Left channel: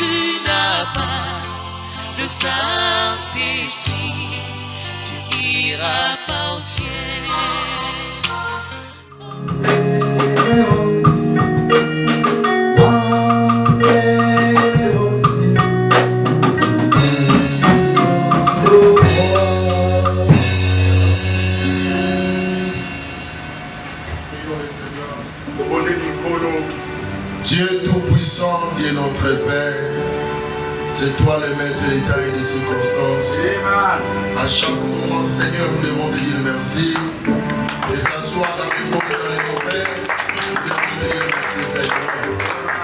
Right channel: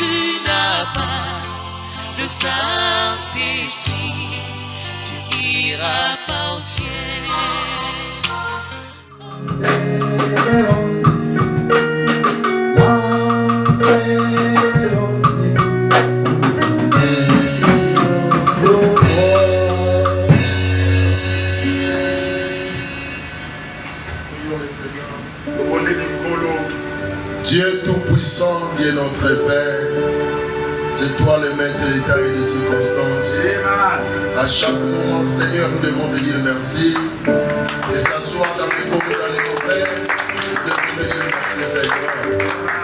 tu n'as pas le Saint-Esprit, tu n'iras pas au ciel. Dieu Tout-Puissant, qui est notre Père, c'est toi le maître de l'état et des circonstances. À chaque moment, Seigneur, nous devons te dire merci. Et s'asseoir dans les mots dans les Père, nous devons te dire merci, Seigneur.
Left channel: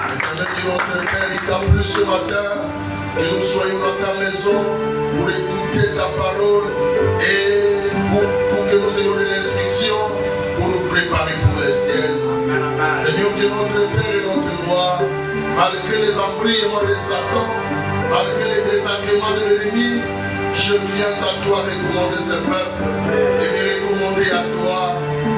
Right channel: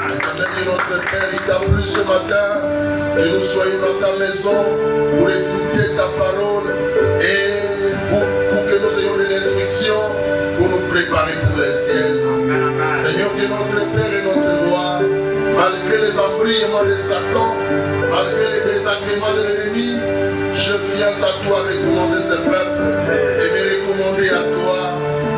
Éternel Dieu, notre Père, il t'a plu ce matin que nous soyons dans ta maison pour écouter ta parole et pour que nous ayons de l'instruction pour nous préparer pour le ciel. Seigneur Dieu, notre Père et notre Roi, malgré les embrouillements de Satan, malgré les désagréments de l'ennemi, je viens à toi recommander ce peuple et me recommander à toi,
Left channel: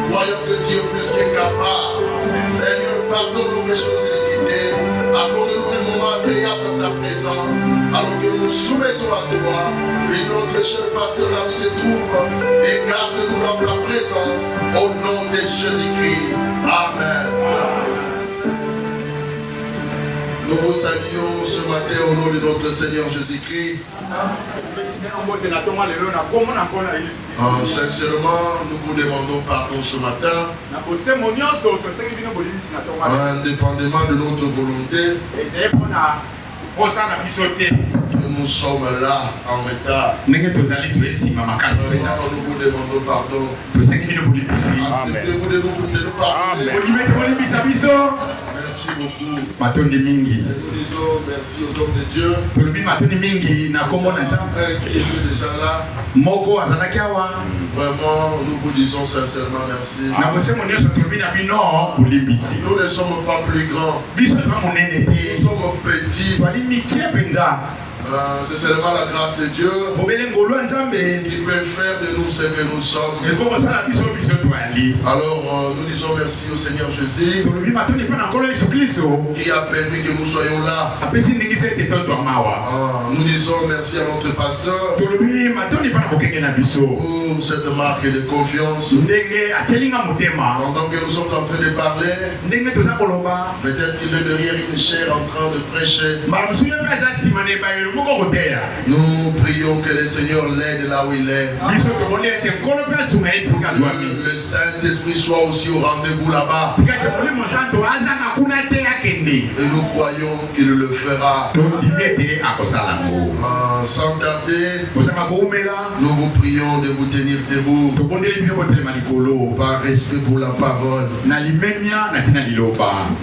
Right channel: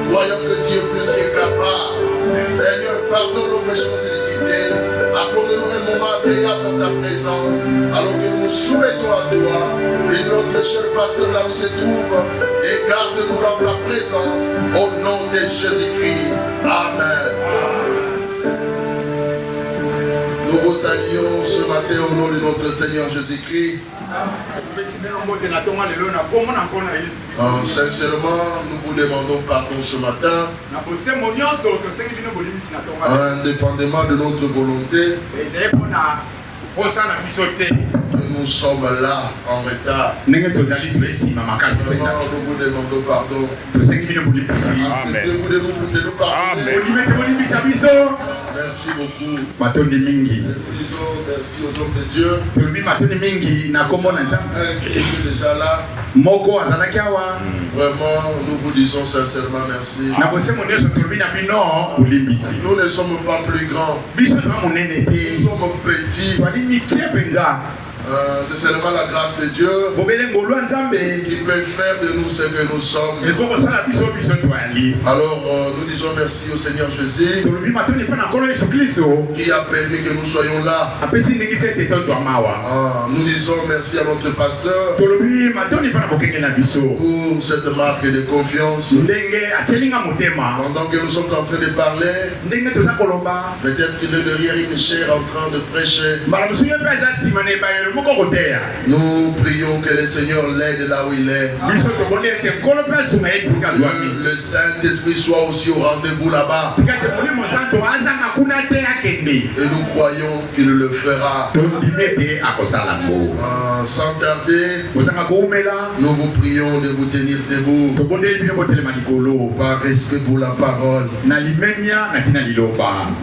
croyant que Dieu est plus que capable. Seigneur, pardonne nos péchés, nos iniquités, accorde-nous un moment agréable dans ta présence, alors que nous nous soumettons à toi, et notre cher pasteur là où se trouve, et garde-nous dans ta présence, au nom de Jésus-Christ. Amen. Nous vous saluons ce matin au nom de notre Seigneur Jésus-Christ. Sincèrement, nous vous demandons pardon ce matin. Indépendamment de notre volonté, nous sommes là en retard. Nous vous demandons pardon. C'était vous de nous pardonner. Merci beaucoup. Nous disons merci aux hommes de Dieu. Qui étaient déjà là. Vraiment, nous vous disons sincèrement merci. Nous ne sommes pas plus grands. Nous sommes petits. C'est seulement la grâce de Dieu qui peut faire de nous ce que nous sommes. Alors nous disons merci au Seigneur Jésus qui a permis que nous soyons là. Nous disons merci à notre pasteur pour cette marque de confiance. Pendant que nous sommes en train de parler, peut-être qu'il est derrière une chaire en train de prêcher. Nous prions que le Seigneur l'aide là où il est. Le Saint-Esprit soit aussi au rendez-vous là-bas. Et nous croyons qu'il le fera. Sans tarder, nous vous prions de vous tenir debout par respect pour la parole.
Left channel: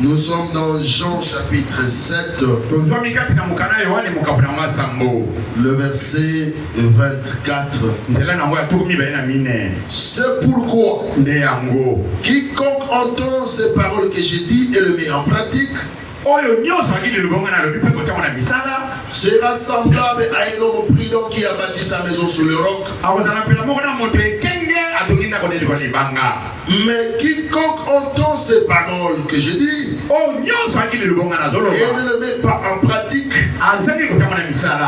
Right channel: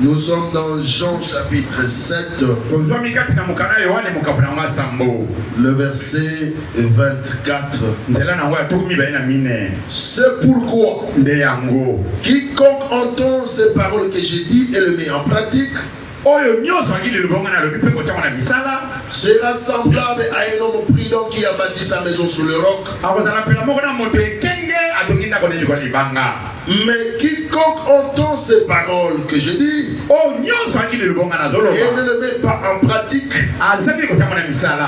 Nous sommes dans Jean chapitre 7. Le verset 24. C'est pourquoi quiconque entend ces paroles que j'ai dites et le met en pratique sera semblable à un homme prudent qui a bâti sa maison sur le roc. Mais quiconque entend ces paroles que je dis et ne le met pas en pratique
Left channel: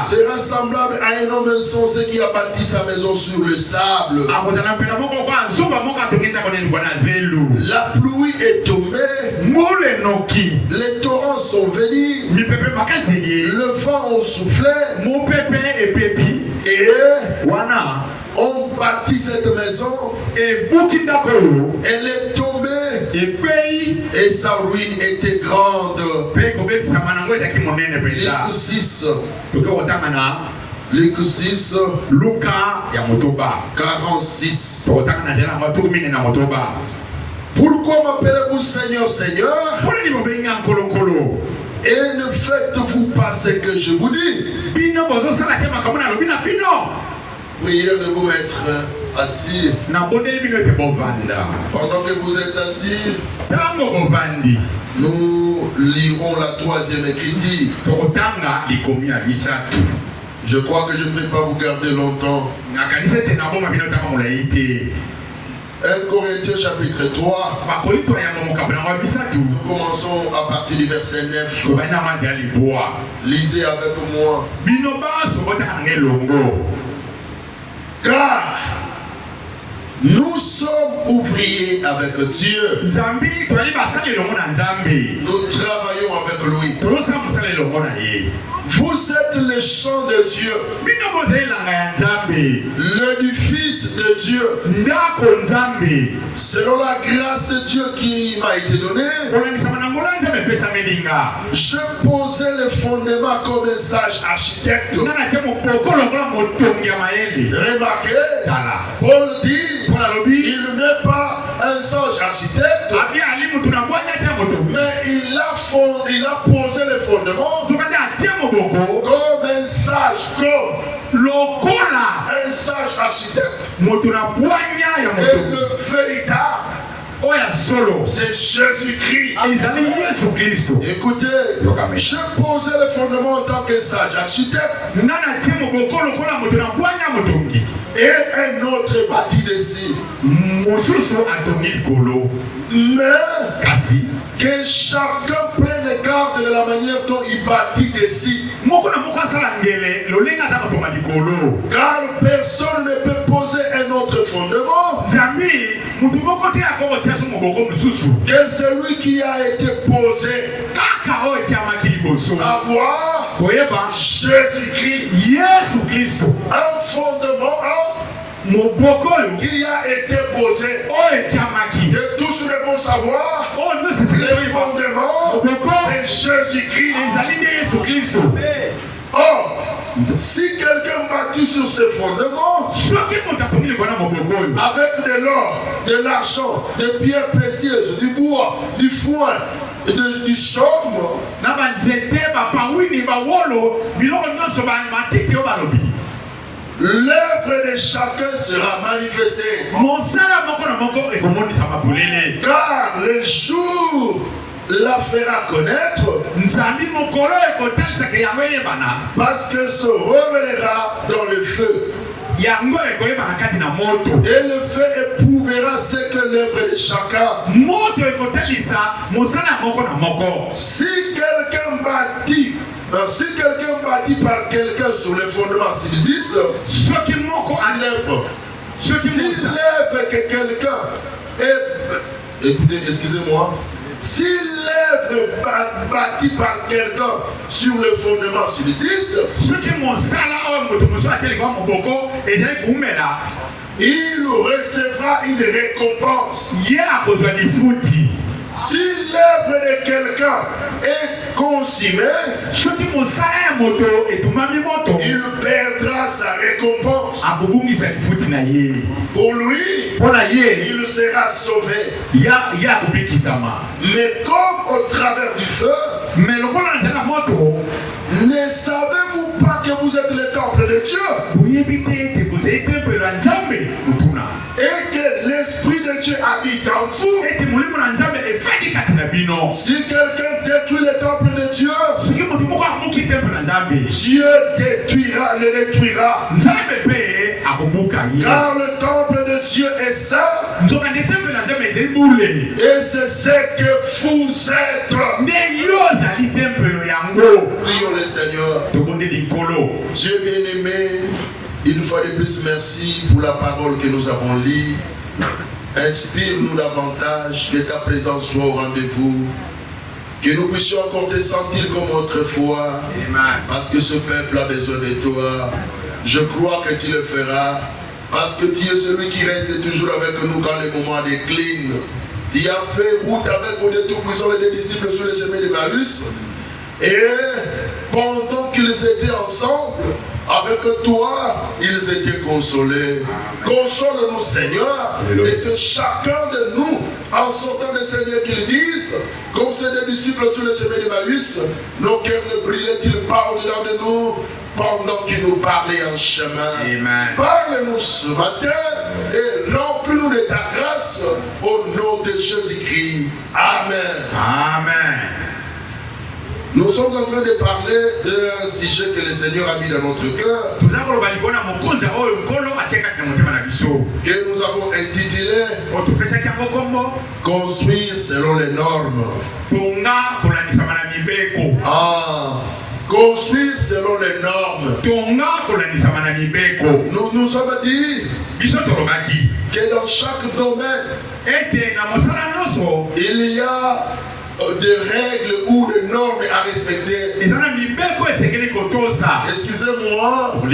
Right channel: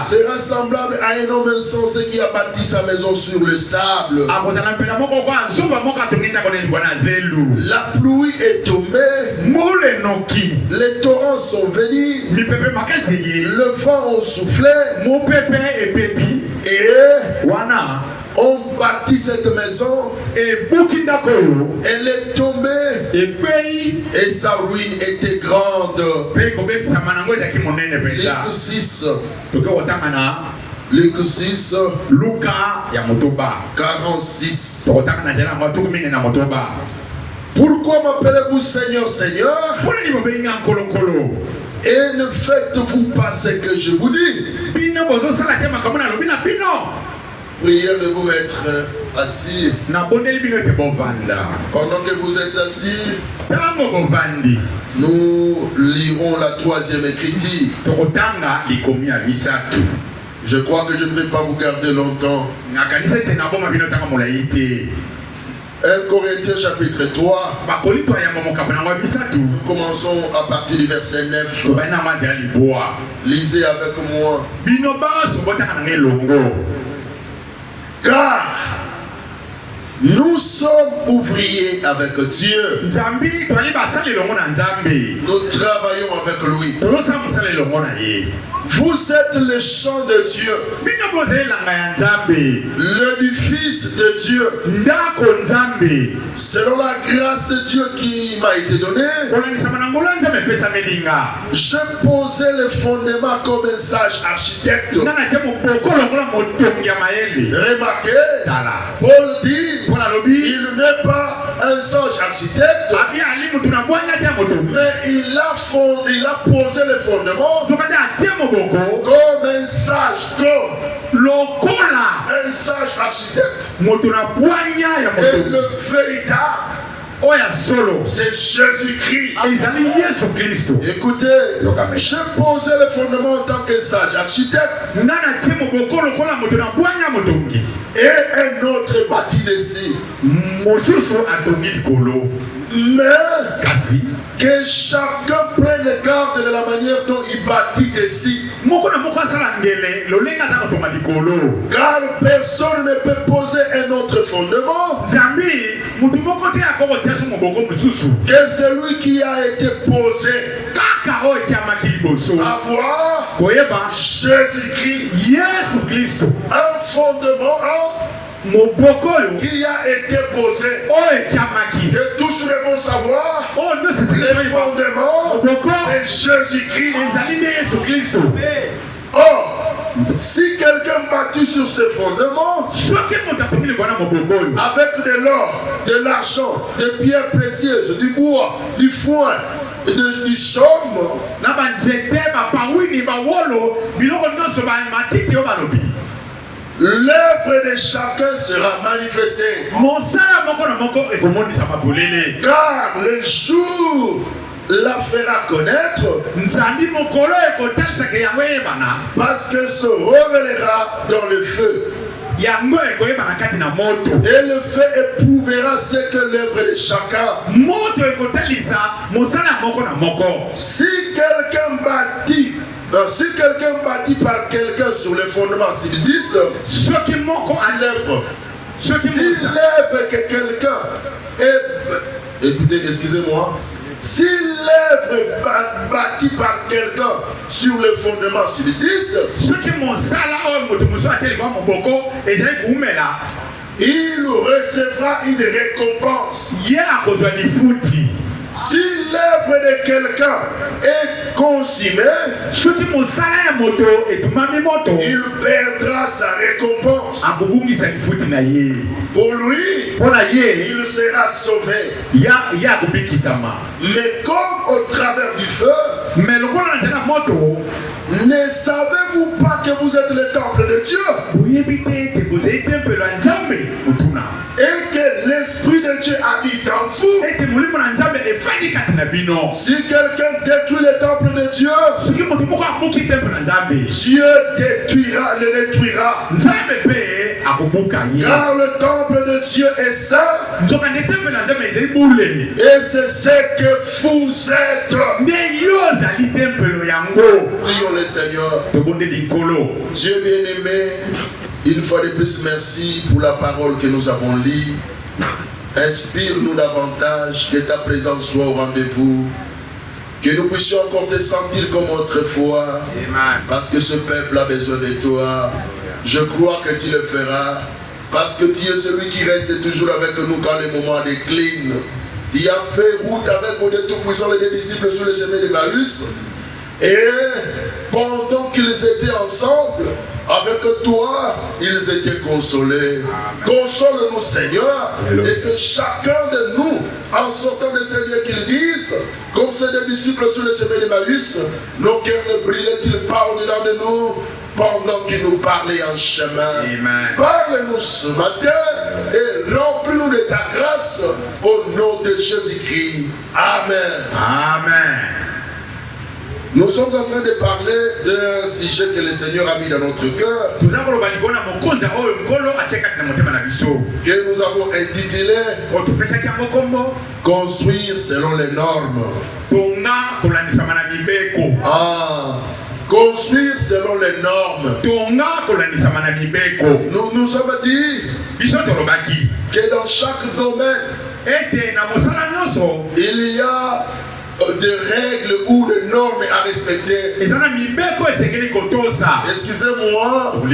sera semblable à un homme insensé qui a bâti sa maison sur le sable. La pluie est tombée, les torrents sont venus, le vent a soufflé et on bâtit cette maison, elle est tombée et sa ruine était grande. Luc 6, 46. Pourquoi m'appelez-vous Seigneur, Seigneur, et ne faites-vous pas ce que je vous dis? Priez de vous mettre assis. Pendant que vous êtes assis, nous lirons la troisième écriture. Je crois que je ne vais pas vous garder longtemps. 1 Corinthiens chapitre 3. Nous commençons à partir du verset 9. Lisez avec moi. Car nous sommes ouvriers avec Dieu. Nous travaillons avec lui. Vous êtes le champ de Dieu, l'édifice de Dieu. Selon la grâce de Dieu qui m'a été donnée, je posais le fondement comme un sage architecte. Remarquez, Paul dit, il n'est pas un sage architecte, mais il a posé le fondement comme un sage, un sage architecte. Et le véritable, c'est Jésus-Christ. Écoutez, je posais le fondement en tant que sage architecte. Et un autre bâti dessus. Mais que chacun prenne le garde de la manière dont il bâtit dessus. Car personne ne peut poser un autre fondement que celui qui a été posé. Avoir Jésus-Christ, un fondement qui a été posé. Que tous devons savoir, le fondement, c'est Jésus-Christ. Or, si quelqu'un bâtit sur ce fondement, avec de l'or, de l'argent, des pierres précieuses, du bois, du foin, du chaume, l'œuvre de chacun sera manifestée. Car le jour la fera connaître, parce que se révélera dans le feu. Et le feu éprouvera ce que l'œuvre de chacun. Si quelqu'un bâtit par quelqu'un sur le fondement subsiste, l'œuvre que quelqu'un est... Écoutez, excusez-moi. Si l'œuvre bâtie par quelqu'un sur le fondement subsiste, il recevra une récompense. Si l'œuvre de quelqu'un est consumée, il perdra sa récompense. Pour lui, il sera sauvé. Mais comme au travers du feu, ne savez-vous pas que vous êtes le temple de Dieu? Et que l'Esprit de Dieu habite en vous. Si quelqu'un détruit le temple de Dieu, Dieu le détruira. Car le temple de Dieu est saint. Et c'est ce que vous êtes. Prions le Seigneur. Dieu bien-aimé, une fois de plus, merci pour la parole que nous avons lue. Inspire-nous davantage, que ta présence soit au rendez-vous, que nous puissions encore te sentir comme autrefois, parce que ce peuple a besoin de toi. Je crois que tu le feras, parce que tu es celui qui reste toujours avec nous quand les moments déclinent. Tu as fait route avec nous de Tout-Puissant et des disciples sur le chemin de Emmaüs. Et pendant qu'ils étaient ensemble, avec toi, ils étaient consolés. Console-nous, Seigneur, et que chacun de nous, en sortant de Seigneur, qu'ils disent, comme c'est des disciples sur le chemin d'Emmaüs, nos cœurs ne brillaient-ils pas au-delà de nous pendant qu'ils nous parlaient en chemin. Parle-nous ce matin et remplis-nous de ta grâce au nom de Jésus-Christ. Amen. Amen. Nous sommes en train de parler d'un sujet que le Seigneur a mis dans notre cœur, que nous avons intitulé Construire selon les normes. Construire selon les normes. Nous nous sommes dit que dans chaque domaine, il y a des règles ou des normes à respecter. Excusez-moi, je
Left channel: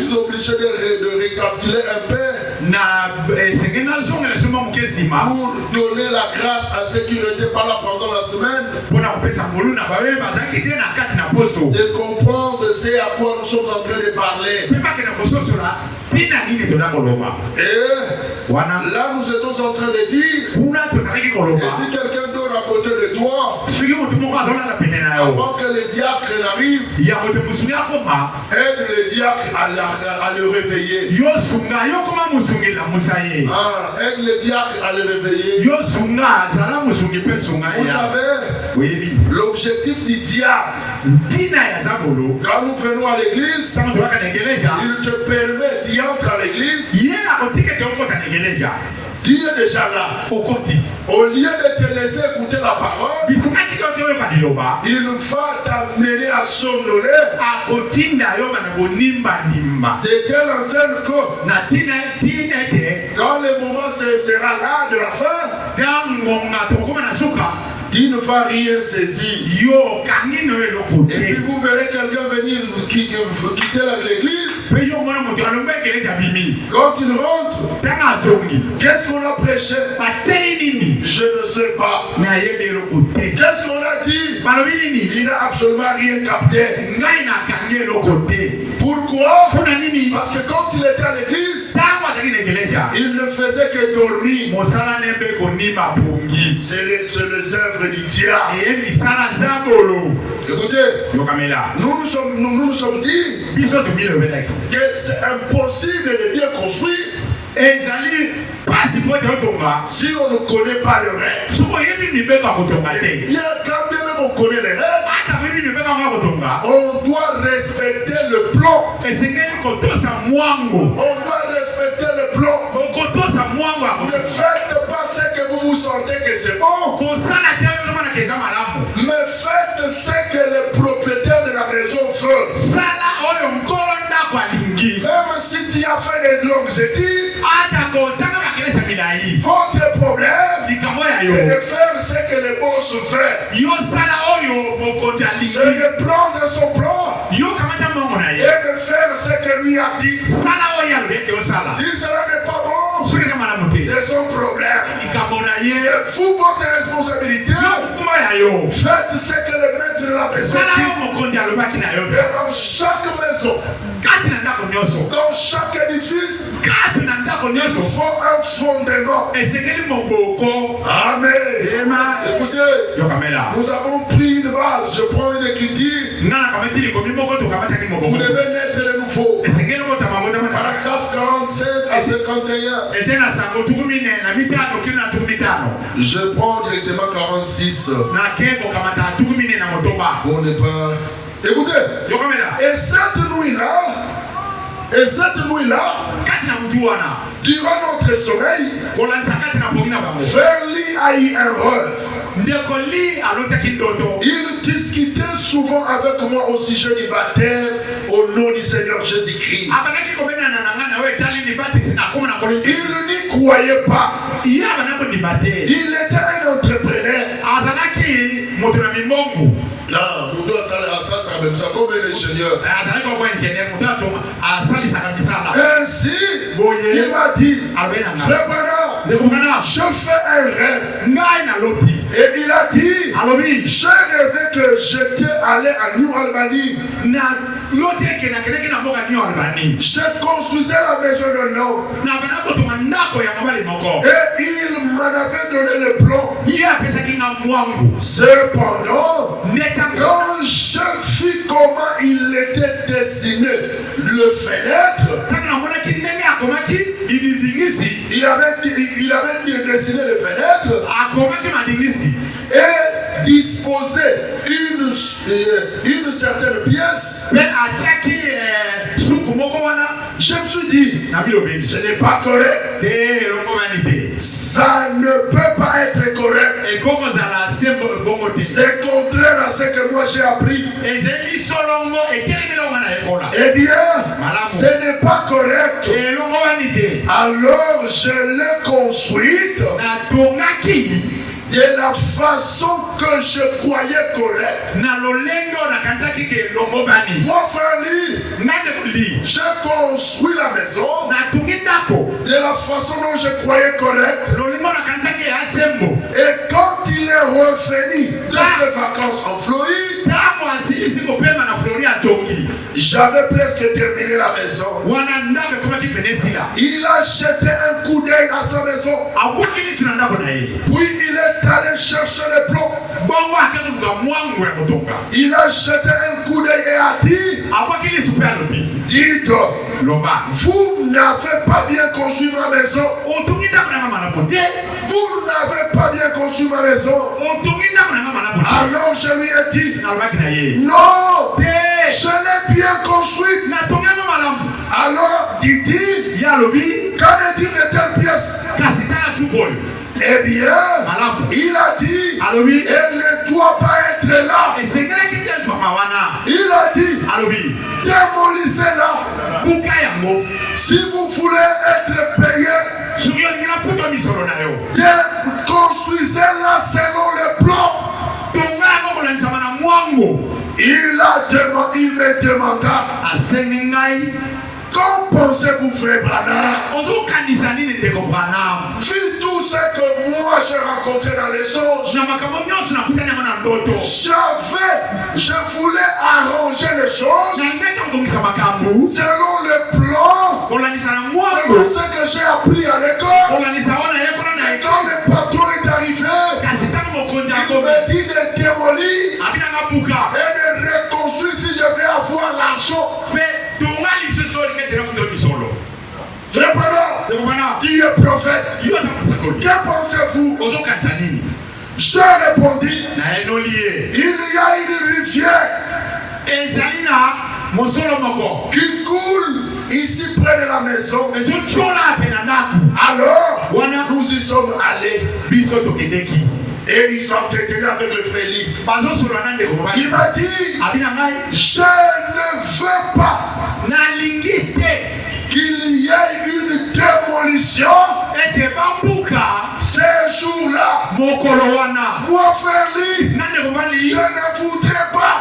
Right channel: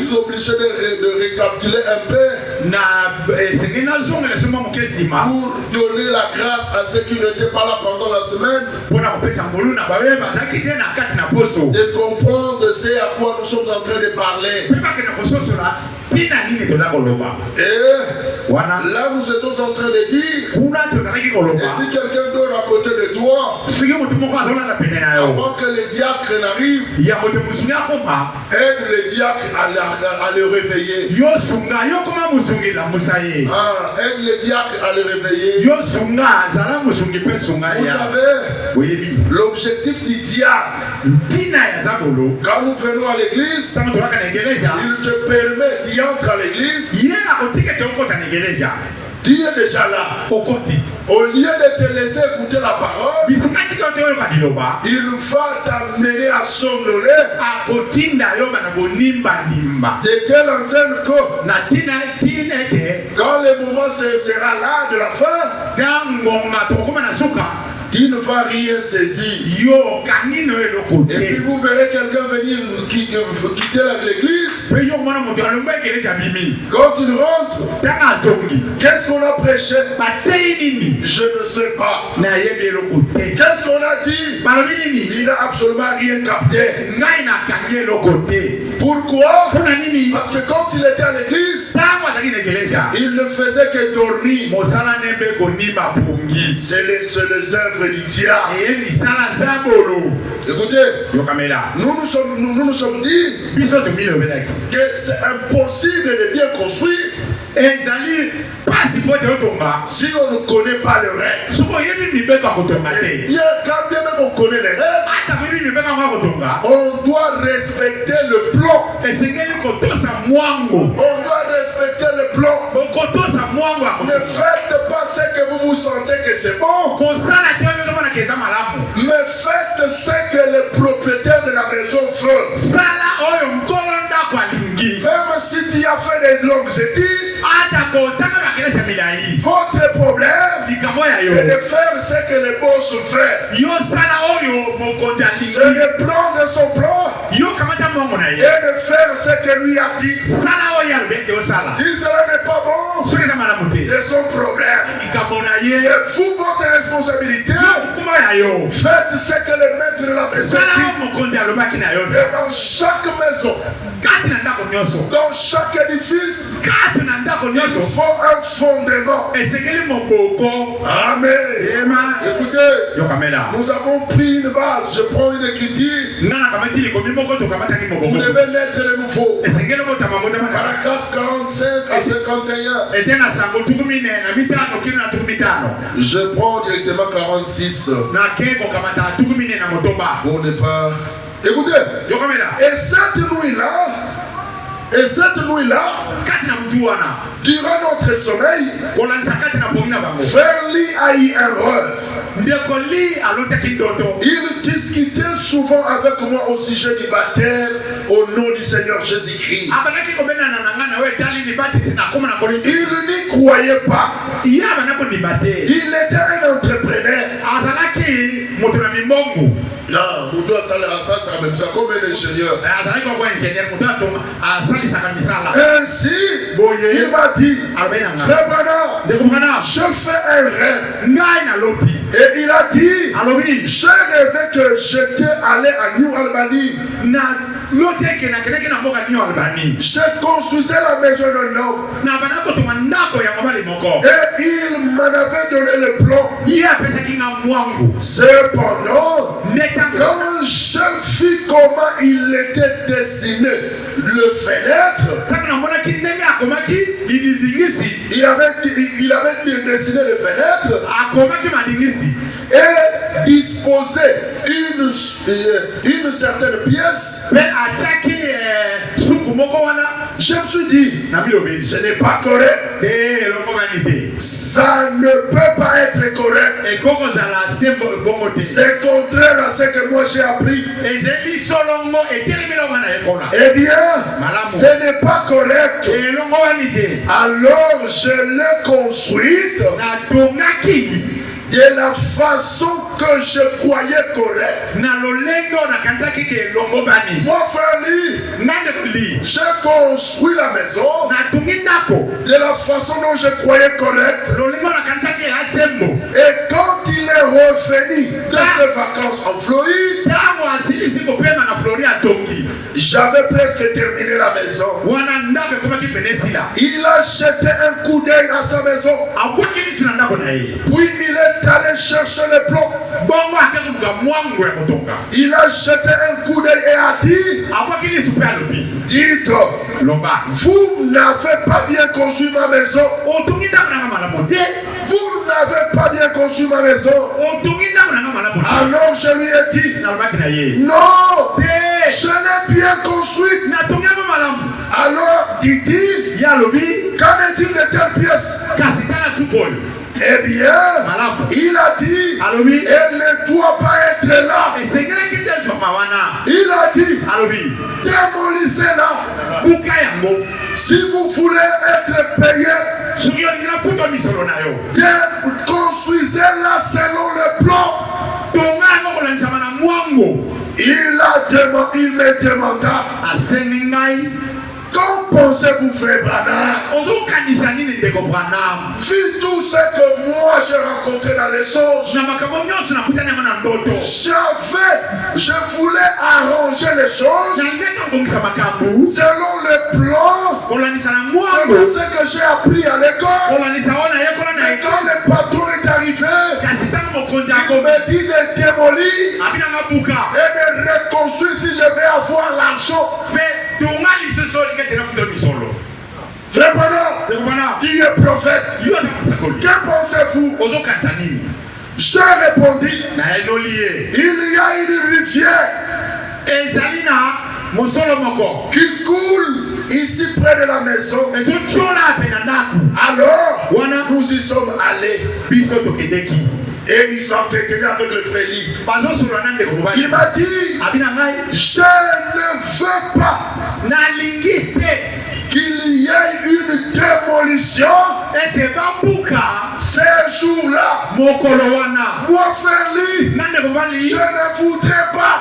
suis obligé de récapituler un peu pour donner la grâce à ceux qui n'étaient pas là pendant la semaine, de comprendre ce à quoi nous sommes en train de parler. Et là, nous sommes en train de dire, et si quelqu'un dort à côté de toi, avant que le diacre n'arrive, aide le diacre à le réveiller. Aide le diacre à le réveiller. Vous savez, l'objectif du diacre, quand nous venons à l'église, il te permet d'y entrer à l'église. Dieu est déjà là. Au lieu de te laisser écouter la parole, il va t'amener à s'honorer. De quelle enseigne que quand le moment sera là de la fin, tu ne vas rien saisir. Et puis vous verrez quelqu'un venir quitter l'église. Quand il rentre, qu'est-ce qu'on a prêché? Je ne sais pas. Qu'est-ce qu'on a dit? Il n'a absolument rien capté. Pourquoi? Parce que quand il était à l'église, il ne faisait que dormir. C'est les œuvres du diable. Écoutez, nous nous sommes dit que c'est impossible de bien construire si on ne connaît pas les règles. Et quand bien même on connaît les règles, on doit respecter le plan. On doit respecter le plan. Ne faites pas ce que vous vous sentez que c'est bon, mais faites ce que le propriétaire de la maison veut. Même si tu as fait des longues études, votre problème, c'est de faire ce que le boss fait. C'est de prendre son plan et de faire ce que lui a dit. Si cela n'est pas bon, c'est son problème. Et vous, votre responsabilité, faites ce que le maître de la maison dit. Et dans chaque maison, dans chaque édifice, il faut un fondement. Amen. Écoutez, nous avons pris une base. Je prends une écriture. Vous devez naître de nouveau. Paragraphe 45 à 51. Je prends directement 46. On n'est pas. Écoutez, et cette nuit-là, durant notre sommeil, Verli a eu un rêve. Il discutait souvent avec moi au sujet du baptême au nom du Seigneur Jésus-Christ. Il n'y croyait pas. Il était un entrepreneur. Non, on doit ça, même ça comme un ingénieur. Ainsi, il m'a dit, frère Bana, je fais un rêve. Et il a dit, j'ai rêvé que j'étais allé à New Albany. Je construisais la maison d'un homme. Et il m'en avait donné le plan. Cependant, quand je vis comment il était dessiné, le fenêtre, il avait dessiné le fenêtre et disposé poser une certaine pièce, je me suis dit, ce n'est pas correct. Ça ne peut pas être correct. C'est contraire à ce que moi j'ai appris. Eh bien, ce n'est pas correct. Alors je l'ai construite de la façon que je croyais correcte. Mon frère Lee, j'ai construit la maison de la façon dont je croyais correcte. Et quand il est revenu de ses vacances en Floride, j'avais presque terminé la maison. Il a jeté un coup d'œil à sa maison. Puis il est allé chercher les plombs. Il a jeté un coup d'œil et a dit, dites, vous n'avez pas bien construit ma maison. Vous n'avez pas bien construit ma maison. Alors je lui ai dit, non, je l'ai bien construite. Alors dit-il, qu'en est-il de telle pièce? Eh bien, il a dit, elle ne doit pas être là. Il a dit, démolissez-la. Si vous voulez être payé, construisez-la selon le plan. Il me demanda, qu'en pensez-vous, frère Branham? Vu tout ce que moi j'ai rencontré dans les songes, je voulais arranger les choses selon le plan, selon ce que j'ai appris à l'école. Et quand le patron est arrivé, il me dit de démolir et de reconstruire si je vais avoir l'argent. Frère Branham, qui est prophète, que pensez-vous? Je répondis, il y a une rivière qui coule ici près de la maison. Alors, nous y sommes allés. Et ils sont entretenus avec le frère Lee. Il m'a dit, je ne veux pas qu'il y ait une démolition ces jours-là. Moi, frère Lee, je ne voudrais pas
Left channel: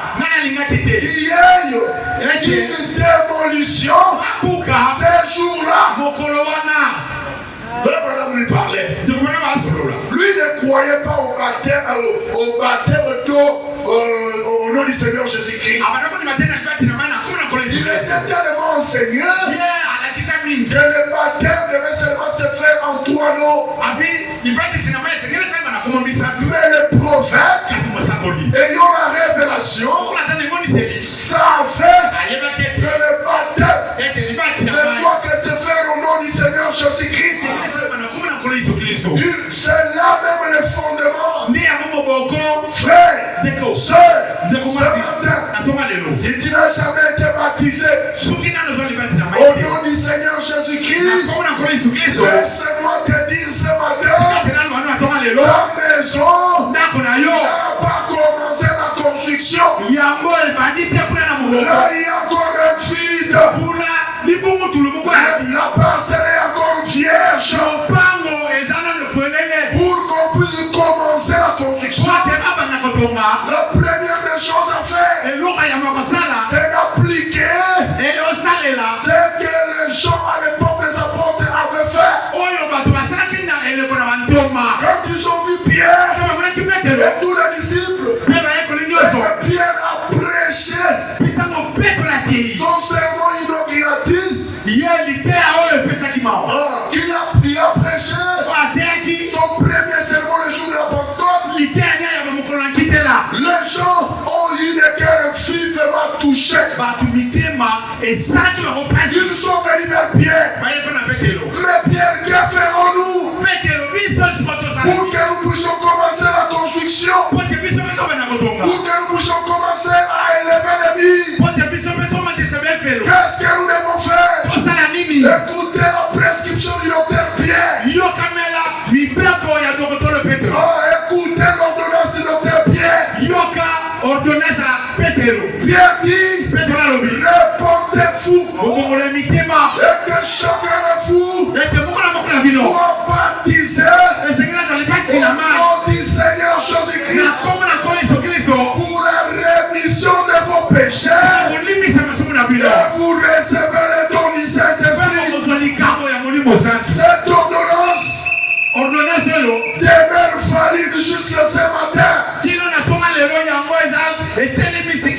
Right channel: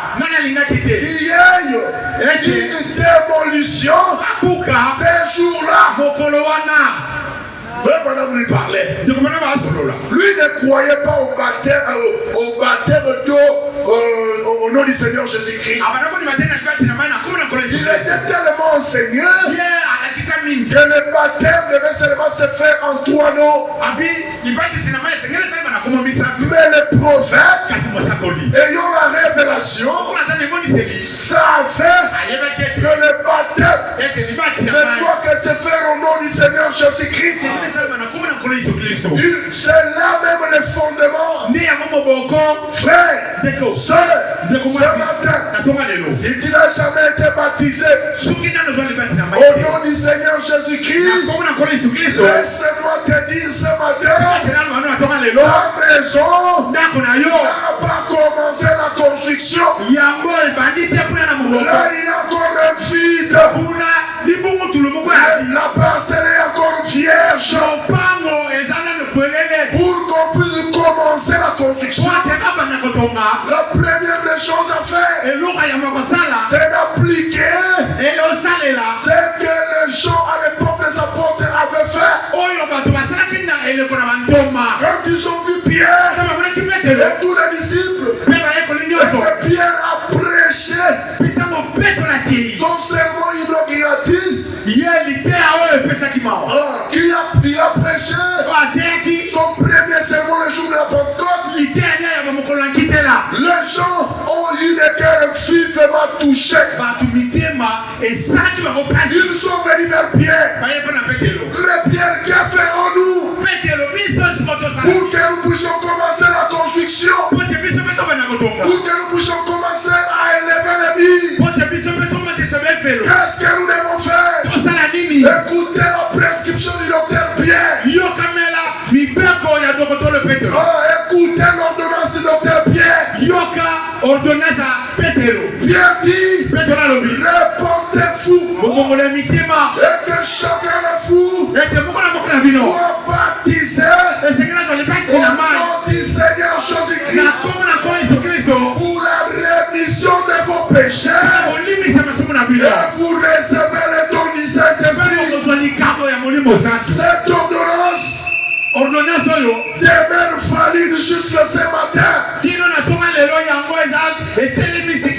qu'il y ait une démolition ces jours-là. Madame lui parlait. Lui ne croyait pas au baptême d'eau au nom du Seigneur Jésus-Christ. Il était tellement enseigné que le baptême devait seulement se faire en 3 noms. Mais le prophète, ayant la révélation, savait que le baptême ne doit que se faire au nom du Seigneur Jésus-Christ. C'est là même le fondement. Frère, sœur, ce matin, si tu n'as jamais été baptisé au nom du Seigneur Jésus-Christ, laisse-moi te dire ce matin, la maison n'a pas commencé la construction. Là, il y a encore un vide. La parcelle est encore vierge. Pour qu'on puisse commencer la construction, la première des choses à faire, c'est d'appliquer ce que les gens à l'époque des apôtres avaient fait. Quand ils ont vu Pierre et tous les disciples, Pierre a prêché son sermon inauguratif. Il a prêché son premier sermon le jour de la Pentecôte. Les gens ont eu des cœurs vivement touchés. Ils sont venus vers Pierre. Mais Pierre, que ferons-nous pour que nous puissions commencer la construction? Qu'est-ce que nous devons faire? Écoutez la prescription du docteur Pierre. Écoutez l'ordonnance du docteur Pierre. Pierre dit, répondez-vous et que chacun de vous soit baptisé au nom du Seigneur Jésus-Christ pour la rémission de vos péchés et vous recevez le don du Saint-Esprit. Cette ordonnance demeure valide jusqu'à ce matin.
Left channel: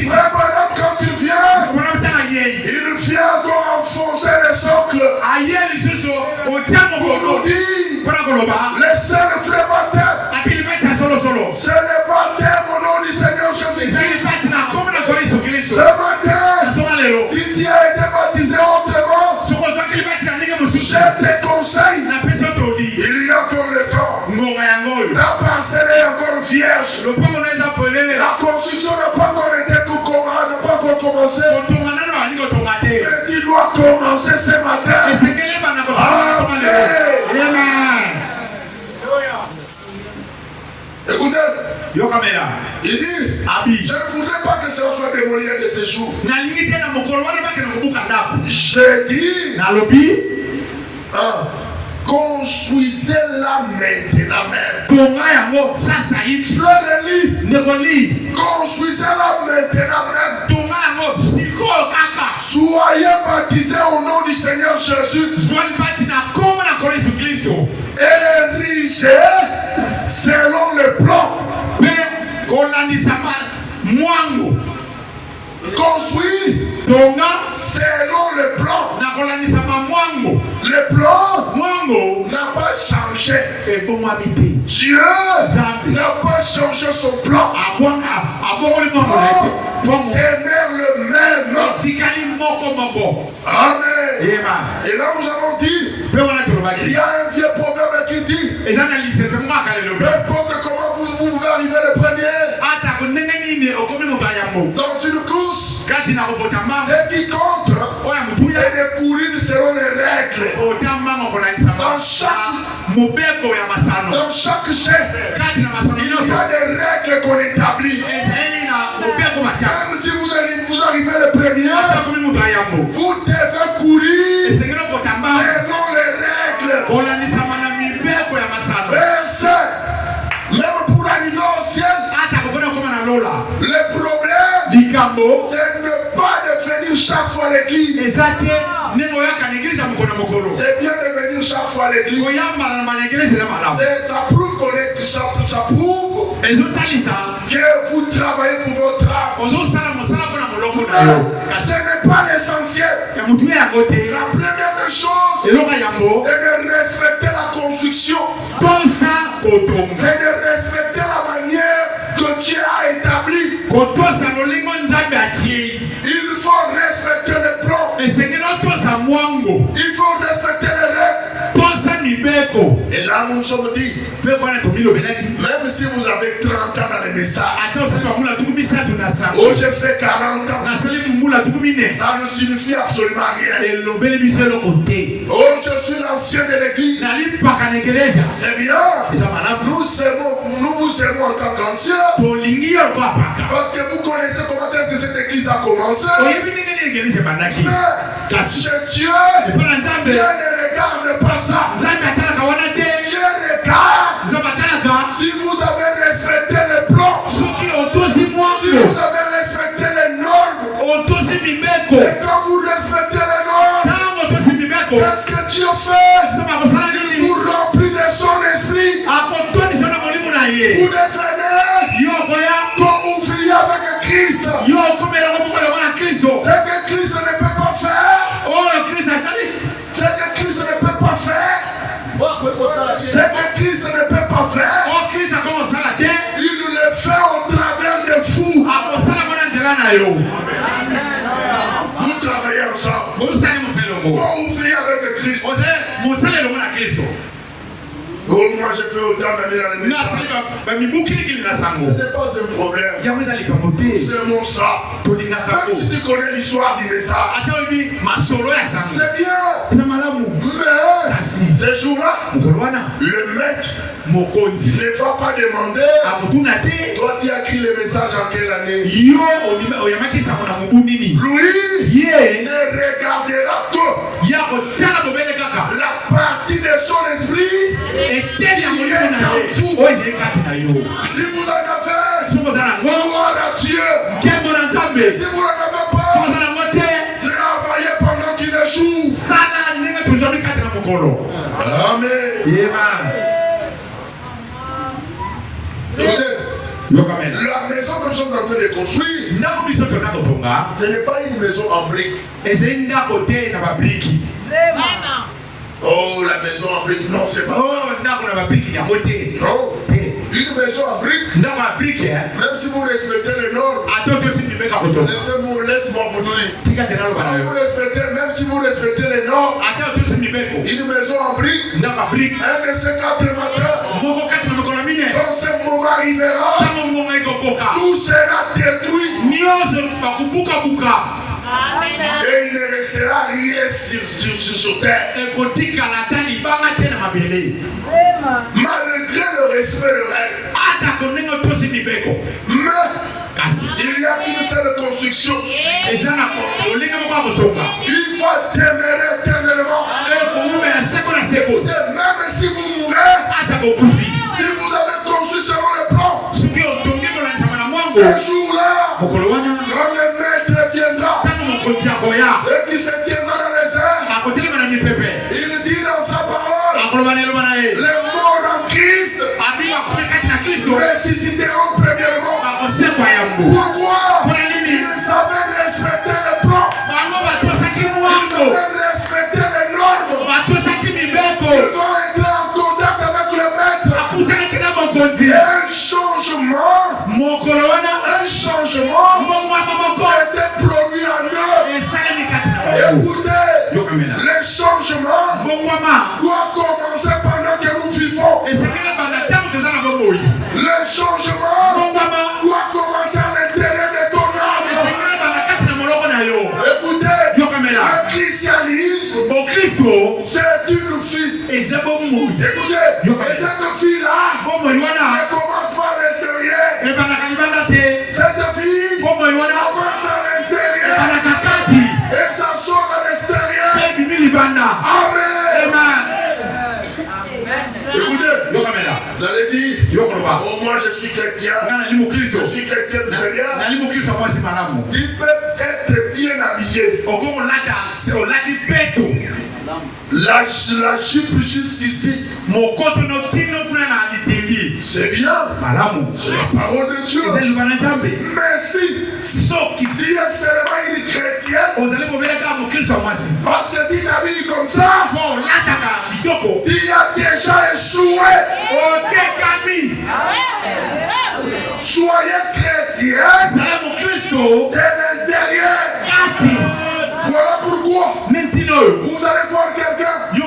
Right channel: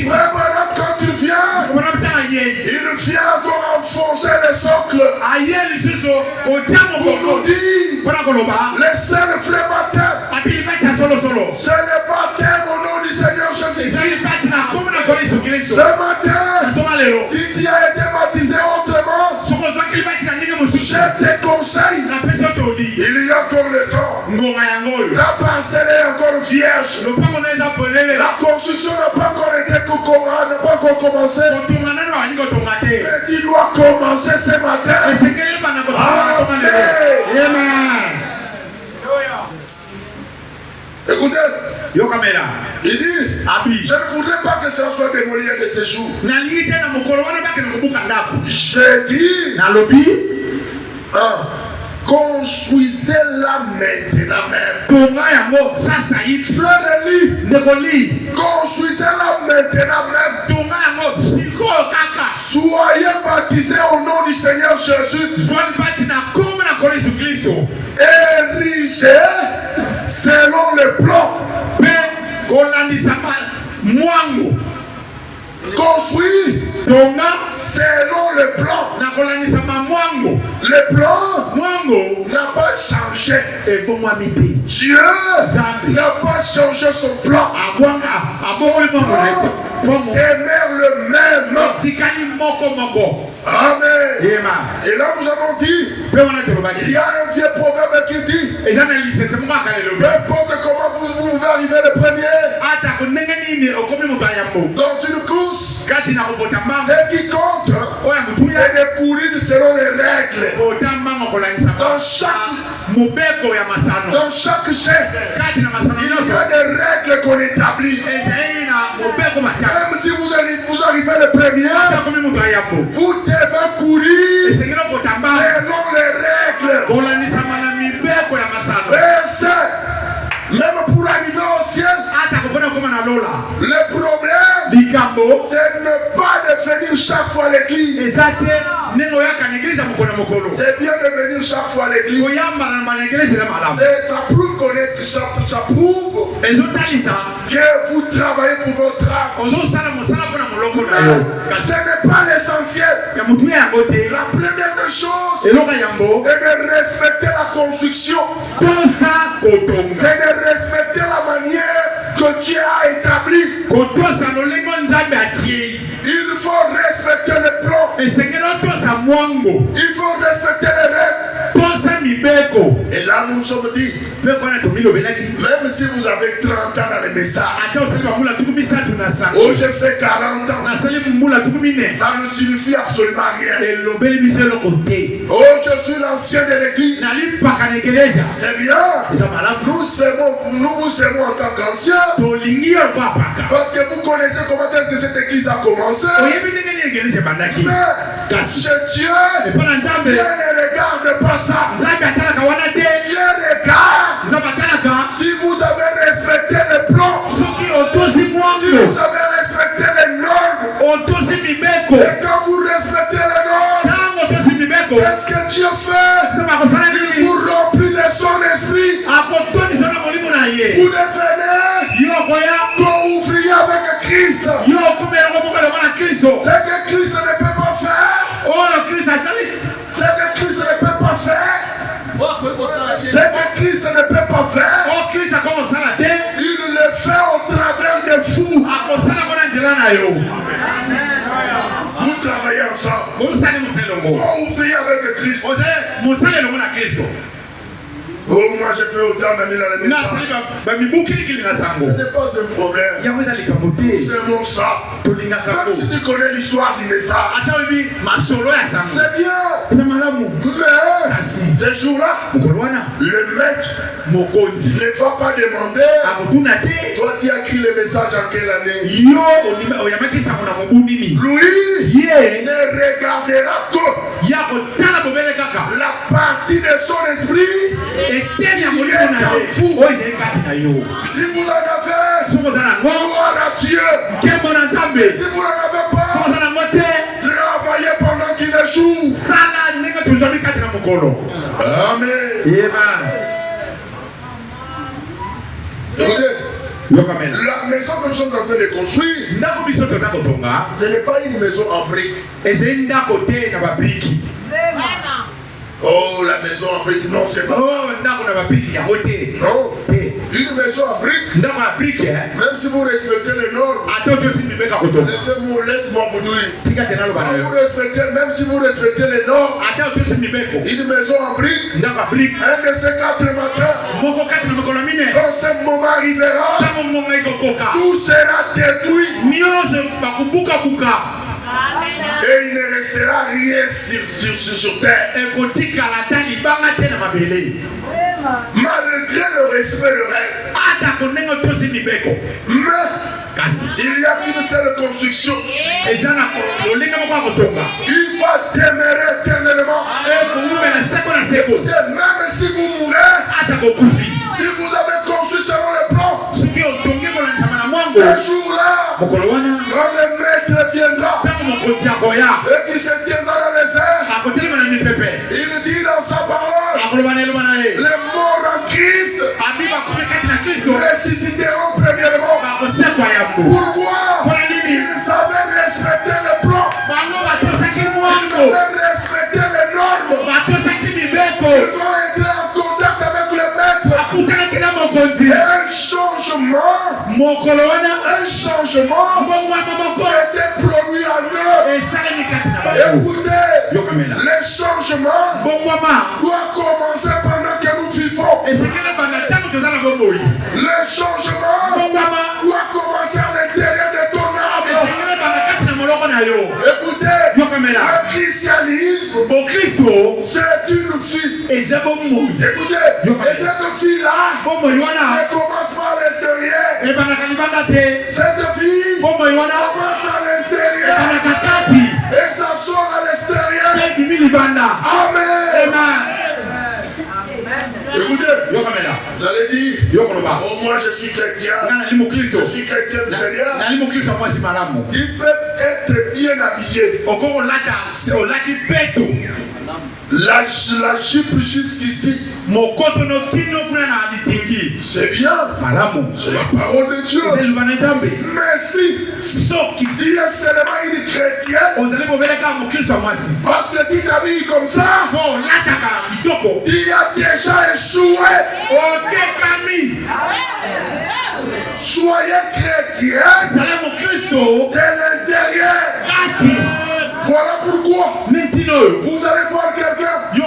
Maintenant, quand il vient encore enfoncer le socle pour nous dire le seul vrai baptême, c'est le baptême au nom du Seigneur Jésus-Christ. Ce matin, si tu as été baptisé autrement, je te conseille, il y a encore le temps. La parcelle est encore vierge. La construction n'a pas encore commencé. Mais tu dois commencer ce matin. Amen. Écoutez, il dit, je ne voudrais pas que ça soit démoli de ces jours. J'ai dit, construisez-la maintenant même. Construisez-la maintenant même. Soyez baptisés au nom du Seigneur Jésus. Érigés selon le plan. Construit selon le plan. Le plan n'a pas changé. Dieu n'a pas changé son plan. Demeure le même. Amen. Et là nous avons dit, il y a un vieux proverbe qui dit, peu importe comment vous pouvez arriver le premier dans une course, ce qui compte, c'est de courir selon les règles. Dans chaque jet, il y a des règles qu'on établit. Même si vous arrivez le premier, vous devez courir selon les règles. Verset. Même pour arriver au ciel, le problème, c'est de ne pas de venir chaque fois à l'église. C'est bien de venir chaque fois à l'église. Ça prouve que vous travaillez pour votre âme. Ce n'est pas l'essentiel. La première chose, c'est de respecter la construction. C'est de respecter la manière que Dieu a établie. Il faut respecter les plans. Il faut respecter les règles. Et là nous nous sommes dit, même si vous avez 30 ans dans le message, oh j'ai fait 40 ans, ça ne signifie absolument rien. Oh je suis l'ancien de l'église, c'est bien. Nous vous aimons en tant qu'ancien, parce que vous connaissez comment est-ce que cette église a commencé. Mais chez Dieu, Dieu ne regarde pas ça. Dieu regarde si vous avez respecté les plans, si vous avez respecté les normes. Et quand vous respectez les normes, qu'est-ce que Dieu fait? Vous remplir de son esprit. Vous devenez co-ouvrier avec Christ. Ce que Christ ne peut pas faire. Ce que Christ ne peut pas faire. Ce que Christ ne peut pas faire, il le fait au travers de vous. Vous travaillez ensemble. Vous ouvrez avec le Christ. Au moins moi j'ai fait autant d'années dans les naissances. Ce n'est pas un problème. C'est mon sang. Même si tu connais l'histoire du naissance, c'est bien. Mais ces jours-là, le maître ne va pas demander. Toi, tu as écrit le message en quelle année? Lui ne regardera que la partie de son esprit. Si vous en avez, gloire à Dieu. Si vous n'en avez pas, travaillez pendant qu'il échoue. Amen. Écoutez, la maison que je suis en train de construire, ce n'est pas une maison en briques. Oh, la maison en briques, non, c'est pas. Non, une maison en briques, même si vous respectez les normes, laisse-moi vous dire. Même si vous respectez les normes, une maison en briques, un de ces 4 matins, quand ce moment arrivera, tout sera détruit. Et il ne restera rien sur terre. Malgré le respect de règle. Mais il y a une seule construction. Il va demeurer éternellement. Même si vous mourrez, si vous avez construit selon le plan, ce jour-là, quand le maître viendra et qui se tiendra dans les airs, il dit dans sa parole, les morts en Christ ressusciteront premièrement. Pourquoi? Ils avaient respecté le plan, ils avaient respecté les normes, ils ont été en contact avec le maître. Un changement était produit en eux. Écoutez, le changement doit commencer pendant que nous vivons. Le changement doit commencer à l'intérieur de ton âme. Écoutez, le christianisme, c'est une fille. Écoutez, et cette fille-là ne commence pas à l'extérieur. Cette fille commence à l'intérieur et ça sort à l'extérieur. Amen. Écoutez, vous allez dire, oh, moi je suis chrétien, je suis chrétien très bien. Il peut être bien habillé. La jupe jusqu'ici, c'est bien, c'est la parole de Dieu. Mais si Dieu est seulement une chrétienne, parce que tu t'habilles comme ça, il a déjà échoué. Soyez chrétiens de l'intérieur. Voilà pourquoi vous allez voir quelqu'un, il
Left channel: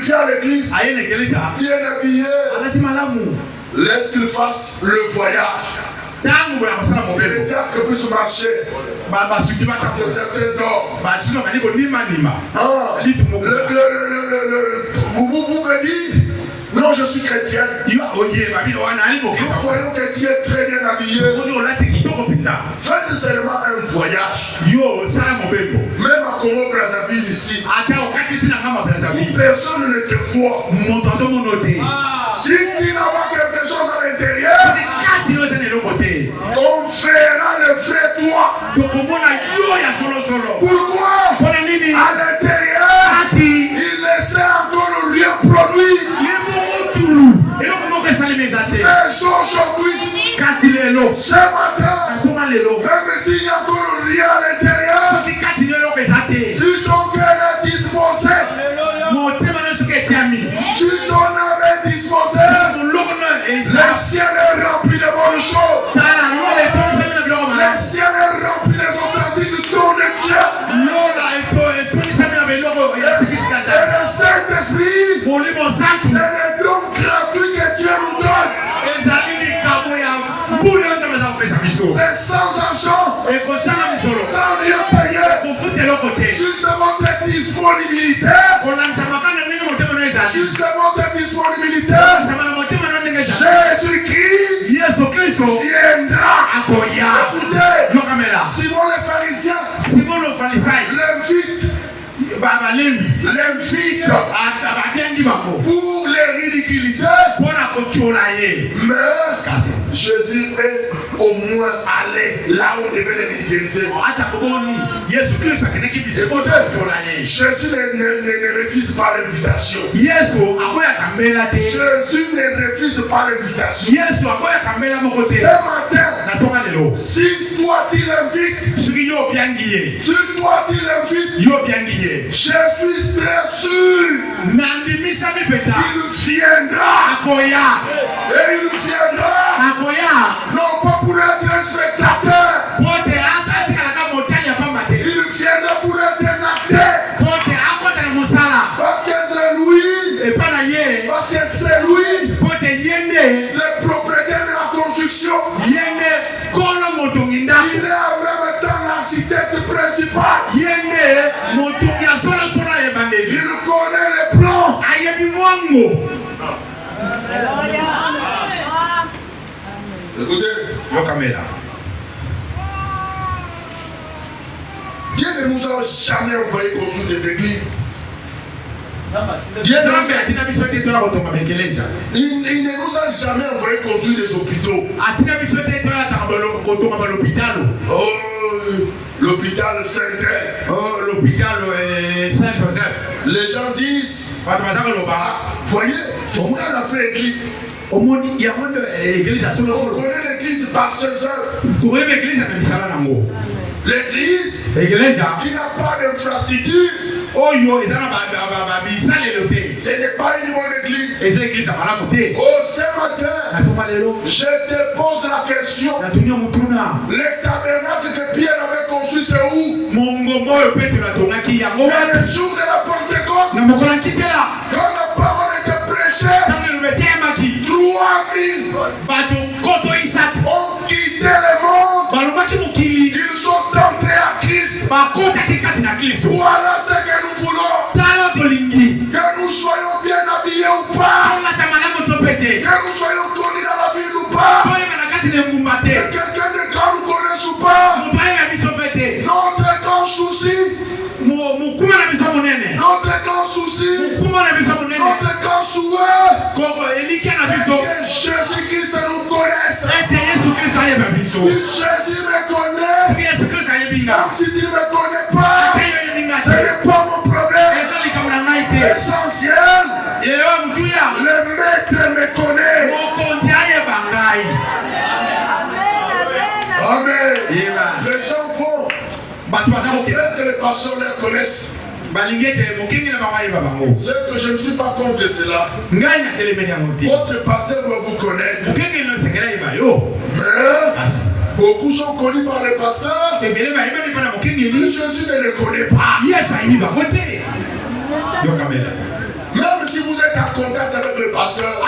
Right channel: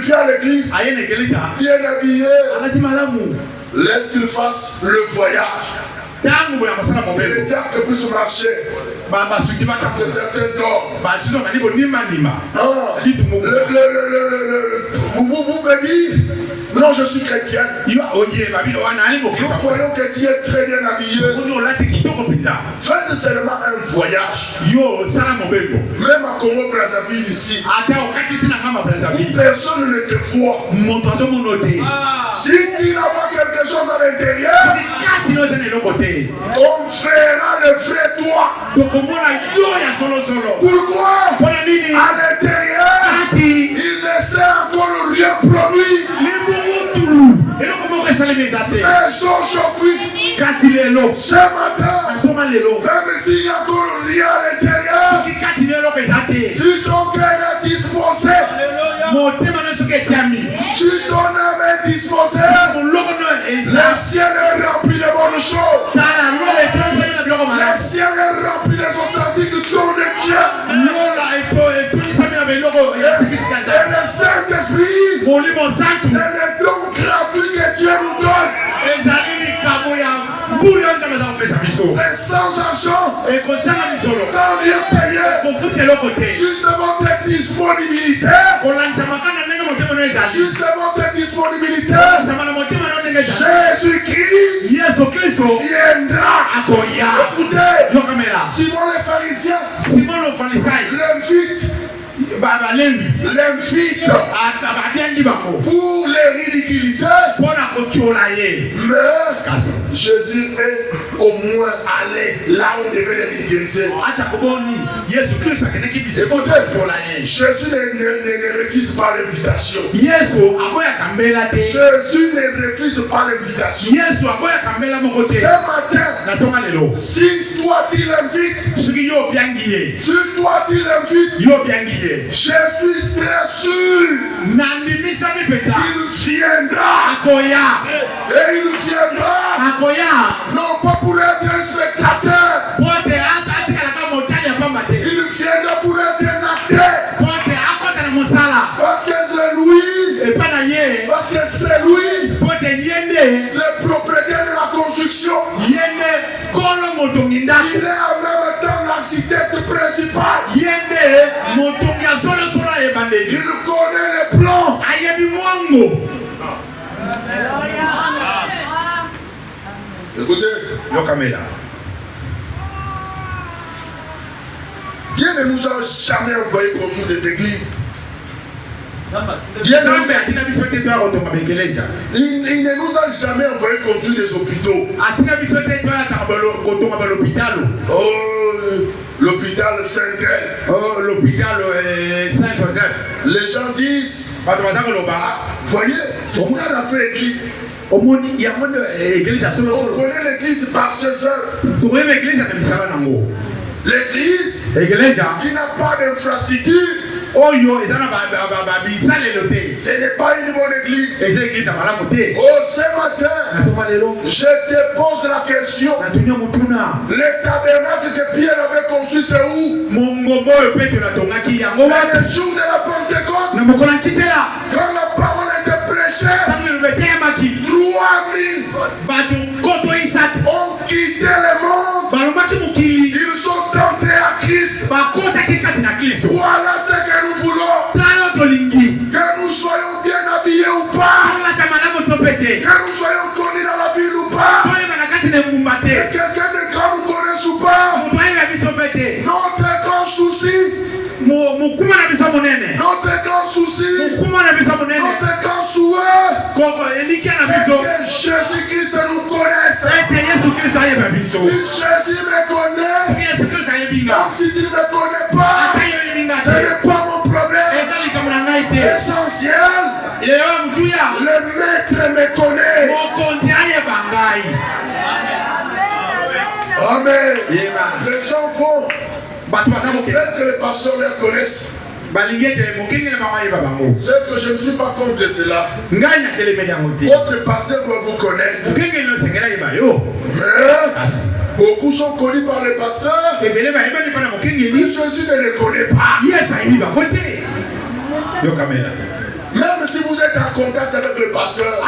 vient à l'église, bien habillé, laisse qu'il fasse le voyage. Le diable puisse marcher. Parce que certains dorment. Vous pouvez dire, non, je suis chrétien. Nous voyons que tu es très bien habillé. Faites seulement un voyage. Même à Congo Brazzaville ici, personne ne te voit. Si tu n'as pas quelque chose à l'intérieur, on fera le vrai toi. Pourquoi? À l'intérieur, il ne sait encore rien produit. Mais aujourd'hui, ce matin, même s'il y a encore rien à l'intérieur, si ton cœur est disposé, si ton âme est disposée, le ciel est rempli de bonnes choses. Le ciel est rempli des authentiques du don de Dieu. Et le Saint-Esprit, ce n'est C'est sans argent, sans rien payer, juste devant ta disponibilité, juste devant ta disponibilité, Jésus-Christ viendra. Écoutez, Simon le pharisien, l'invite pour les ridiculiser, mais Jésus est au moins allé là où on devait les ridiculiser. Écoutez, Jésus ne refuse pas l'invitation. Jésus ne refuse pas l'invitation. Ce matin, si toi tu l'invites, je suis très sûr qu'il viendra. Et il viendra non pas pour être un spectateur, il viendra pour être un acteur. Parce que c'est lui le propriétaire de la construction. Il est en même temps l'architecte principal. Il connaît les plans. Écoutez, Dieu ne nous a jamais envoyé construire des églises. Il ne nous a jamais envoyé construire des hôpitaux. L'hôpital Saint-El. L'hôpital Saint-Joseph. Les gens disent, voyez, c'est ça qu'on a fait l'église. On connaît l'église par ses œuvres. L'église qui n'a pas d'infrastructure, ce n'est pas une bonne église. Oh, ce matin, je te pose la question. Le tabernacle que Pierre avait conçu, c'est où? Le jour de la Pentecôte, quand la parole était prêchée, 3000 ont quitté le monde. Ils sont entrés à Christ. Voilà ce que nous voulons. Que nous soyons bien habillés ou pas. Que nous soyons connus dans la ville ou pas. Que quelqu'un de grand nous connaisse ou pas. Notre grand souci. Notre grand souci. Notre grand souhait. Que Jésus-Christ nous connaisse. Jésus me connaît. Même si tu ne me connais pas, ce n'est pas mon problème. L'essentiel, le maître me connaît. Amen. Les gens vont. Peut-être que les pasteurs les connaissent. C'est que je ne suis pas contre cela. Votre pasteur doit vous connaître. Mais beaucoup sont connus par les pasteurs. Mais Jésus ne les connaît pas. Même si vous êtes en contact avec le pasteur.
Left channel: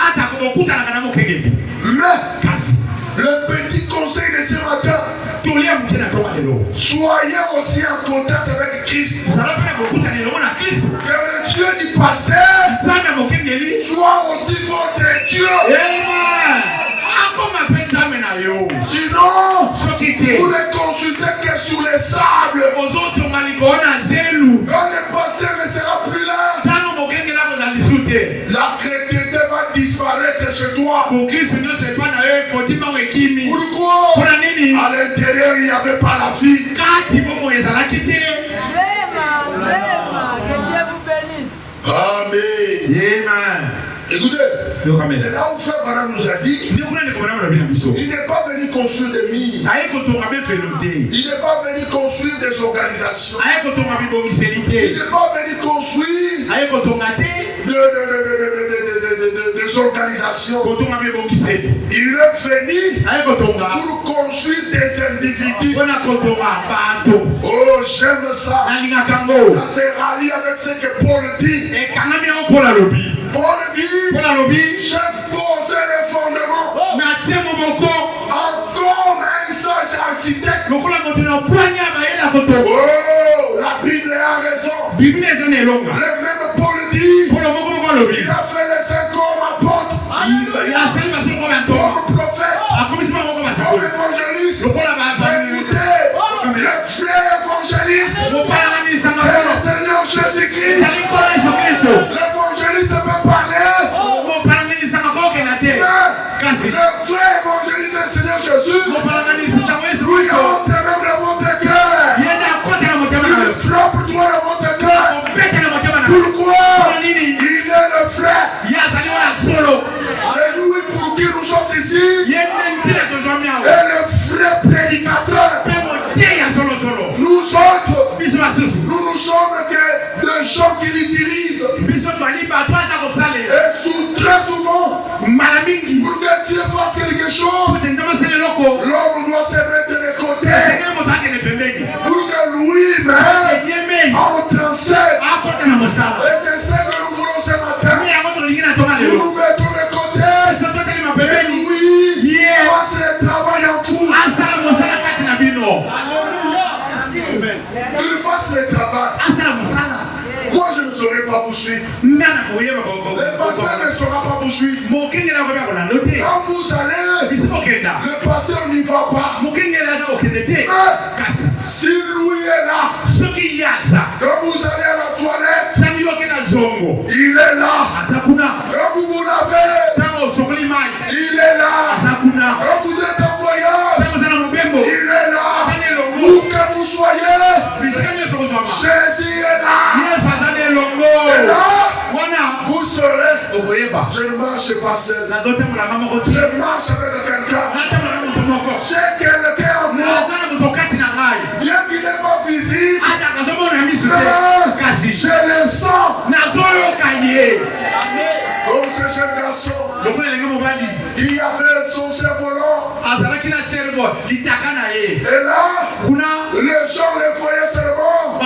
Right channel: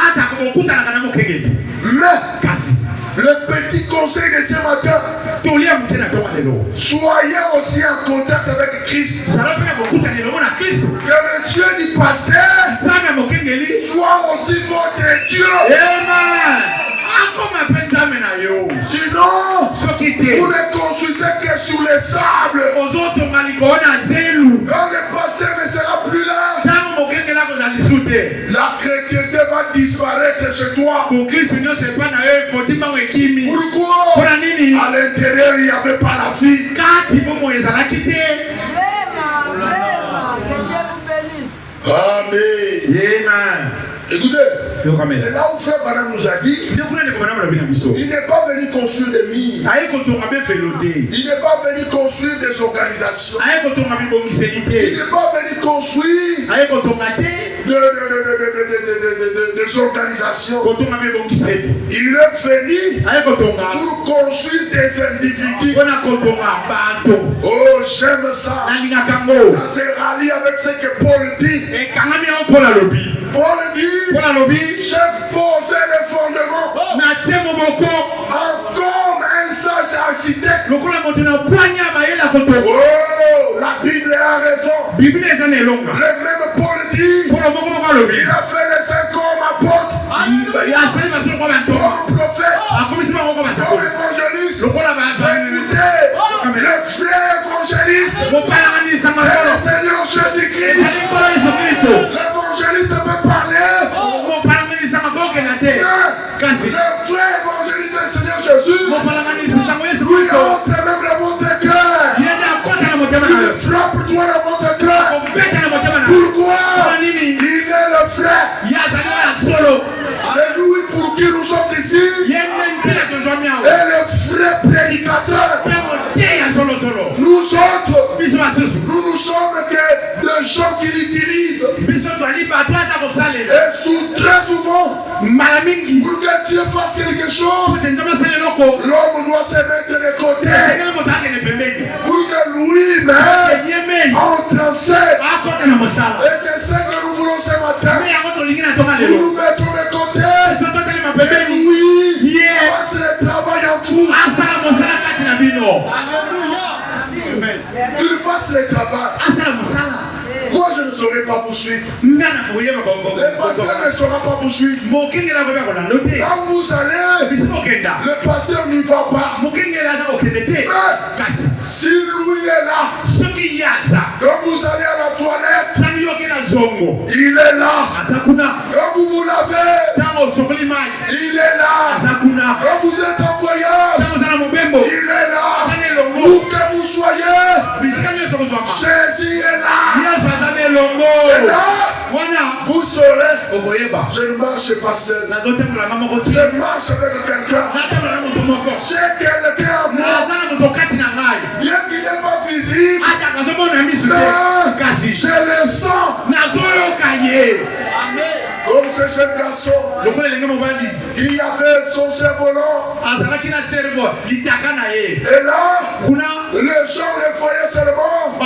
Mais le petit conseil de ce matin, soyez aussi en contact avec Christ. Que le Dieu du pasteur soit aussi votre Dieu. Sinon, vous ne construisez que sur les sables. Quand le pasteur ne sera plus là, la chrétienté va disparaître chez toi. Pourquoi? À l'intérieur, il n'y avait pas la vie. Amen. Écoutez, c'est là où Frère Branham nous a dit, il n'est pas venu construire des mines. Il n'est pas venu construire des organisations. Il n'est pas venu construire des organisations. Il est venu pour construire des individus. Oh, j'aime ça. Ça se rallie avec ce que Paul dit. Paul dit, j'ai posé les fondements. Encore un sage incité. Oh, La Bible a raison. Bible est un élonga. Le même Paul dit, Pour le moment, on il a fait les 5 hommes apôtres, il a salé ma soeur comme un comme tour. prophète, A commencé par comme un comme tour. évangéliste. Le roi là-bas, Écoutez, le frère évangéliste, mon père a mis sa main. c'est le Seigneur Jésus-Christ. L'évangéliste peut parler. Mon père a mis sa main comme un terre. Le frère évangéliste, c'est le Seigneur Jésus. Mon père a mis sa main comme Lui entre même dans votre cœur. il y a des côtes dans mon Il cœur. frappe toi dans votre cœur. On bête dans mon cœur. Pourquoi? Il est le frère. Il y a salé à solo. C'est lui pour qui nous sommes ici. Il y a une mentira que j'en ai. Et le vrai prédicateur. Nous autres, nous sommes que les gens qui l'utilisent. Et très souvent, pour que Dieu fasse quelque chose, l'homme doit se mettre de côté. Pour que lui-même entre en scène. Et c'est ce que nous voulons ce matin. Nous nous mettons de côté. Et lui, fasse le travail en vous. Qu'il fasse le travail. Moi, je ne saurais pas vous suivre. Le pasteur ne saura pas vous suivre. Quand vous allez, le pasteur n'y va pas. Mais si lui est là, quand vous allez à la toilette, il est là. Quand vous vous lavez, il est là. Quand vous êtes en voyage, il est là. Où que vous soyez, Jésus est là. Et là, vous saurez, je ne marche pas seul. Je marche avec quelqu'un. J'ai quelqu'un en moi. Bien qu'il n'est pas visible, je le sens. Comme ce jeune garçon qui avait son cerf-volant. Et là, les gens le voyaient seulement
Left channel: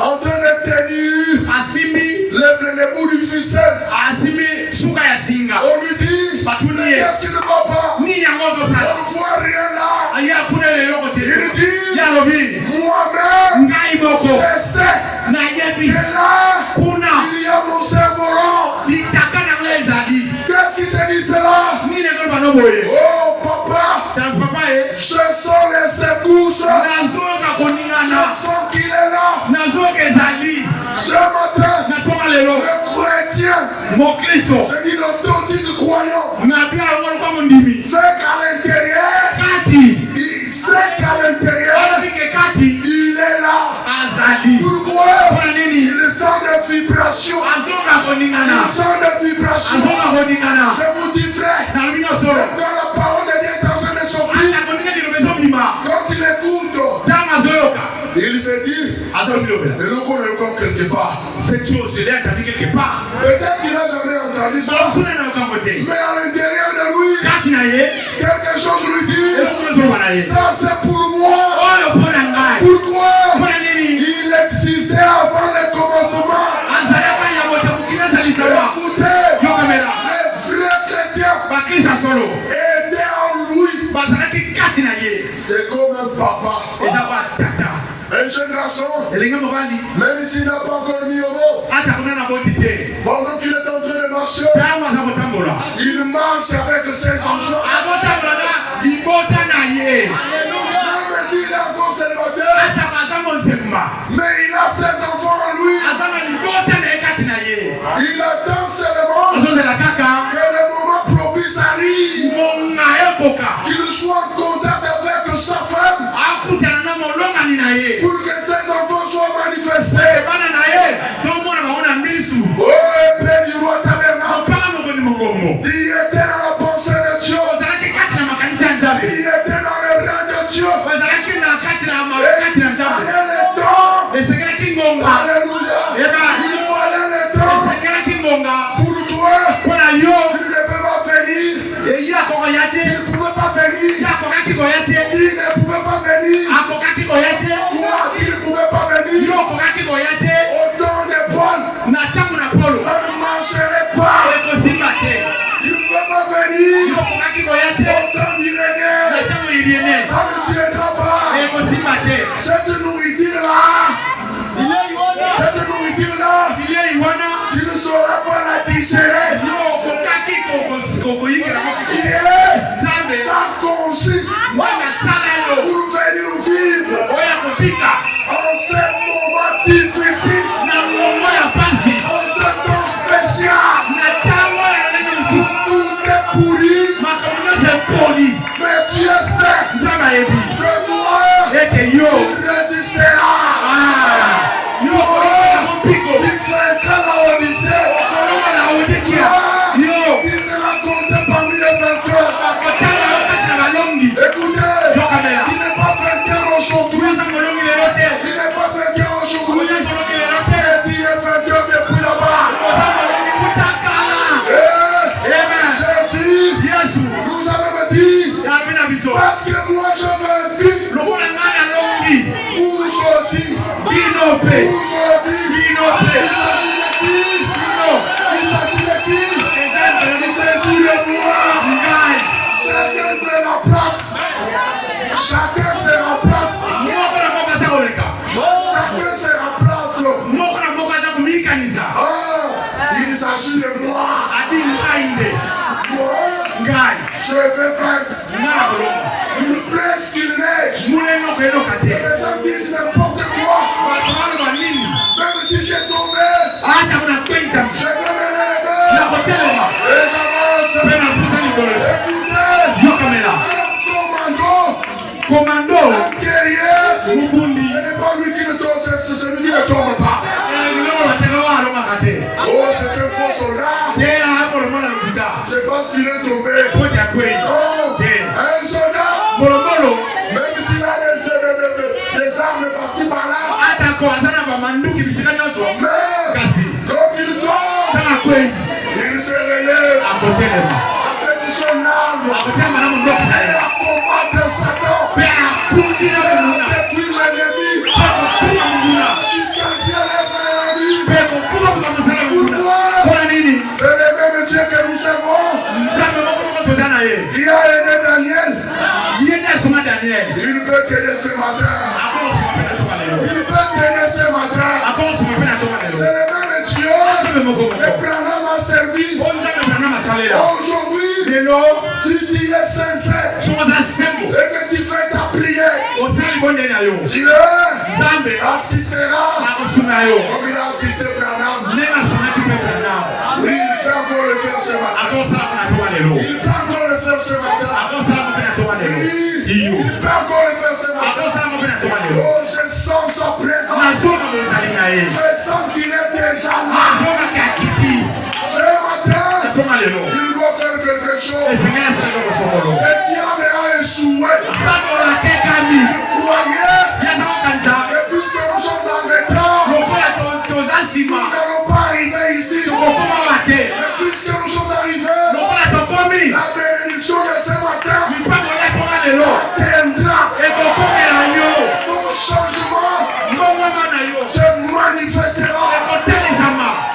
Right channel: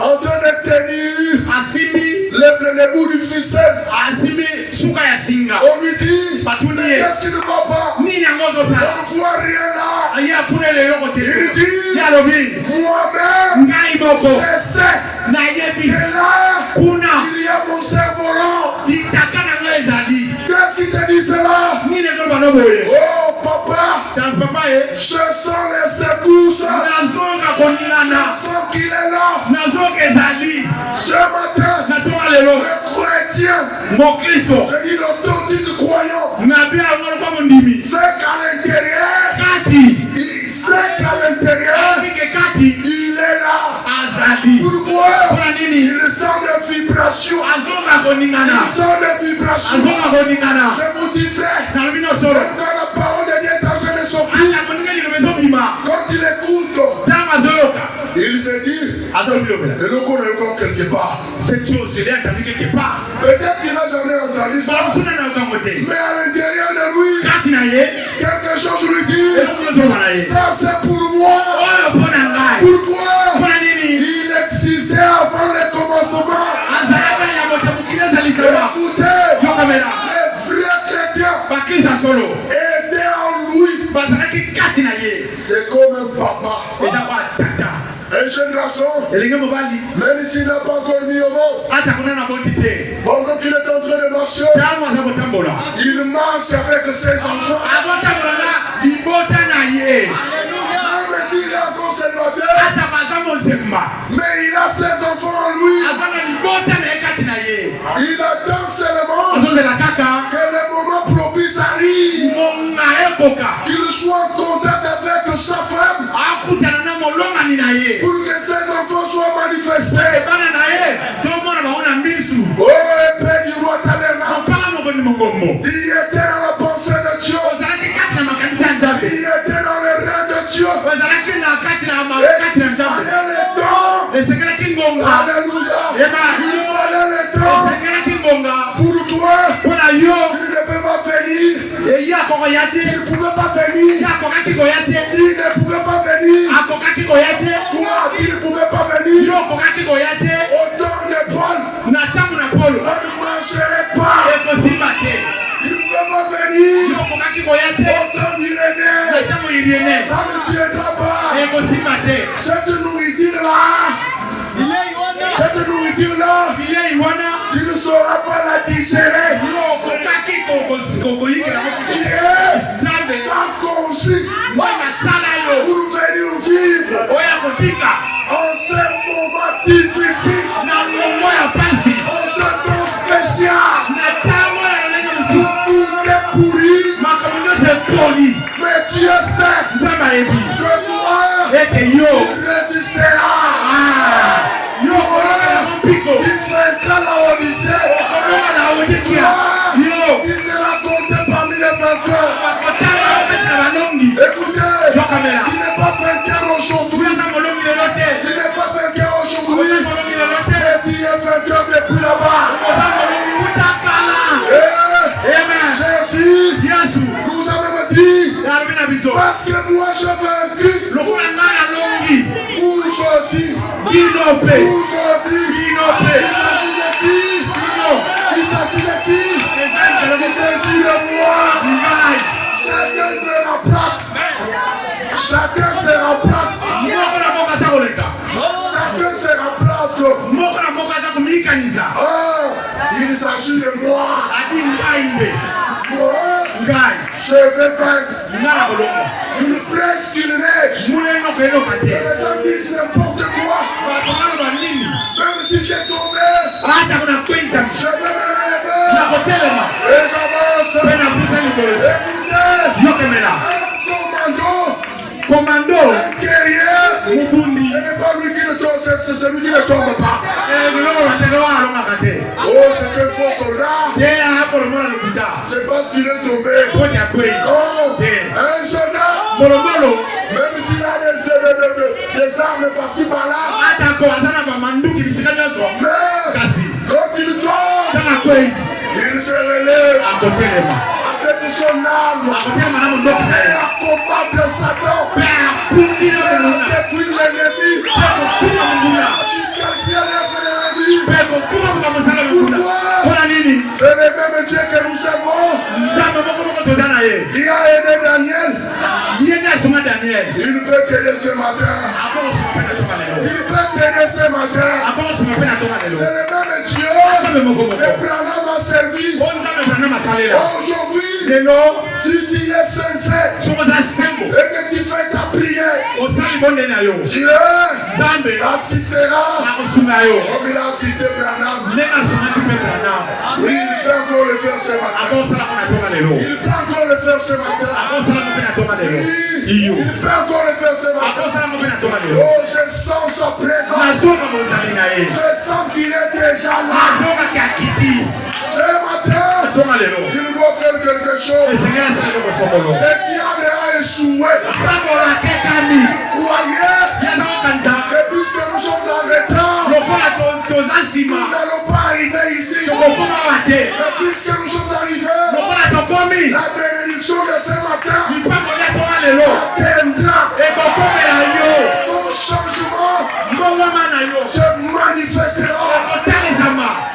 en train de tenir le bout du ficelle. On lui dit, qu'est-ce qu'il ne va pas? On ne voit rien là. Il dit, moi-même, je sais. Et là, il y a mon cerf-volant. Qu'est-ce qui te dit cela? Oh papa, je sens les secousses. Je sens qu'il est là. Ce matin, le chrétien, je dis l'authentique croyant, c'est qu'à l'intérieur, il est là. Pourquoi? Il sent des vibrations. Il sent des vibrations. Je vous dis, frère, quand la parole de Dieu est en train de s'ouvrir, quand il écoute, il se dit, et nous connaissons quelque part. Cette chose, je l'ai entendu quelque part. Peut-être qu'il n'a jamais entendu ça. Mais à l'intérieur de lui, quelque chose lui dit, ça c'est pour moi. Pourquoi? Il existait avant le commencement. Écoutez, les vrais chrétiens étaient en lui. C'est comme un papa. Un jeune garçon, même s'il n'a pas encore mis au monde, pendant qu'il est en train de marcher, il marche avec ses enfants. Même s'il est encore célibataire, mais il a ses enfants en lui. Il attend seulement que le moment propice arrive, qu'il soit en contact avec sa femme, pour que ses enfants soient manifestés. Oh, Père du roi tabernacle, il était dans la pensée de Dieu, il était dans le règne de Dieu, et il fallait le temps. Alléluia. Il fallait le temps pour toi. Il ne peut pas venir. Il ne pouvait pas venir. Il ne pouvait pas venir. Toi, il ne pouvait pas venir. Au temps de Paul, on ne marcherait pas. Il ne pouvait pas venir. Autant il est né. Ça ne tiendra pas. Cette nourriture-là, tu ne sauras pas la digérer. Tu es tant conçu pour venir vivre en ce moment difficile, en ce temps spécial, pour t'es pourri, mais tu es certain que toi, tu résisteras. Il vaincra la Odyssée. Il sera compté parmi les vainqueurs. Écoutez, il n'est pas vainqueur aujourd'hui. Il n'est pas vainqueur aujourd'hui. Et tu es vainqueur depuis là-bas. Jésus nous a même dit, parce que moi je vaincu, vous aussi. Vous aussi. Il s'agit de qui? Il s'agit de moi. Chacun se remplace. Chacun se remplace. Il s'agit de moi. Je vais vaincre. Une flèche qui neige. Les gens disent n'importe quoi. Même si j'ai tombé, je vais me relever. Et j'avance. Écoutez, un commando, un guerrier, ce n'est pas lui qui ne tombe, c'est celui qui ne tombe pas. Oh, c'est un faux soldat. C'est parce qu'il est tombé. Oh, un soldat, même s'il a des armes par-ci par-là, mais quand il tombe, il se relève avec son arme et à combattre Satan, et à détruire l'ennemi, c'est le même Dieu que nous avons. Il a aidé Daniel. Il peut t'aider ce matin. Il peut t'aider ce matin. C'est le même Dieu que Branham a servi. Aujourd'hui, si tu es sincère et que tu fais ta prière, Dieu assistera comme il a assisté Branham. Oui, il peut encore le faire ce matin. Il peut encore le faire ce matin. Oui, il peut encore le faire ce matin. Oh, je sens sa présence. Je sens qu'il est déjà là. Ce matin, il va faire quelque chose. Et diable a échoué. Vous croyez? Et puisque nous sommes en retard, nous n'allons pas arriver ici. Et puisque nous sommes arrivés, la bénédiction de ce matin atteindra. Ton changement se manifestera.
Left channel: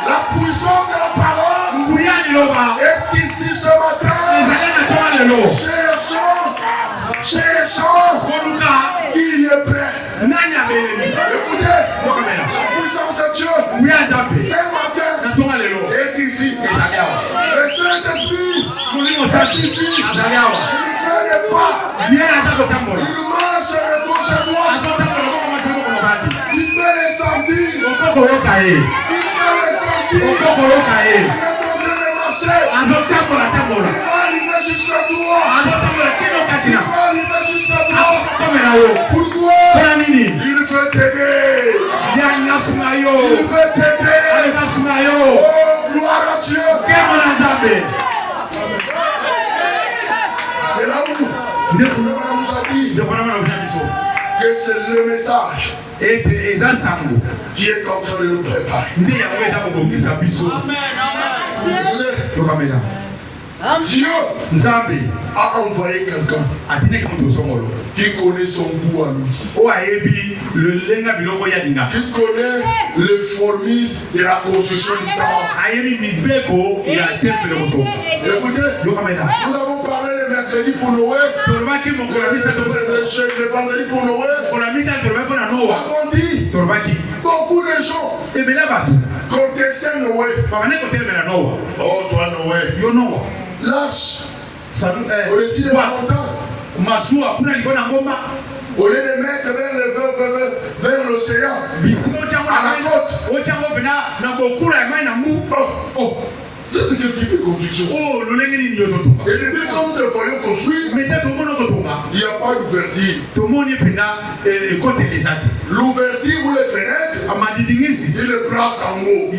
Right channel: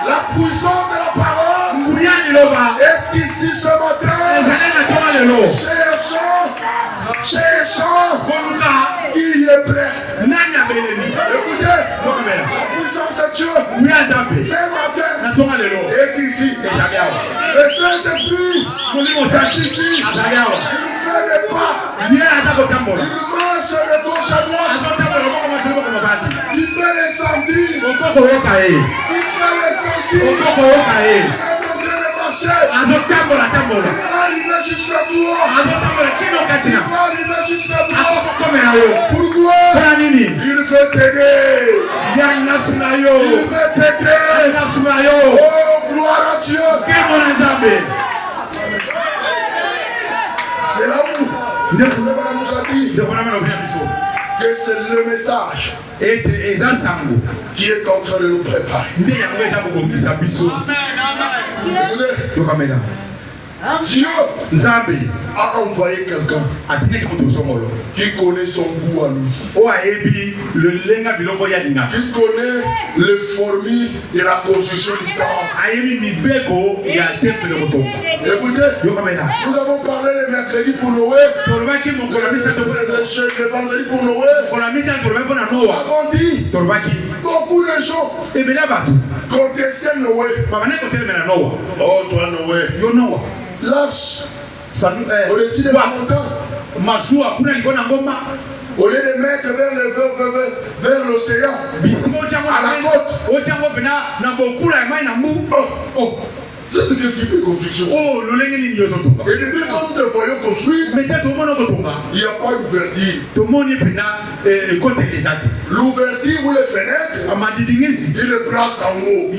La puissance de la parole est ici ce matin. Cherchons qui est prêt. Écoutez, la puissance de Dieu ce matin est ici. Le Saint-Esprit est ici. Il fait le pas. Il marche de gauche à droite. Il peut les sentir. Il peut les sentir. Il est en train de marcher. Il va arriver jusqu'à toi. Il va arriver jusqu'à toi. Pourquoi? Il veut t'aider. Il veut t'aider. Oh, gloire à Dieu. C'est là où nous a dit que c'est le message qui est en train de nous préparer. Dieu a envoyé quelqu'un qui connaît son goût à lui, qui connaît les formules de la construction du temple. Écoutez, nous avons parlé de le vendredi pour Noël. Avons dit beaucoup de gens contestaient Noël. Oh, toi Noël. Lâche. Au-dessus de la montagne. Au lieu de mettre vers l'océan, à la côte. C'est ce type de construction. Et depuis quand nous devons construire, il n'y a pas d'ouverture. L'ouverture ou les fenêtres, il le place en haut.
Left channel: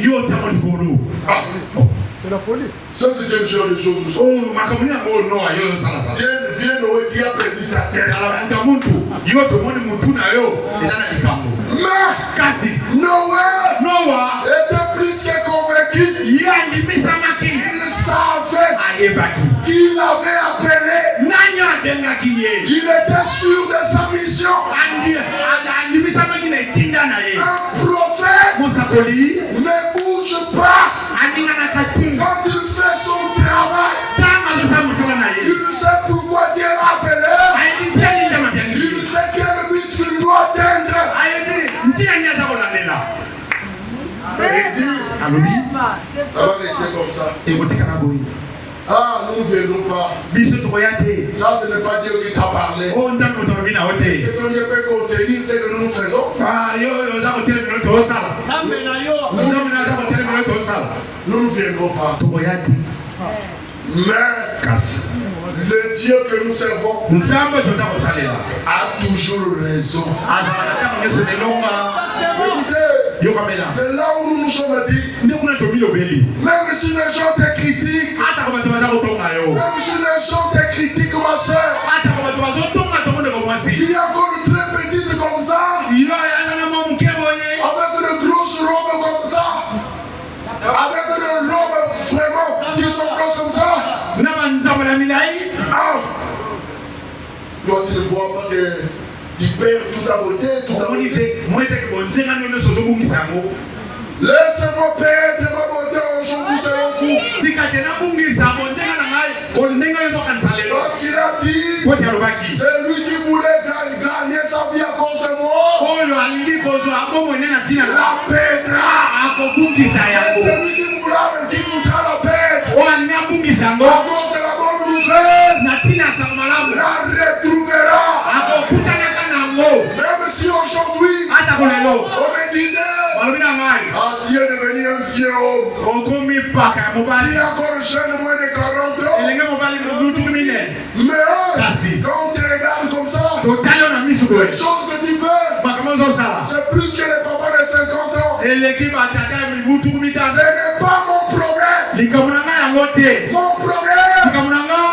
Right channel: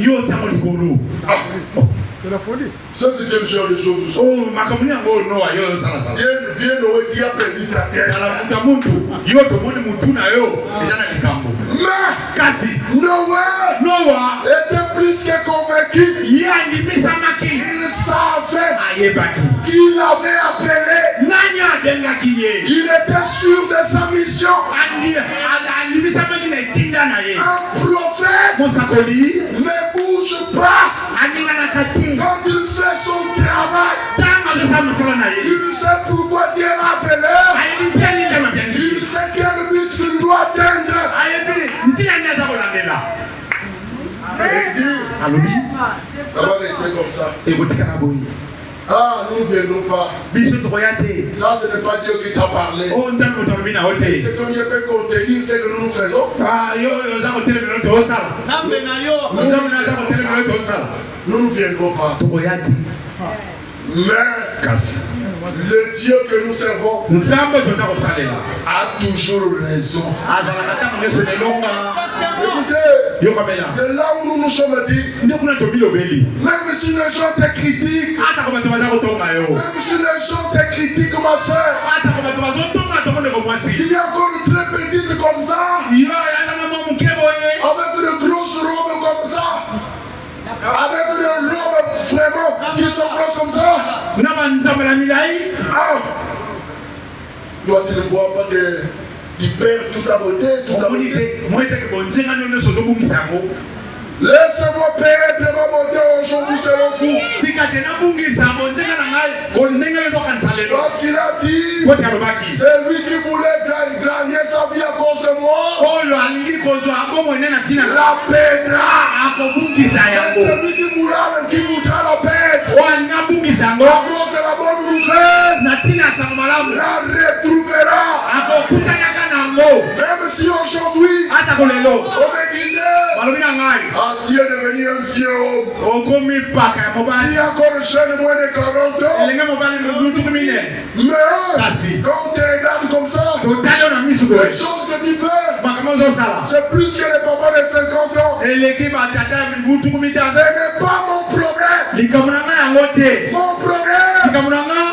C'est la folie. Ça, c'est quel genre de choses. Viens Noé qui a perdu ta tête. Mais Noé était plus que convaincu. Il savait qu'il avait appelé. Il était sûr de sa mission. Un prophète ne bouge pas. Quand il fait son travail, il sait pourquoi Dieu l'a appelé. Il sait quel but qu'il doit atteindre. Et il dit, ça va rester comme ça. Ah, nous ne viendrons pas. Ça, ce n'est pas Dieu qui t'a parlé. Ce que Dieu peut contenir, c'est que nous faisons. Nous ne viendrons pas. Mais le Dieu que nous servons a toujours raison. Écoutez, c'est là où nous nous sommes dit, même si les gens te critiquent, même si les gens te critiquent, ma soeur, il y a encore une très petite comme ça, avec une grosse robe comme ça, avec des robes vraiment qui sont grosses comme ça. Toi, tu ne vois pas qu'il perd toute la beauté, toute la beauté. Laisse-moi perdre ma beauté aujourd'hui selon vous. Parce qu'il a dit, c'est lui qui voulait gagner sa vie à cause de moi. La perdra. C'est lui qui voudra la perdre. À cause de la bonne nouvelle, la retrouvera. Même si aujourd'hui, on me disait, Dieu est devenu un vieux homme. Il est encore jeune, moins de 40 ans. Mais quand tu regardes comme ça, les choses que tu fais, c'est plus que les papas de 50 ans. Ce n'est pas mon problème. Mon problème,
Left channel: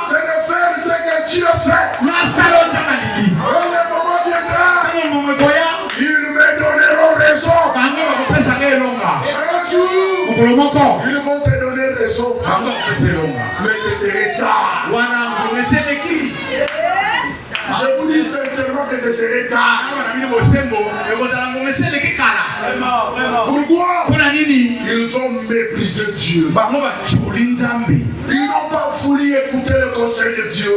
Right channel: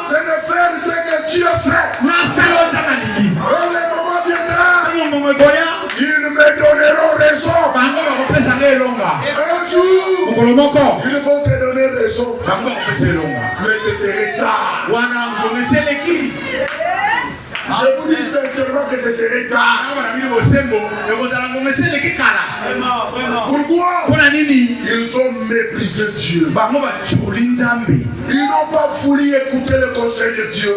c'est de faire ce que tu as fait. Ils me donneront raison. Un jour, ils vont te donner raison. Mais ce serait tard. Je vous dis sincèrement que ce serait tard. Pourquoi? Ils ont méprisé Dieu. Ils n'ont pas voulu écouter le conseil de Dieu.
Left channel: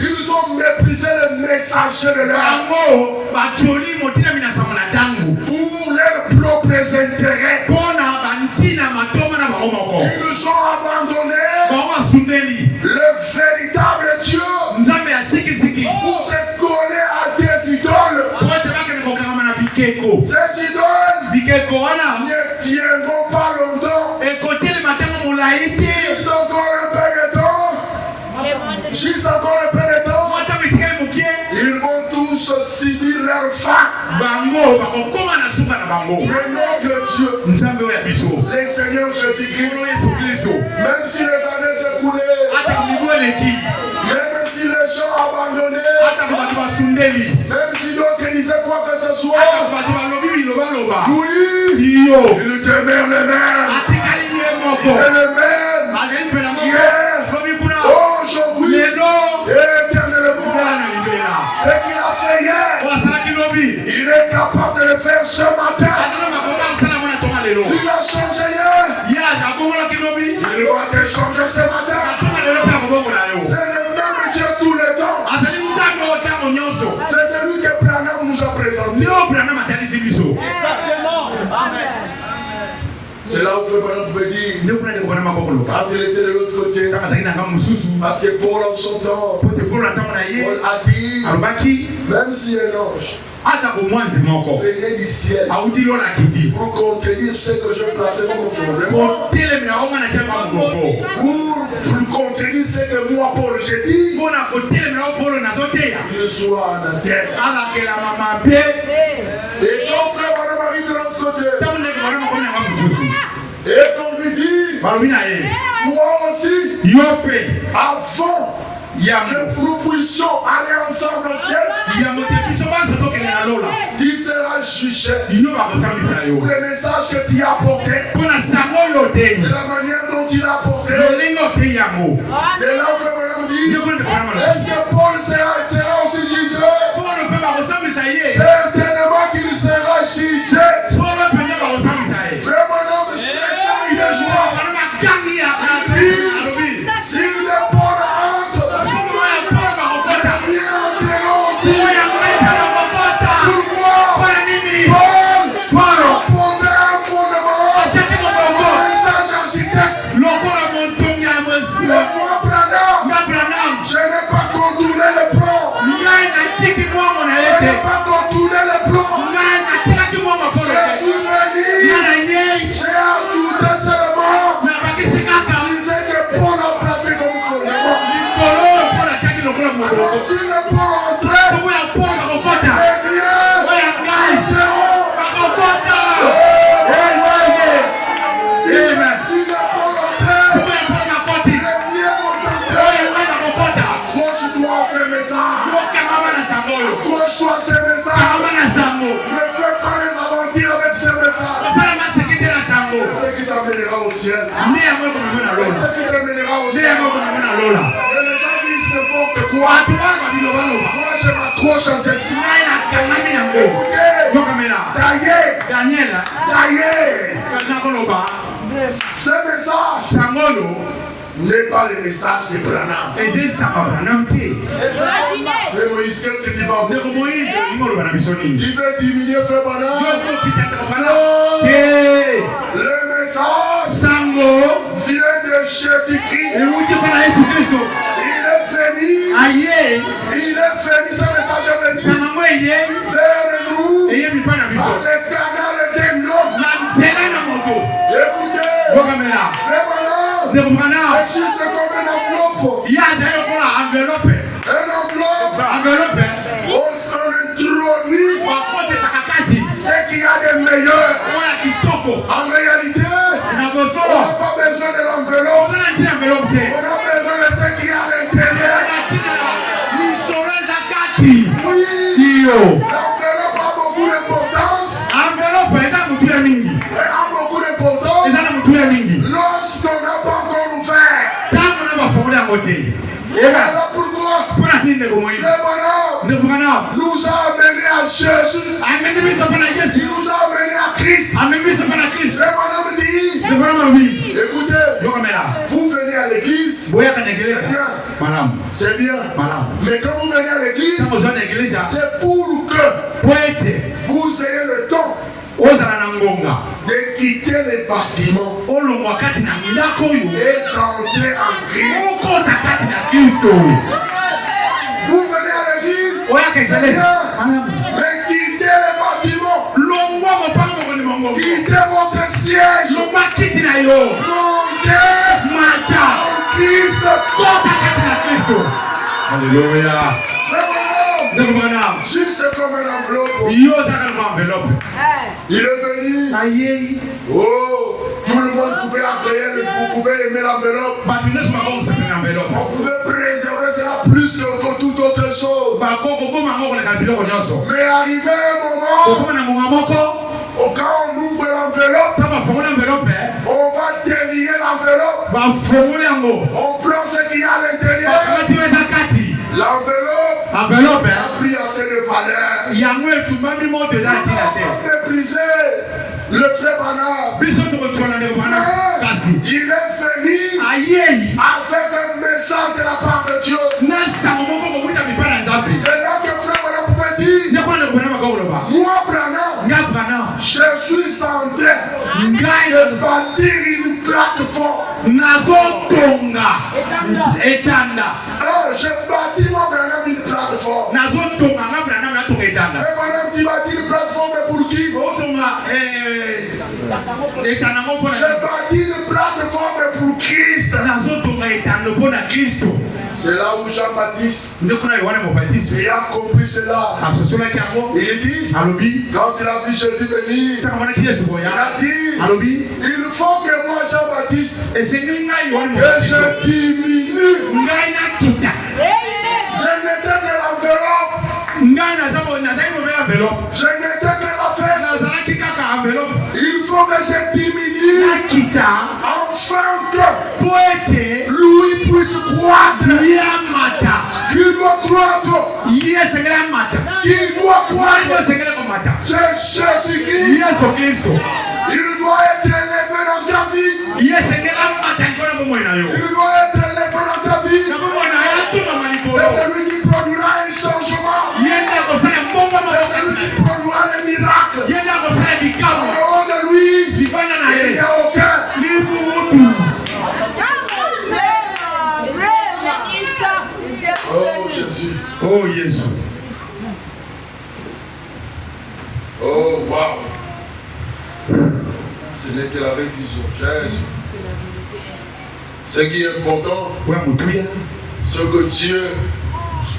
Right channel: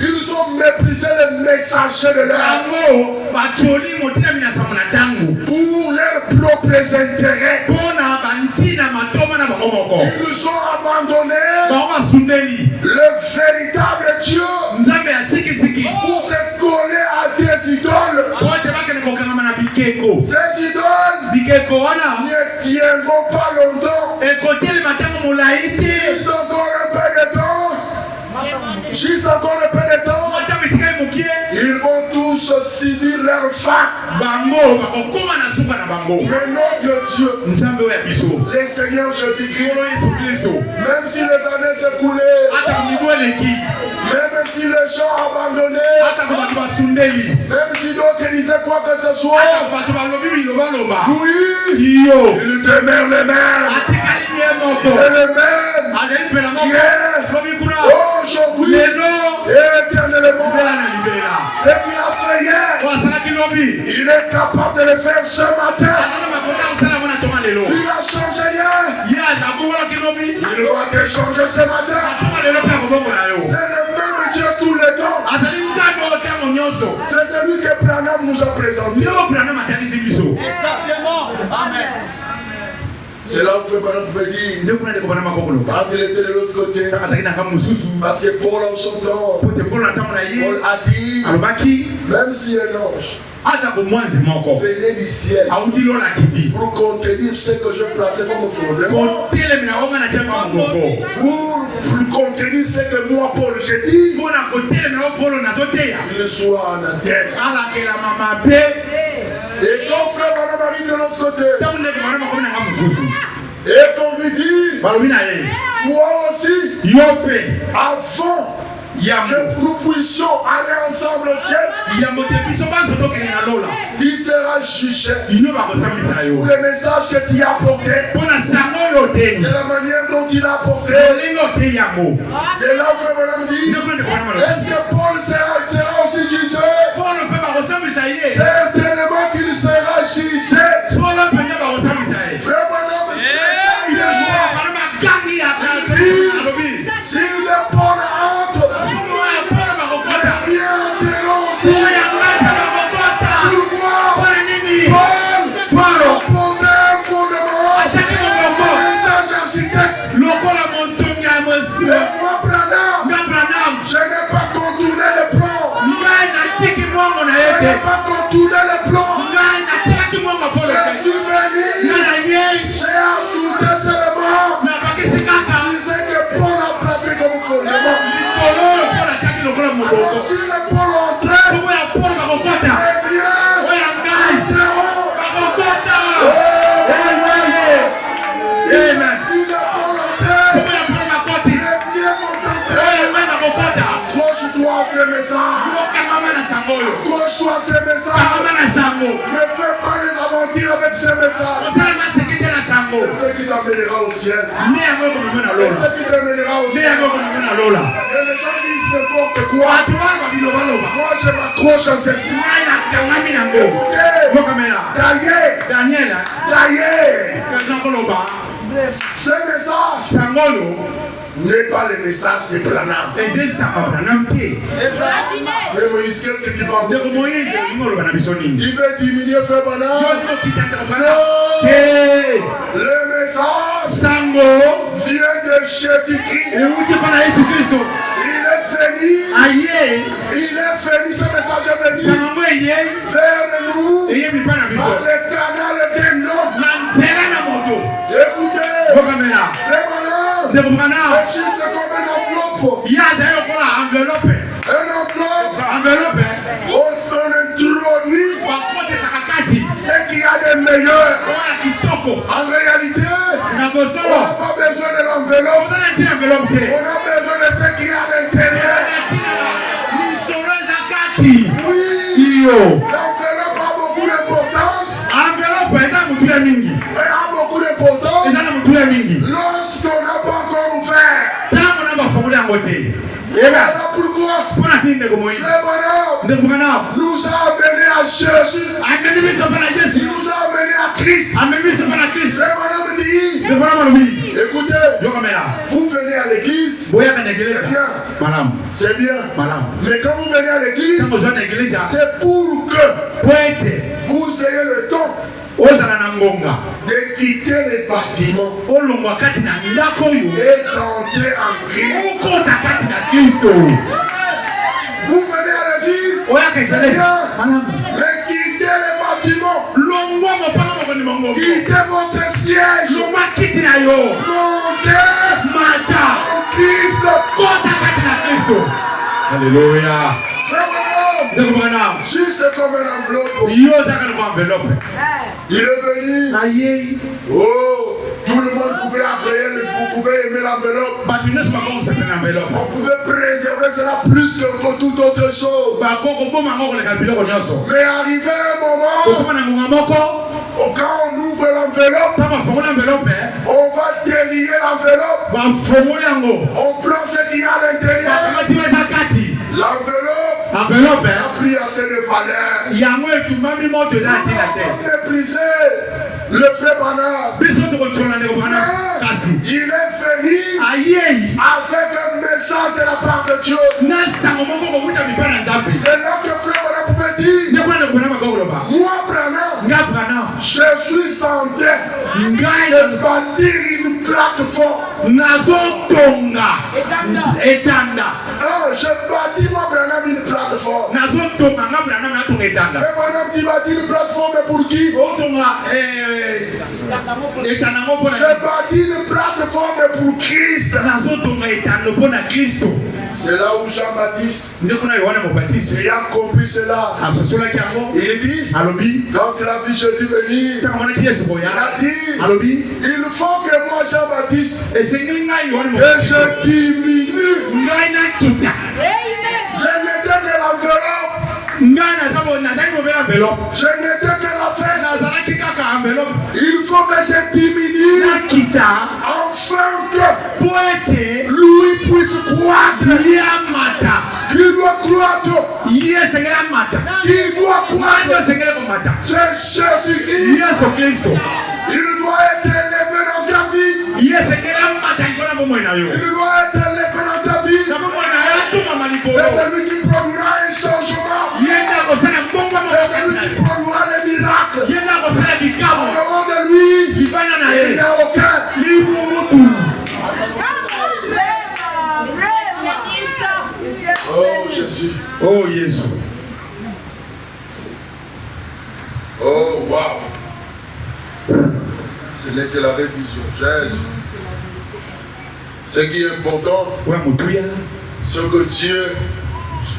Ils ont méprisé les messagers de l'âme pour leurs propres intérêts. Ils nous ont abandonné le véritable Dieu pour se coller à des idoles. Ces idoles ne tiendront pas longtemps. Ils ont encore un peu de temps. Juste encore un peu de temps. Ils vont tous subir leur fin. Mais notre Dieu, le Seigneur Jésus-Christ, même si les années s'écoulaient, même si les gens abandonnaient, même si d'autres disaient quoi que ce soit, lui, il demeure le même. Il est le même. Hier, aujourd'hui, et éternellement. Ce qu'il a fait hier, il est capable de le faire ce matin. S'il a changé hier, il va te changer ce matin. C'est le même Dieu tous les C'est là où Frère Branham pouvait dire, quand il était de l'autre côté, parce que Paul en son temps, Paul a dit, même si un ange venait du ciel pour contenir ce que je plaçais comme fondement, pour contenir ce que moi Paul j'ai dit, il soit en Athènes. Et quand Frère Branham arrive de l'autre côté, et qu'on lui dit, toi aussi, avant que nous puissions aller ensemble au ciel, tu seras jugé pour le message que tu as apporté, de la manière dont tu l'as apporté. C'est là où Frère Branham dit, est-ce que Paul sera aussi jugé? Certainement qu'il sera jugé. Frère Branham, il est joie. Si le Paul entre, il entrera aussi. Pourquoi? Paul posait un fondement, un message architecte. Mais moi, Branham, je n'ai pas contourné le plan. Je n'ai pas contourné le plan. Je suis venu, j'ai ajouté seulement ce que Paul a placé comme fondement. Alors, si le Paul entrait, eh bien, si le Paul entrait, accroche-toi à ce message. Accroche-toi à ce message. Ne fais pas les aventures avec ce message. C'est ce qui t'amènera au ciel. C'est ce qui t'amènera au ciel. Et les gens disent n'importe quoi. Moi je m'accroche à ceci. Écoutez, ce message n'est pas le message de Branham. Mais Moïse, qu'est-ce que tu vas dire? Il veut diminuer Frère Branham. Non. Le message vient de Jésus-Christ. Il est venu, ce message est venu vers nous. L'éternel est un homme. Écoutez, Frère Branham, c'est juste comme une enveloppe. Un enveloppe. On introduit ce qu'il y a de meilleur. En réalité, on n'a pas besoin de l'enveloppe. On a besoin de ce qu'il y a à l'intérieur. Oui, l'enveloppe a beaucoup d'importance. Elle a beaucoup d'importance lorsqu'on n'a pas encore ouvert. Et voilà pourquoi Frère Branham nous a amenés à Jésus. Il nous a amenés à Christ. Frère Branham dit, écoutez, vous venez à l'église, c'est bien. Mais quand vous venez à l'église, c'est pour que vous ayez le temps de quitter les bâtiments et d'entrer en Christ. Vous venez à l'église, c'est bien, mais quittez les bâtiments, quittez votre siège, montez en Christ. Alléluia. Juste comme un enveloppe. Il est venu. Oh, tout le monde pouvait agréer, vous pouvez aimer l'enveloppe. On pouvait préserver cela plus que toute autre chose. Mais arrivé un moment, quand on ouvre l'enveloppe, on va délier l'enveloppe. On prend ce qu'il y a à l'intérieur. L'enveloppe a pris assez de valeur. On va mépriser le Frère Branham. Il est venu avec un message de la part de Dieu. C'est là que Frère Branham pouvait dire, moi Branham, je suis en train Je bâtir une plateforme. Je bâtis mon Branham une plateforme. Et Branham qui bâtit une plateforme pour qui? Je bâtis une plateforme pour Christ. C'est là où Jean-Baptiste ayant compris cela. Il dit, quand il a vu Jésus venir, il a dit, il faut que moi Jean-Baptiste, que je diminue. Je n'étais que l'enveloppe. Je n'étais que la fête. Il faut que je diminue afin que lui puisse croître. Qui doit croître? Qui doit croître? C'est Jésus-Christ. Il doit être élevé dans ta vie. Il doit être élevé dans ta vie. C'est celui qui produira un changement. C'est celui qui produira des miracles. Au nom de lui, il n'y a aucun. Oh Jésus. Oh Jésus. Oh wow. Ce n'est que la révision. Jésus. Ce qui est important, c'est que Dieu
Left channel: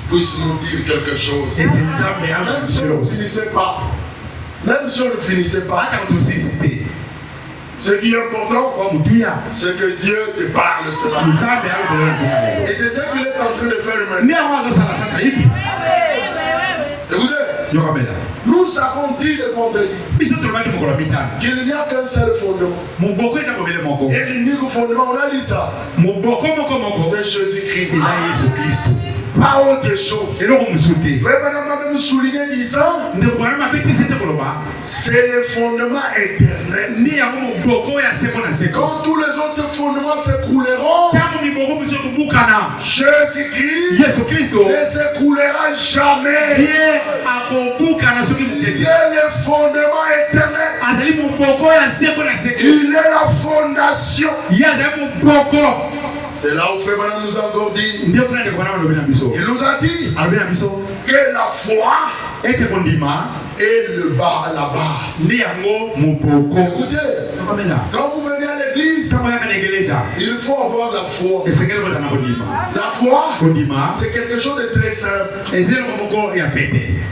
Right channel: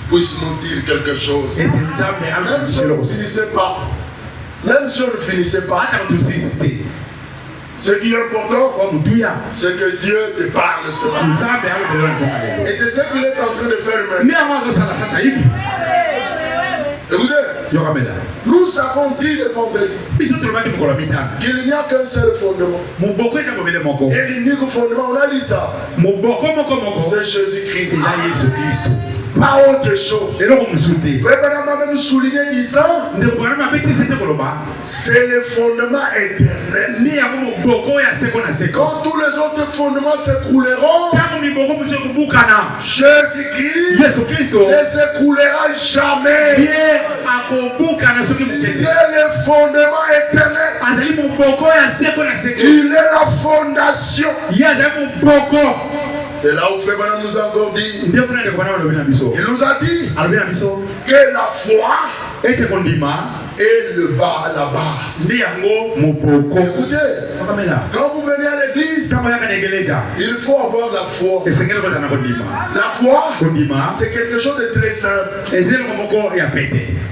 puisse nous dire quelque chose. Même si on ne finissait pas. Même si on ne finissait pas. Ce qui est important, c'est que Dieu te parle cela. Et c'est ce qu'il est en train de faire maintenant. Écoutez, nous avons dit le vendredi qu'il n'y a qu'un seul fondement. Et l'unique fondement, on a dit ça. C'est Jésus-Christ. Pas autre chose. Vraiment, même souligner disant, c'est le fondement éternel. Quand tous les autres fondements s'écrouleront, Jésus-Christ ne s'écroulera jamais. Il est le fondement éternel. Il est la fondation. C'est là où Fébana nous a encore dit. Il nous a dit que la foi est le bas, la base. Écoutez, quand vous venez à l'église, il faut avoir la foi. La foi, c'est quelque chose de très simple.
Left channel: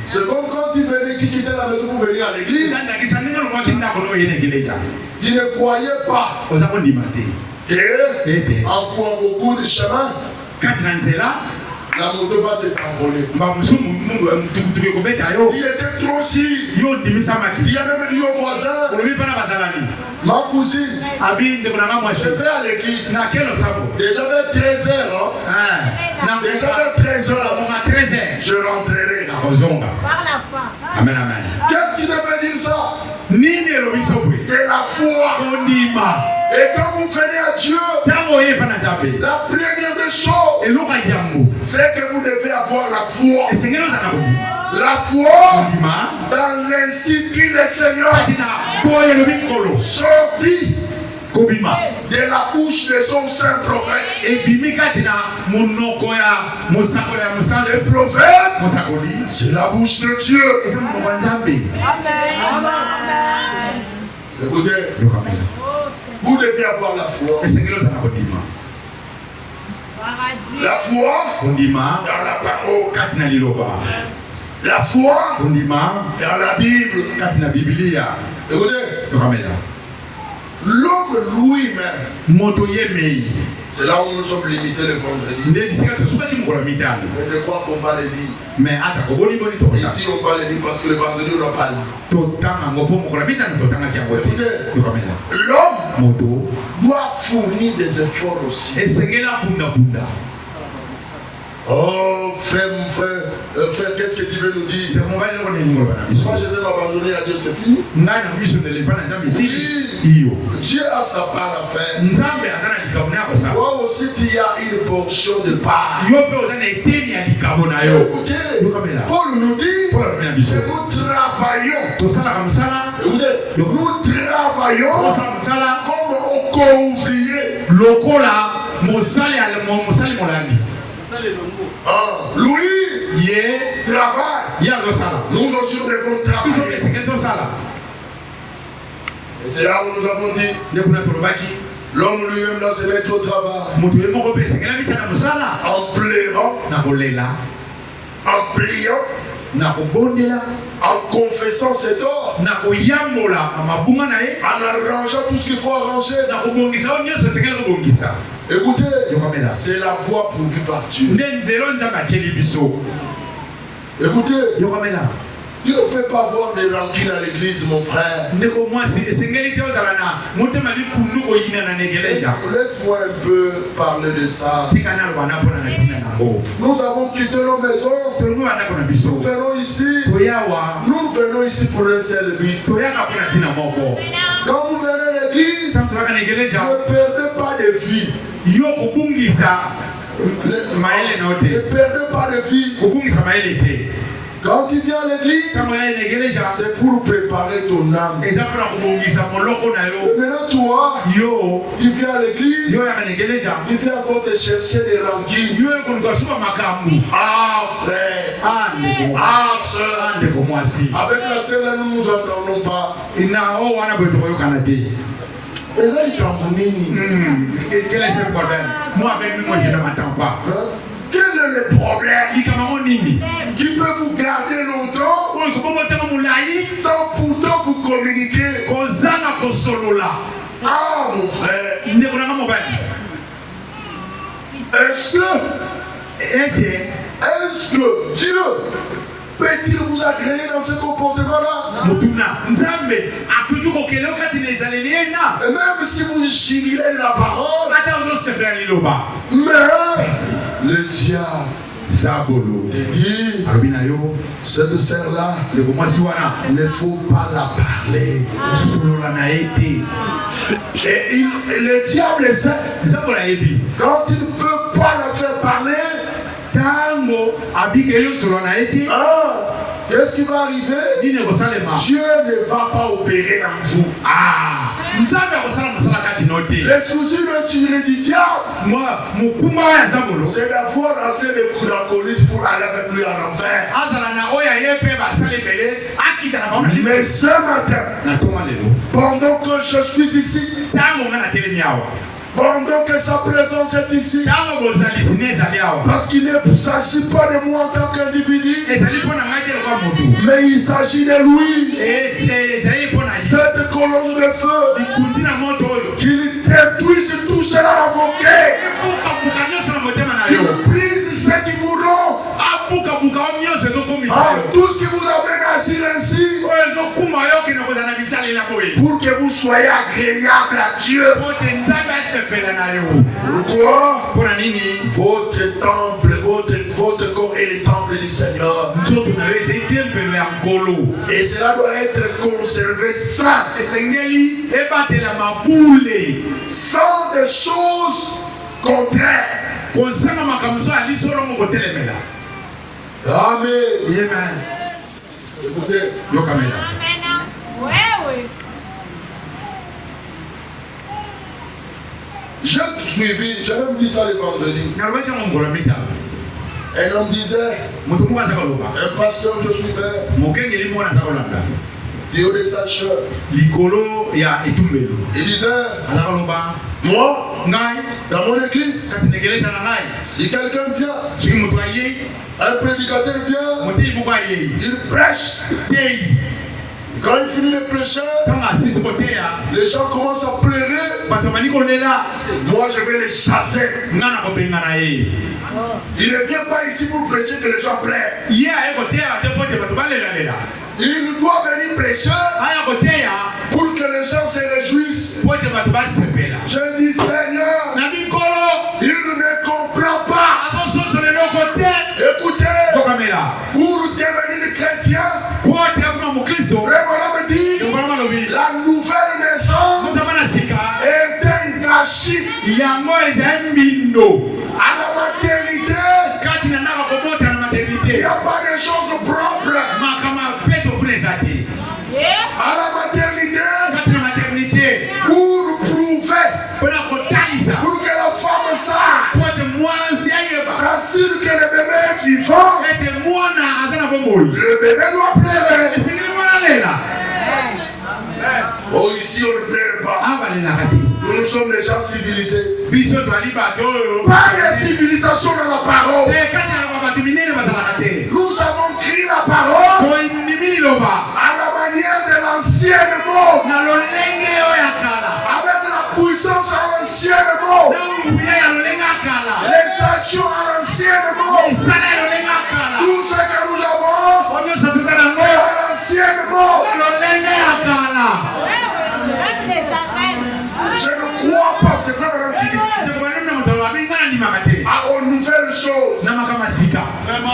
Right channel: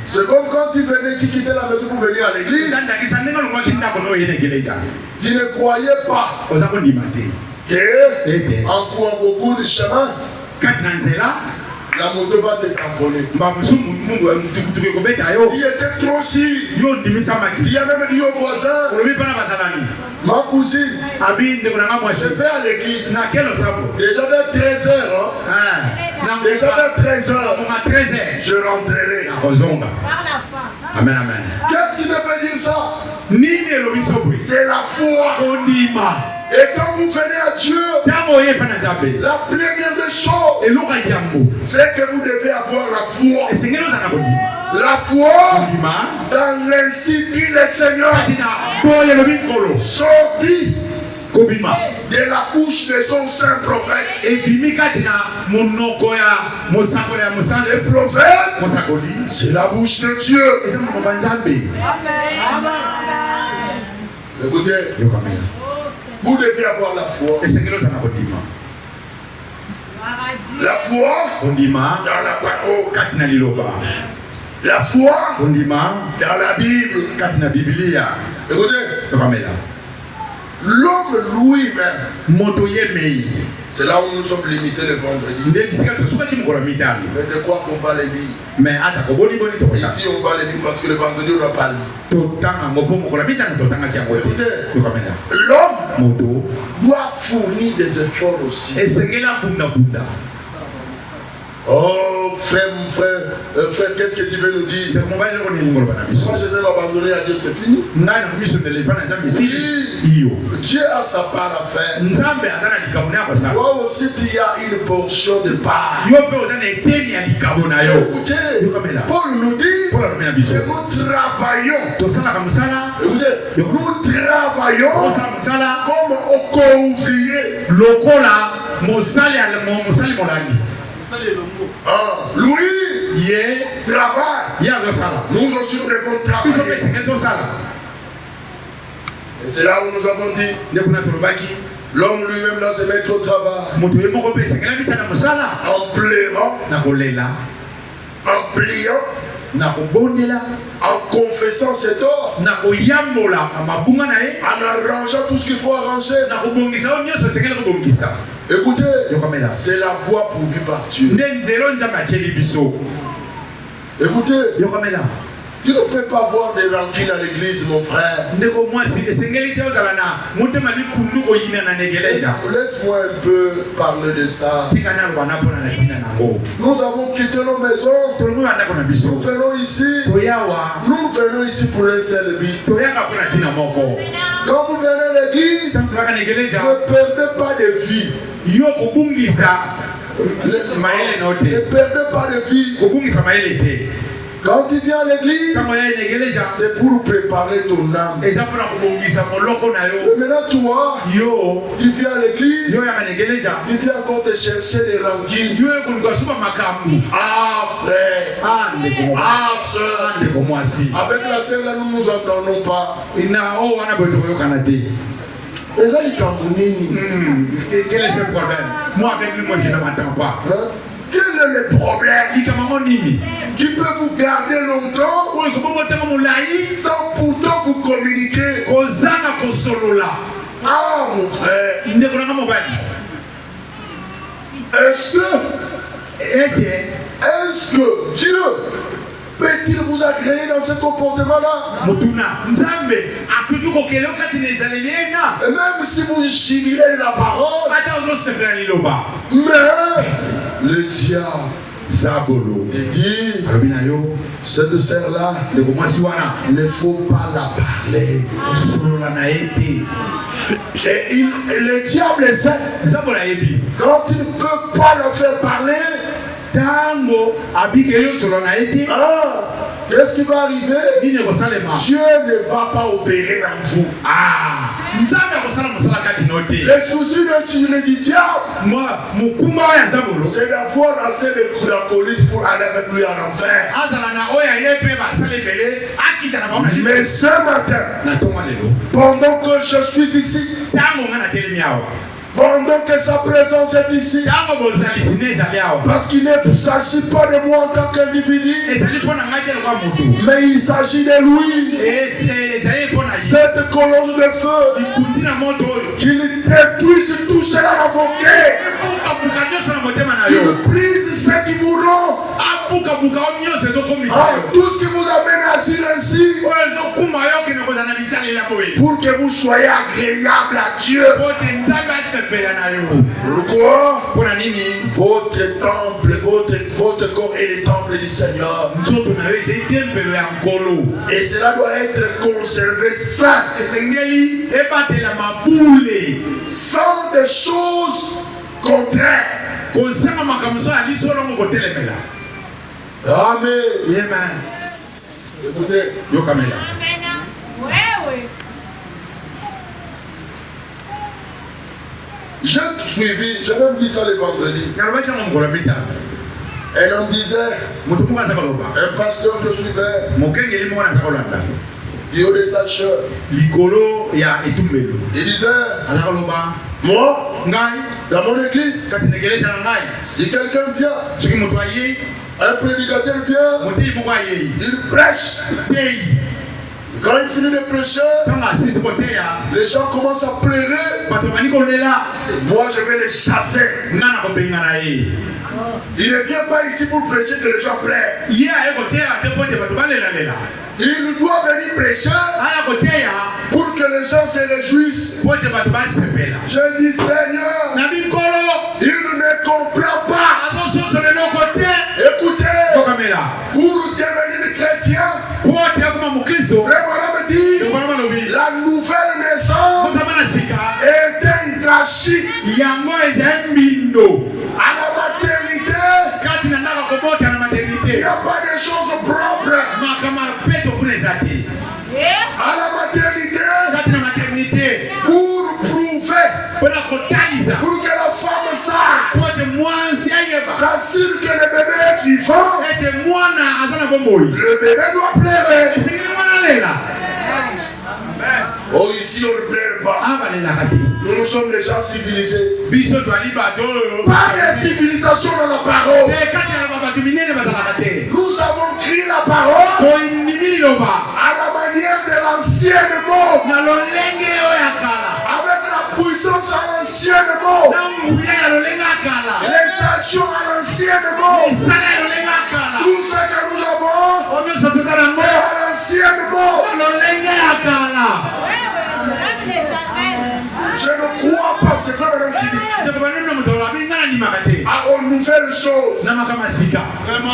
C'est comme quand tu quittais la maison pour venir à l'église. Tu ne croyais pas que en courant beaucoup de chemin, la moto va te tamponner. Il était trop si. Il a même dit au voisin, ma cousine, je vais à l'église. Déjà vers 13h. Déjà vers 13h. Je rentrerai. Amen, amen. Qu'est-ce qui devait dire ça? C'est la foi. Et quand vous venez à Dieu, la première des choses, c'est que vous devez avoir la foi. La foi dans l'ainsi dit le Seigneur sorti de la bouche de son saint prophète. Le prophète, c'est la bouche de Dieu. Écoutez, vous devez avoir la foi. La foi dans la parole. La foi dans la Bible. Écoutez, l'homme lui-même, c'est là où nous sommes limités le vendredi. Mais de quoi qu'on va les dire? Ici on va les dire parce que le vendredi on n'a pas dit. L'homme doit fournir des efforts aussi. Oh frère, qu'est-ce que tu veux nous dire? Moi je vais m'abandonner à Dieu, c'est fini. Dieu a sa part à faire. Toi aussi tu as une portion de part. Écoutez, Paul nous dit que nous travaillons co-ouvrier. Lokola mosali molandi. Louis Ye travaille. ya zosala. Nous aussi nous devons travailler. Et c'est là où nous avons dit l'homme lui-même doit se mettre au travail. En pleurant, en priant, en confessant ses torts, en arrangeant tout ce qu'il faut arranger. Écoutez, c'est la voie pourvue par Dieu. Écoutez, tu ne peux pas voir des rancunes à l'église, mon frère. Laisse-moi un peu parler de ça. Nous avons quitté nos maisons. Nous venons ici. Nous venons ici pour un seul but. Quand vous venez à l'église, ne perdez pas de vie. Ne perdez pas de vie. Quand tu viens à l'église, c'est pour préparer ton âme. Mais maintenant, toi, tu viens à l'église, tu viens encore te chercher des rancunes. Ah, frère, ah, soeur, avec la sœur, nous ne nous entendons pas. Mais ça, il quel est ce problème? Moi, avec lui, je ne m'entends pas. Quel est le problème qui peut vous garder longtemps sans pourtant vous communiquer? Ah, mon frère, est-ce que Dieu peut-il vous agréer dans ce comportement-là? Et même si vous jubilez la parole, mais le diable te dit, cette sœur-là, il ne faut pas la parler. Et le diable sait, quand il ne peut pas le faire parler, qu'est-ce qui va arriver? Dieu ne va pas opérer en vous. Le souci du diable, c'est d'avoir assez de coups d'alcoolisme pour aller avec lui en enfer. Mais ce matin, pendant que je suis ici, pendant que sa présence est ici, parce qu'il ne s'agit pas de moi en tant qu'individu, mais il s'agit de lui. Cette colonne de feu qui détruise tout cela invoqué, il brise ce qui vous rend, tout ce qui vous amène à agir ainsi, pour que vous soyez agréable à Dieu. Pourquoi? Votre temple, votre corps est le temple du Seigneur. Et cela doit être conservé sain, sans des choses contraires. Amen. Écoutez. J'ai suivi, j'ai même dit ça le vendredi. Un homme disait, un pasteur que je suivais, Dio de Sache, il disait, moi, dans mon église, si quelqu'un vient, un prédicateur vient, il prêche. Quand il finit de prêcher, les gens commencent à pleurer. Moi, je vais les chasser. Il ne vient pas ici pour prêcher que les gens pleurent. Il doit venir prêcher pour que les gens se réjouissent. Je dis, Seigneur, il ne comprend pas. Écoutez, pour devenir chrétien, vraiment me dit, la nouvelle naissance est un gâchis. À la maternité, il n'y a pas de choses propres. À la maternité, pour prouver que le bébé est vivant, le bébé doit pleurer. Oh, ici on ne pleure pas. Nous sommes les gens civilisés. Pas de civilisation dans la parole. Nous avons crié la parole à la manière de l'ancienne monde. Avec la puissance à l'ancienne monde. Les actions à l'ancienne monde. Tout ce que nous avons fait à l'ancienne monde. Je ne crois pas, c'est ça madame qui dit. Alors nouvelle chose.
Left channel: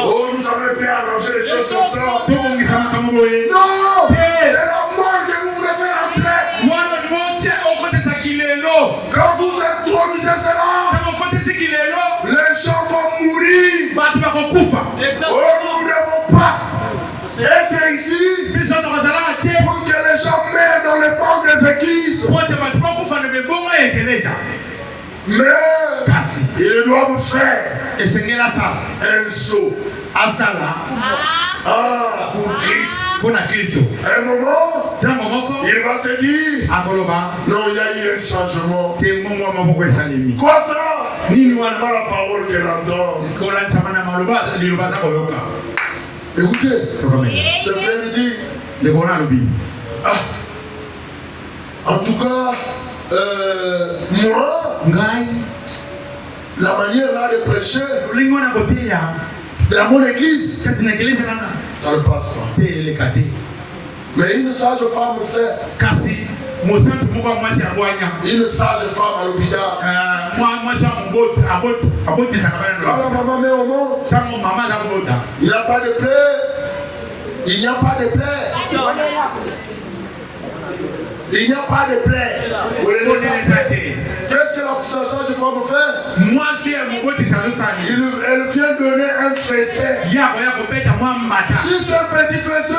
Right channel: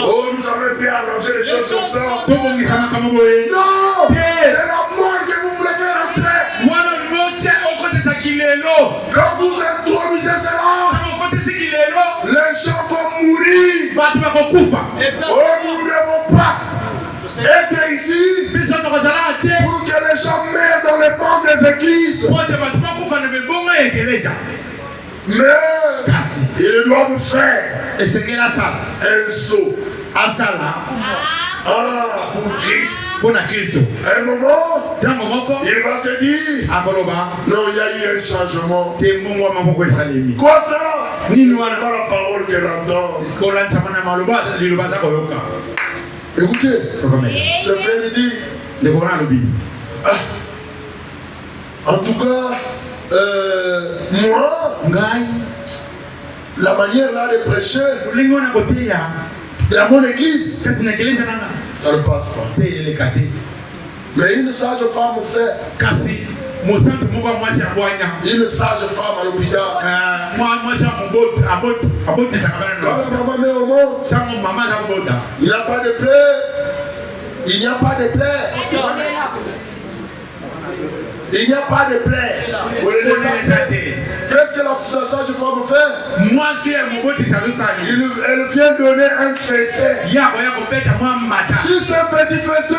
Oh, nous avons bien arrangé les choses comme ça. Non, c'est la mort que vous voulez faire entrer. Quand vous introduisez cela, les gens vont mourir. Oh, nous ne devons pas être ici pour que les gens meurent dans les bancs des églises. Mais ils doivent faire un saut pour Christ. Un moment, il va se dire non, il y a eu un changement. Quoi ça? Nous n'avons pas la parole que l'entend. Écoutez, ce frère dit en tout cas, moi, la manière là de prêcher dans mon église, ça ne passe pas. Mais une sage femme sait. Une sage femme à l'hôpital. Quand la maman met au monde, il n'y a pas de plaie. Il n'y a pas de plaie. Il n'y a pas de plaie. Qu'est-ce que la sage femme fait? Elle vient donner un fessé. Juste un petit fessé.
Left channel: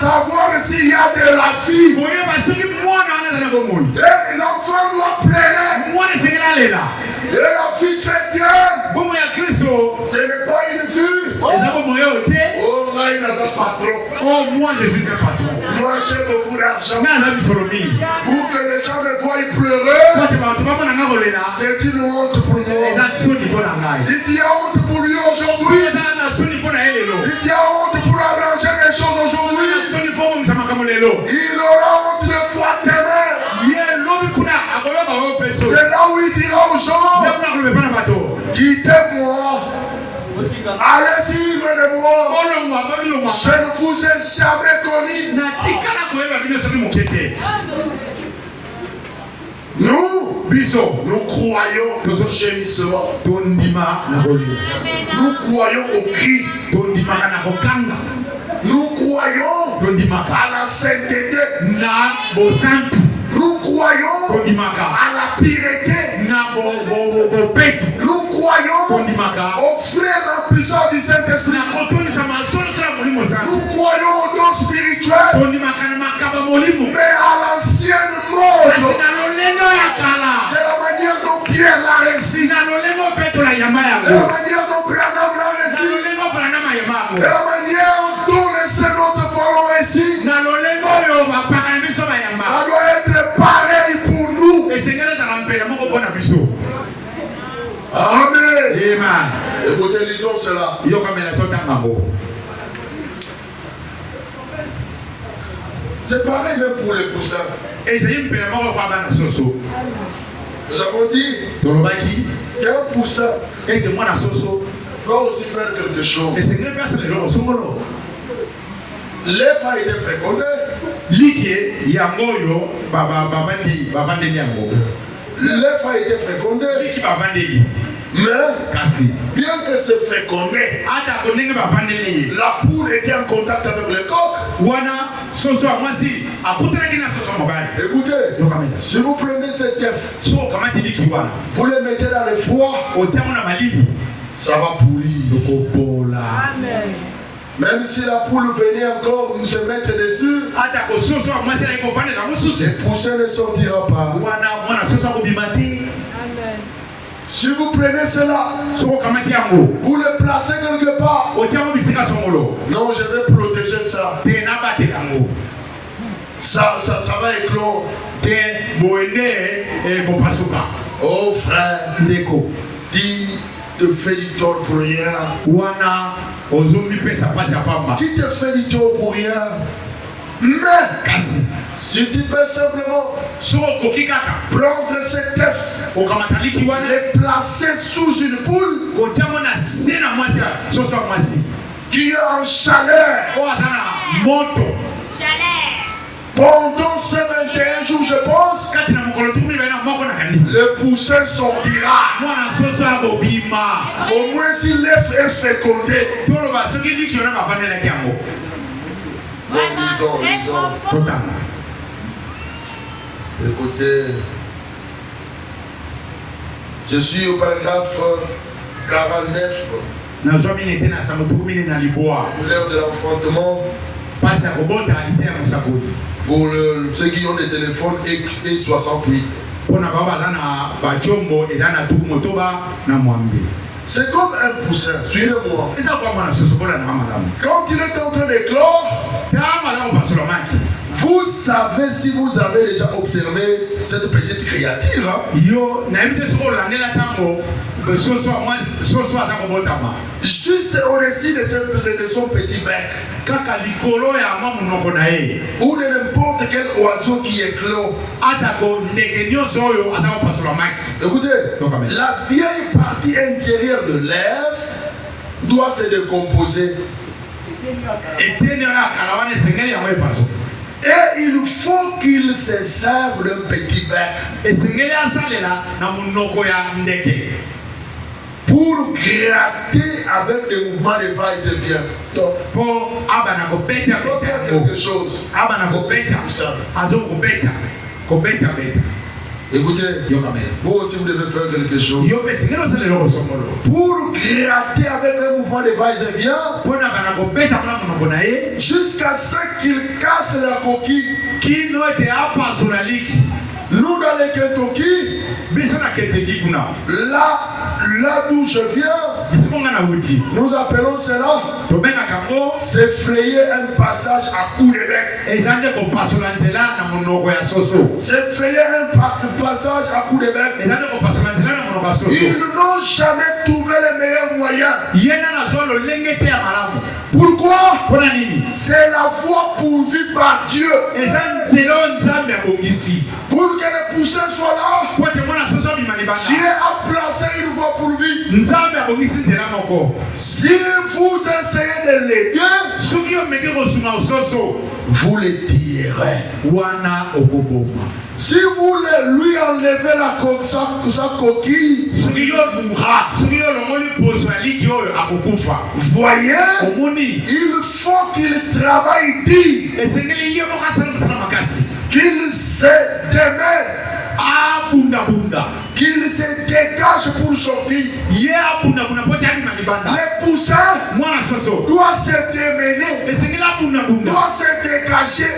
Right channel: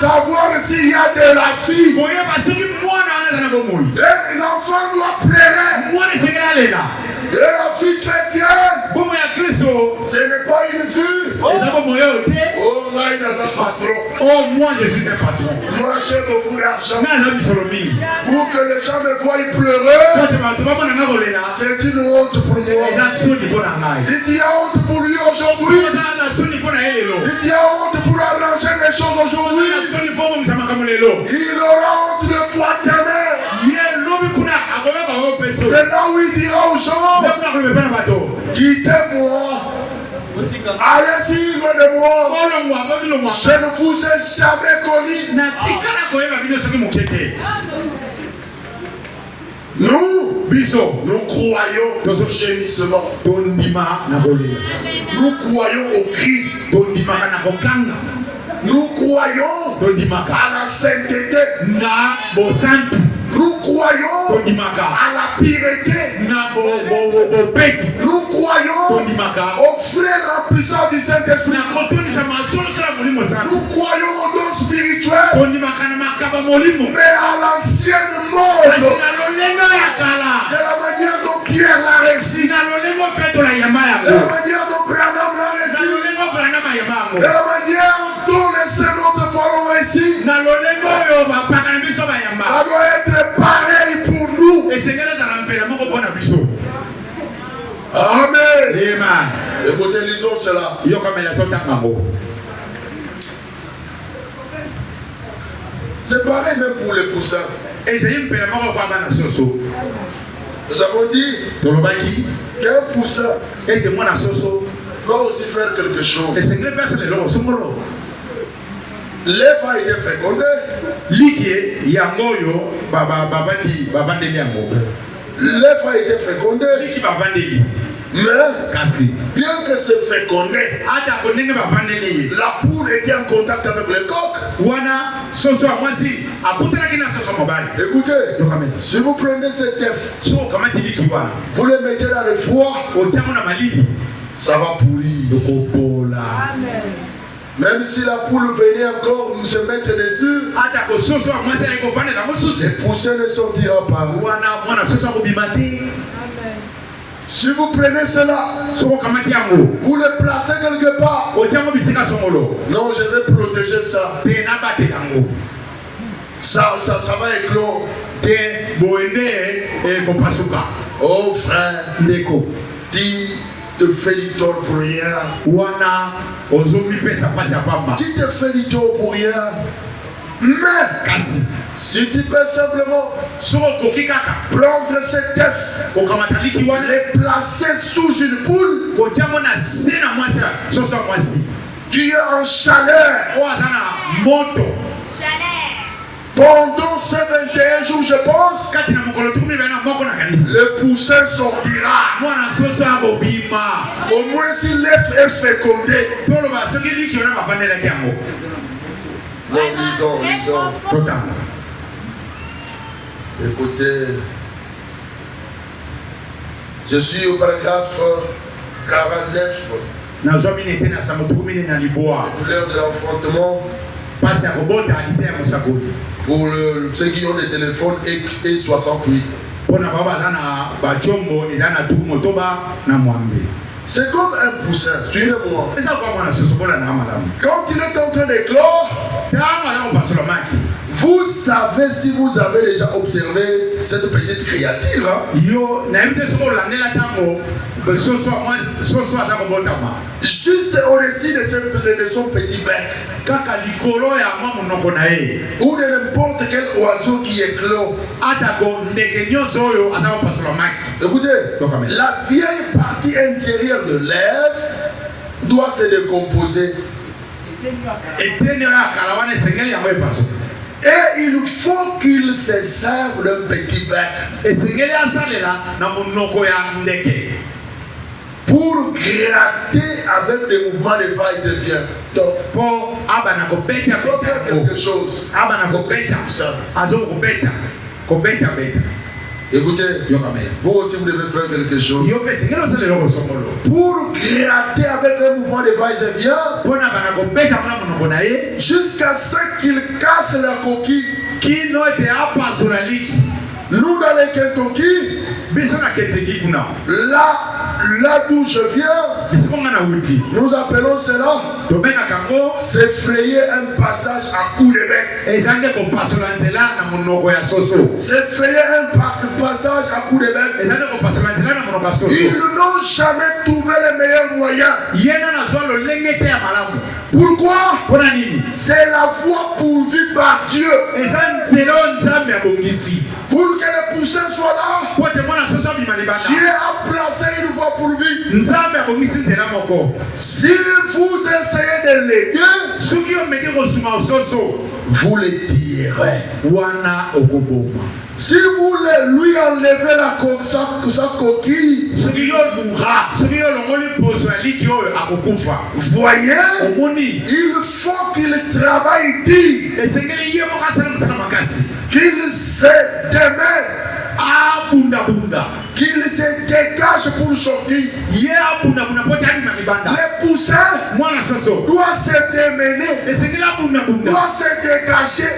Savoir s'il y a de la fille. Et l'enfant doit pleurer. Et la fille chrétienne, ce n'est pas une fille. Oh, là, il a un patron. Oh, moi je suis un patron. Moi, j'ai beaucoup d'argent. Pour que les gens me voient pleurer, c'est une honte pour moi. Si tu as honte pour lui aujourd'hui, si tu as honte pour arranger les choses aujourd'hui, il aura honte de toi t'aimer. C'est là où il dira aux gens, quittez-moi. Allez-y, de moi. Je ne vous ai jamais connu. Nous croyons au gémissement. Nous croyons au cri. Nous croyons à la sainteté. Nous croyons à la pureté. Nous croyons au frère remplissant du Saint-Esprit. Nous croyons au don spirituel. Mais à l'ancienne mode. De la manière dont Pierre l'a réussi. De la manière dont Branham l'a réussi. De la manière dont les secondes feront réussi. Ça doit être pareil pour nous. Amen. Écoutez, lisons cela. C'est pareil même pour les poussins. Nous avons dit qu'un poussin doit aussi faire quelque chose. L'œuf a été fécondé. L'œuf a été fécondé. Mais bien que c'est fécondé, la poule était en contact avec le coq. Écoutez, si vous prenez cet œuf, vous le mettez dans le froid, ça va pourrir. Même si la poule venait encore se mettre dessus, le poussin ne sortira pas. Si vous prenez cela, vous le placez quelque part. Non, je vais protéger ça. Ça va éclore. Oh frère, dis te fais du tort pour rien. Tu te fais du tort pour rien. Mais si tu peux simplement prendre cet œuf, les placer sous une poule qui est en chaleur pendant ces 21 jours, je pense, le poussin sortira. Au moins si l'œuf est fécondé. Lisons. Écoutez, je suis au paragraphe 49. L'heure de l'affrontement. Pour ceux qui ont des téléphones X68. C'est comme un poussin, suivez-moi. Quand il est en train d'éclore, vous savez si vous avez déjà observé cette petite créature. Juste au-dessus de son petit bec. Ou de n'importe quel oiseau qui éclore. Écoutez, la vieille partie intérieure de l'œuf doit se décomposer. Et il faut qu'il se serve d'un petit bec pour gratter avec des mouvements de va-et-vient. Donc, pour faire quelque chose, écoutez, vous aussi vous devez faire quelque chose. Pour gratter avec un mouvement de va-et-vient jusqu'à ce qu'il casse la coquille. Nous dans les Kentucky, là d'où je viens, nous appelons cela s'effrayer un passage à coups de bec. S'effrayer un passage à coups de bec. Ils n'ont jamais trouvé le meilleur moyen. Pourquoi? C'est la voie pourvue par Dieu. Pour que les poussins soient là, Dieu a placé une voie pourvue. Si vous essayez de l'aider, vous les tirerez. Si vous lui enlevez sa coquille, il mourra. Voyez, il faut qu'il travaille dur, qu'il se démène, qu'il se dégage pour sortir. Les poussins doivent se démener, doivent se dégager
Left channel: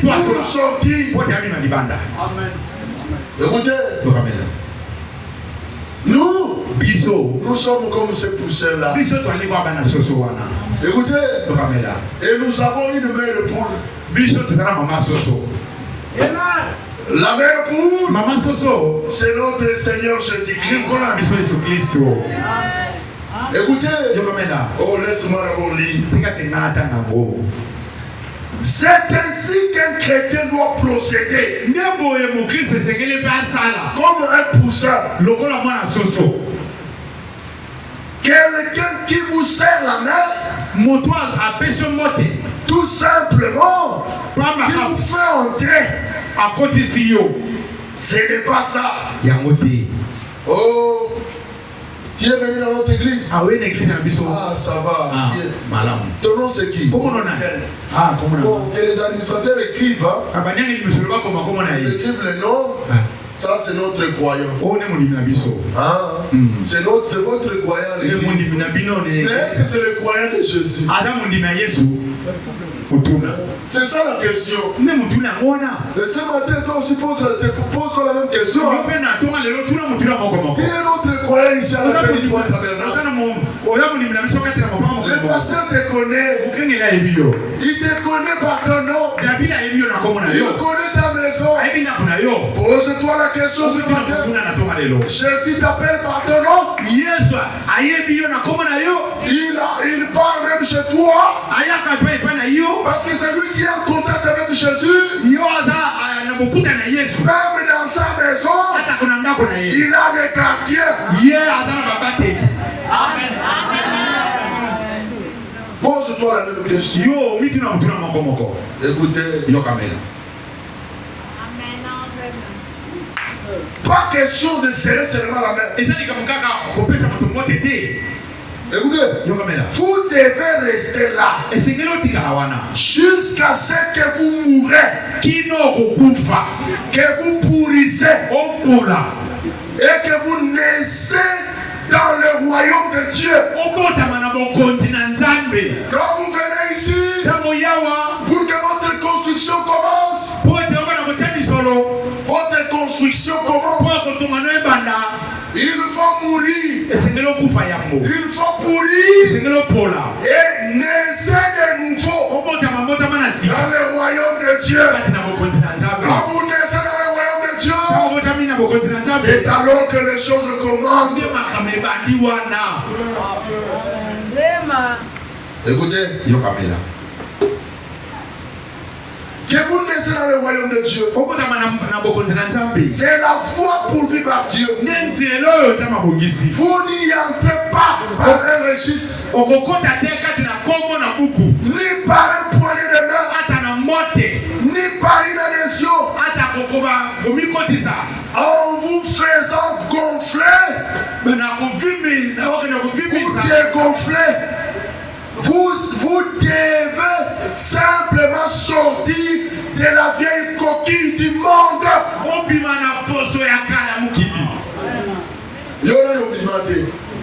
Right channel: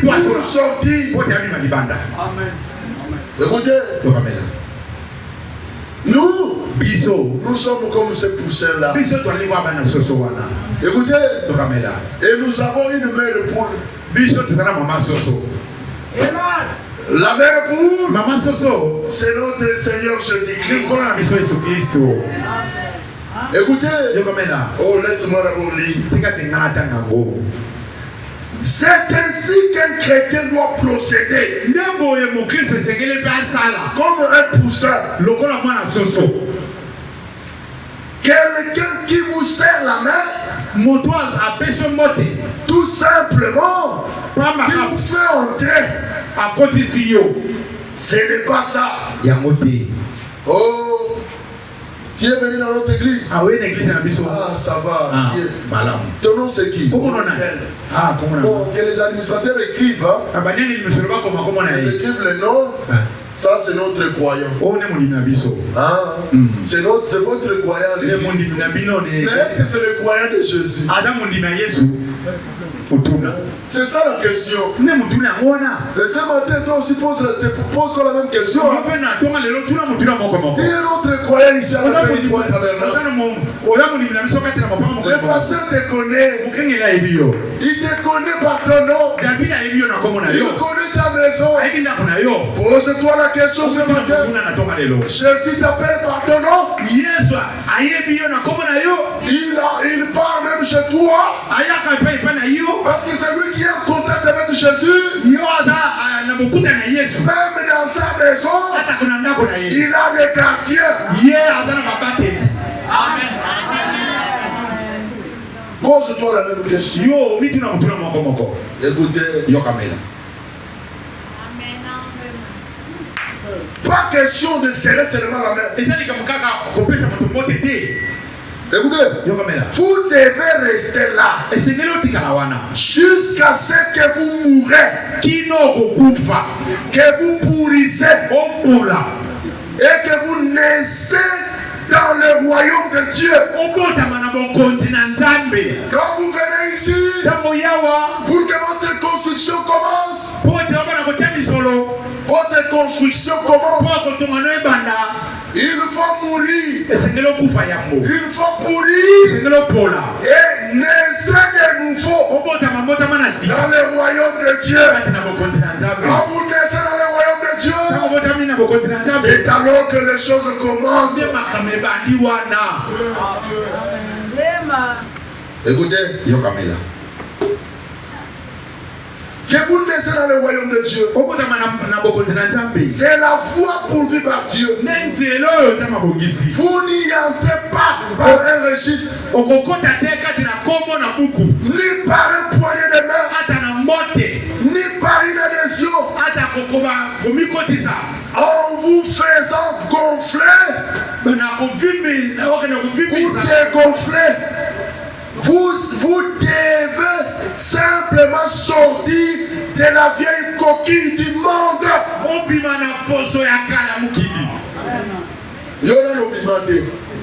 pour sortir. Écoutez, nous sommes comme ces poussins-là. Écoutez, et nous avons une mère poule. La mère poule, c'est notre Seigneur Jésus-Christ. Écoutez, oh laisse-moi lire. C'est ainsi qu'un chrétien doit procéder. Comme un poussin. Quelqu'un qui vous serre la main, tout simplement, qui vous fait entrer. Ce n'est pas ça. Oh, tu es venu dans notre église. Ah oui, l'église à Bissau. Ah, ça va. Ah, ton nom c'est qui? Comment on a? Ah, comment on a? Bon, que les administrateurs écrivent. Hein? Ils écrivent le nom. Ça, c'est notre croyant. Ah, c'est votre croyant. Mais est-ce que c'est le croyant de Jésus? C'est ça la question. Et ce matin, toi aussi pose-toi la même question. Il y a un autre croyant ici à la territoire tabernacle. Le pasteur te connaît. Il te connaît par ton nom. Il connaît ta maison. Pose-toi la question ce matin. Jésus t'appelle par ton nom. Il parle même chez toi. Parce que c'est lui qui est en contact avec Jésus. Même dans sa maison, il a des quartiers. Pose-toi la même question. Écoutez. Pas question de serrer seulement la main. Écoutez, vous devez rester là jusqu'à ce que vous mourrez, que vous pourrissez et que vous naissez dans le royaume de Dieu. Quand vous venez ici, pour que votre construction commence, il faut mourir. Il faut pourrir et naître de nouveau dans le royaume de Dieu. Quand vous naissez dans le royaume de Dieu, c'est alors que les choses commencent. Écoutez. Que vous naissez dans le royaume de Dieu. C'est la foi pourvue par Dieu. Vous n'y entrez pas par un registre, ni par un poignet de main, ni par une adhésion. En vous faisant gonfler ou dégonfler, vous devez simplement sortir de la vieille coquille du monde.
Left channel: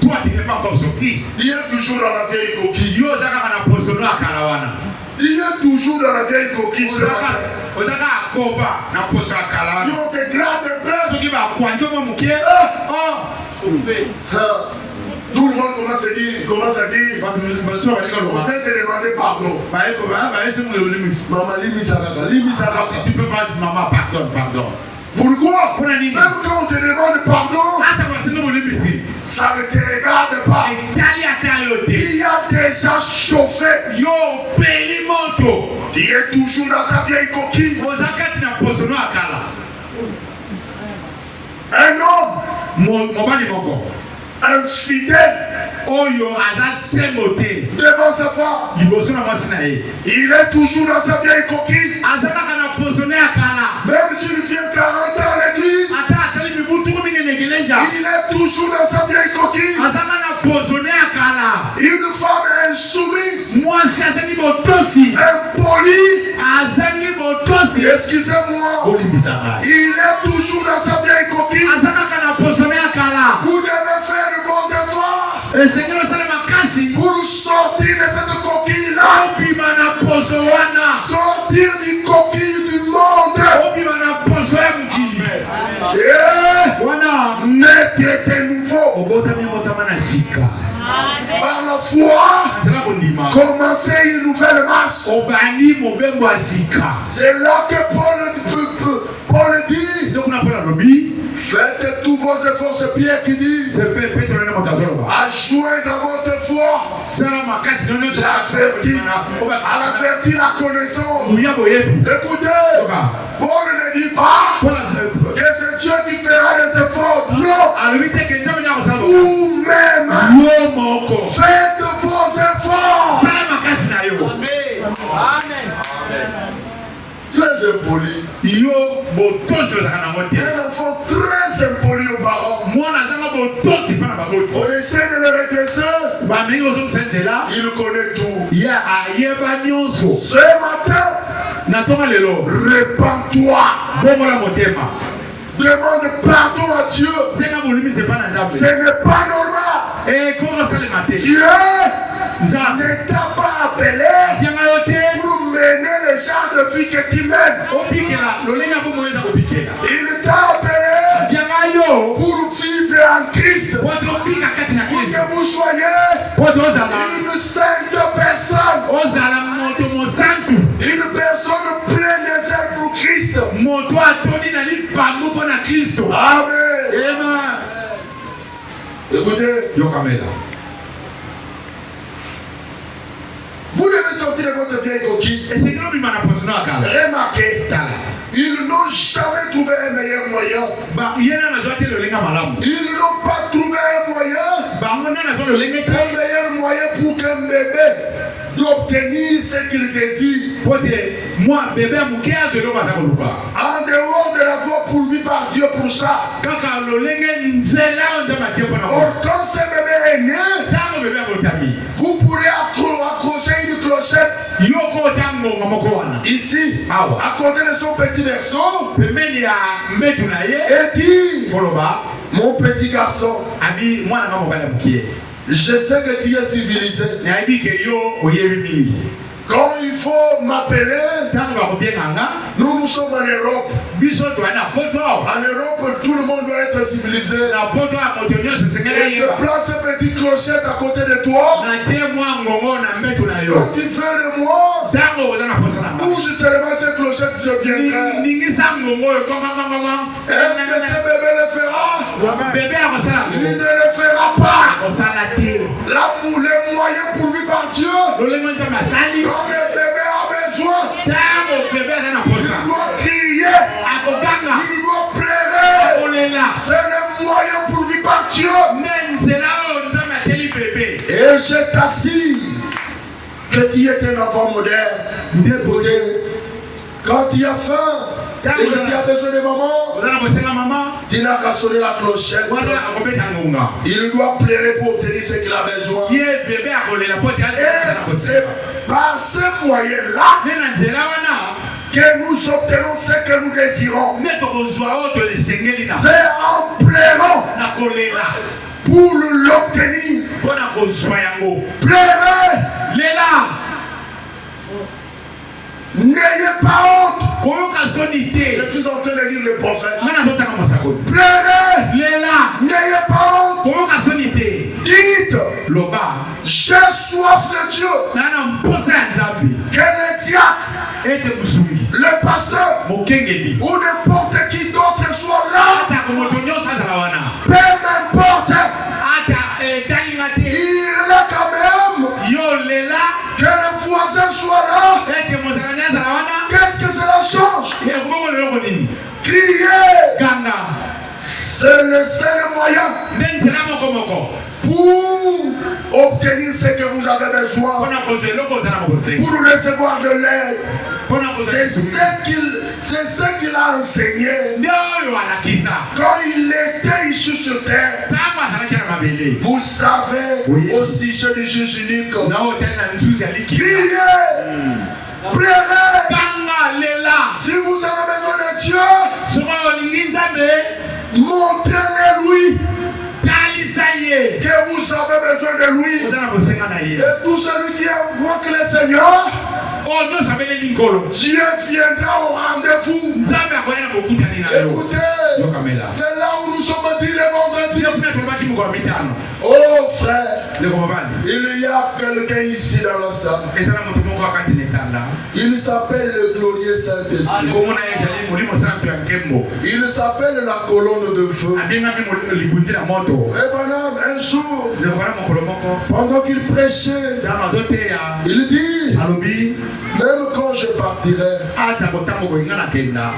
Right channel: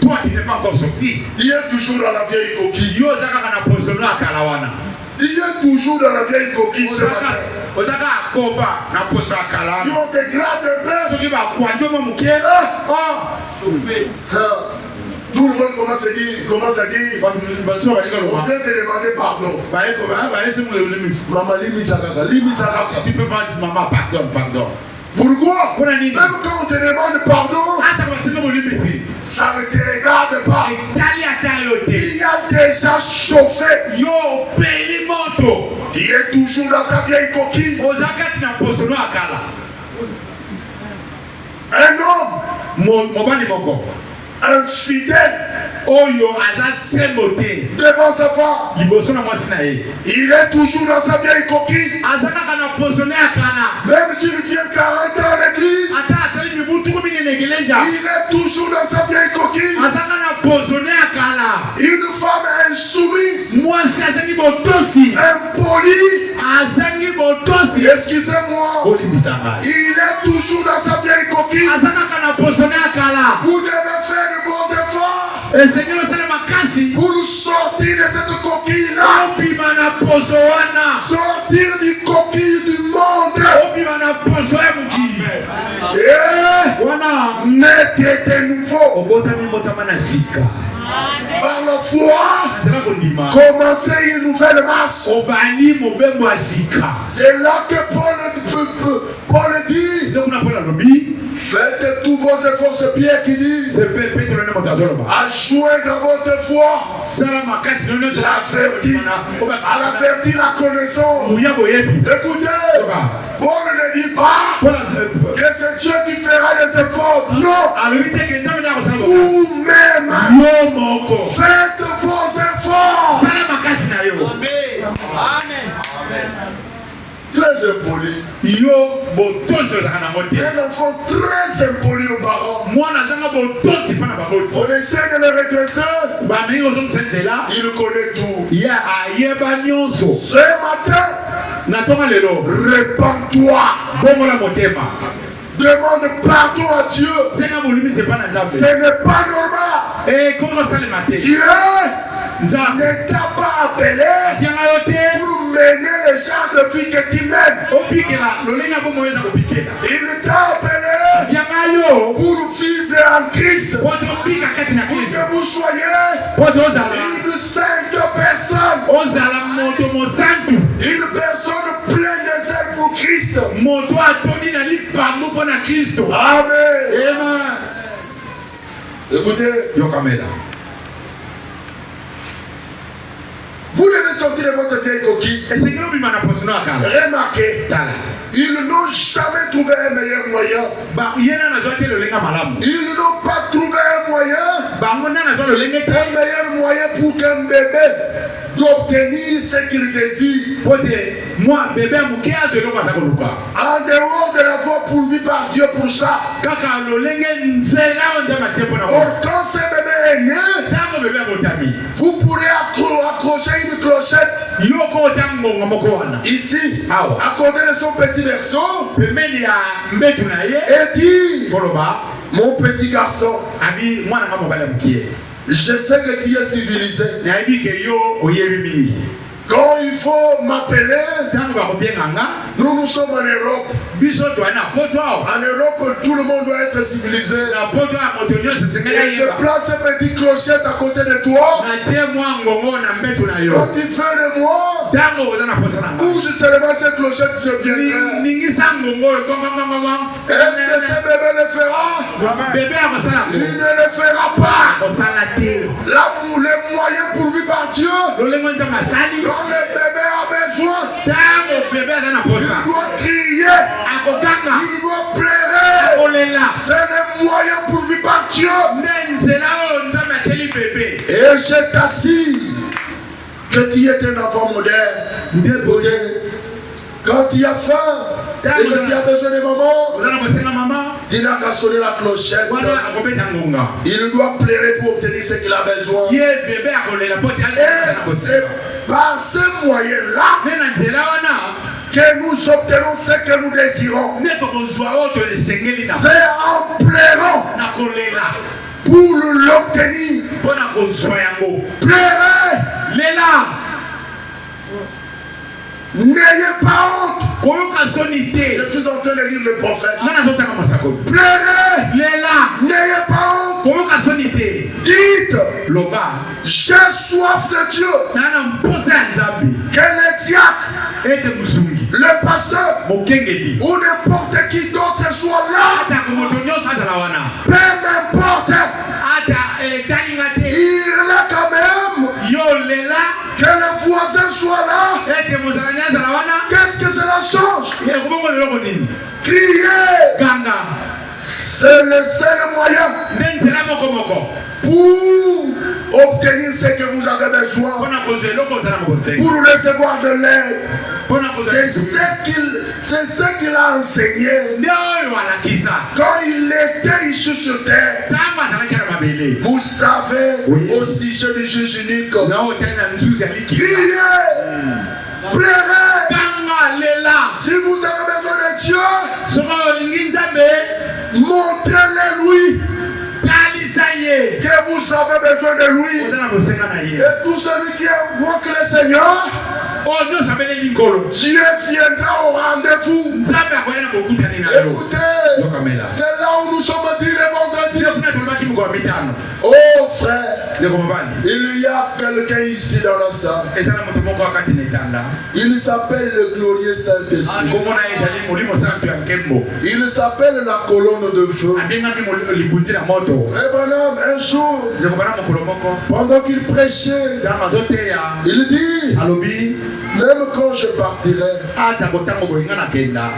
Toi qui n'es pas encore sorti, il est toujours dans la vieille coquille. Il est toujours dans la vieille coquille. Ce matin. Si on te gratte un peu, tout le monde commence à dire, on vient te demander pardon. Maman, tu peux pas dire maman, pardon. Pourquoi? Même quand on te demande pardon, ça ne te regarde pas. Il y a déjà chauffé. Tu es toujours dans ta vieille coquille. Un homme, un fidèle, devant sa femme, il est toujours dans sa vieille coquille. Même s'il vient 40 ans à l'église, il est toujours dans sa vieille coquille. Une femme insoumise, impolie, excusez-moi, il est toujours dans sa vieille coquille. Vous devez faire de vos efforts pour sortir de cette coquille-là, sortir du coquille du monde. Naître de nouveau par la foi, commencer une nouvelle marche. C'est là que Paul dit, faites tous vos efforts, c'est Pierre qui dit, ajoutez dans votre foi à la vertu la connaissance. Écoutez, Paul ne dit pas que c'est Dieu qui fera les efforts. Non, vous-même faites vos efforts. Très impoli. Un enfant très impoli aux parents. On essaie de le redresser. Il connaît tout. Ce matin, répands-toi. Demande pardon à Dieu. Ce n'est pas normal. Dieu ne t'a pas appelé pour de vie que tu mènes. Il t'a appelé pour vivre en Christ. Pour que vous soyez une sainte personne. Une personne pleine de zèle pour Christ. Amen. Écoutez. Vous devez sortir de votre vieille coquille. Remarquez. Ils n'ont jamais trouvé un meilleur moyen. Ils n'ont pas trouvé un meilleur moyen pour qu'un bébé d'obtenir ce qu'il désire. En dehors de l'avoir pourvu par Dieu pour ça. Quand ce bébé est né, vous pourrez accrocher une clochette ici, à côté de son petit berceau, et dire: mon petit garçon, je sais que tu es civilisé. Quand il faut m'appeler, nous sommes en Europe. En Europe, tout le monde doit être civilisé. Et je place ce petit clochette à côté de toi. Quand tu fais le mois, où je serai cette clochette, je viendrai. Est-ce que ce bébé le fera? Il ne le fera pas. Les moyens pourvus par Dieu. Quand le bébé a besoin, il doit crier, il doit pleurer. C'est le moyen pourvu par Dieu. Et je t'assure que tu es un enfant moderne. Quand tu as faim et que tu as besoin de maman, tu n'as qu'à sonner la clochette. Il doit pleurer pour obtenir ce qu'il a besoin. Et c'est par ce moyen-là que nous obtenons ce que nous désirons. C'est en pleurant pour l'obtenir. Pleurez. N'ayez pas honte. Je suis en train de lire le prophète. Pleurez. N'ayez pas honte. Dites: j'ai soif de Dieu. Que le diacre, le pasteur ou n'importe qui d'autre soit là, peu importe, il est là quand même. Que le voisin soit là. Qu'est-ce que cela change? Crier. C'est le seul moyen pour obtenir ce que vous avez besoin, pour recevoir de l'aide. C'est ce qu'il a enseigné quand il était ici sur terre. Vous savez, au sujet du juge unique, criez, pleurez. Si vous avez besoin de Dieu, montrez-le-lui que vous avez besoin de lui. Et tout celui qui invoque le Seigneur, Dieu viendra au rendez-vous. Écoutez, c'est là où nous sommes dit le vendredi. Oh frère, il y a quelqu'un ici dans la salle. Il s'appelle le glorieux Saint-Esprit. Il s'appelle la colonne de feu. Un jour, pendant qu'il prêchait, il dit: même quand je partirai,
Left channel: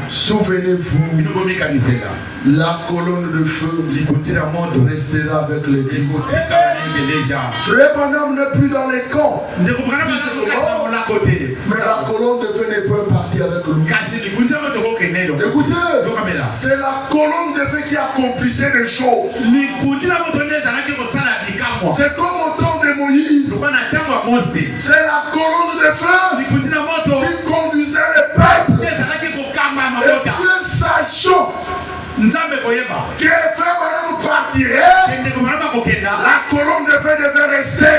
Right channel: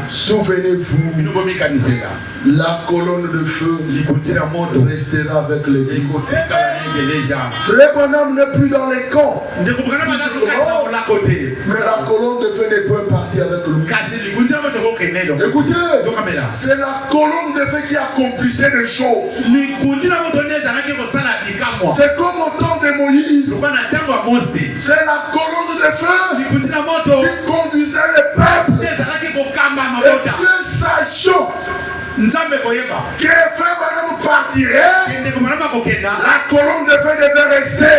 souvenez-vous, la colonne de feu restera avec l'église. Frère Branham n'est plus dans les camps, mais la colonne de feu n'est pas partie avec lui. Écoutez, c'est la colonne de feu qui accomplissait les choses. C'est comme au temps de Moïse. C'est la colonne de feu qui conduisait le peuple. Et Dieu sachant que frère Branham partirait, la colonne de feu devait rester.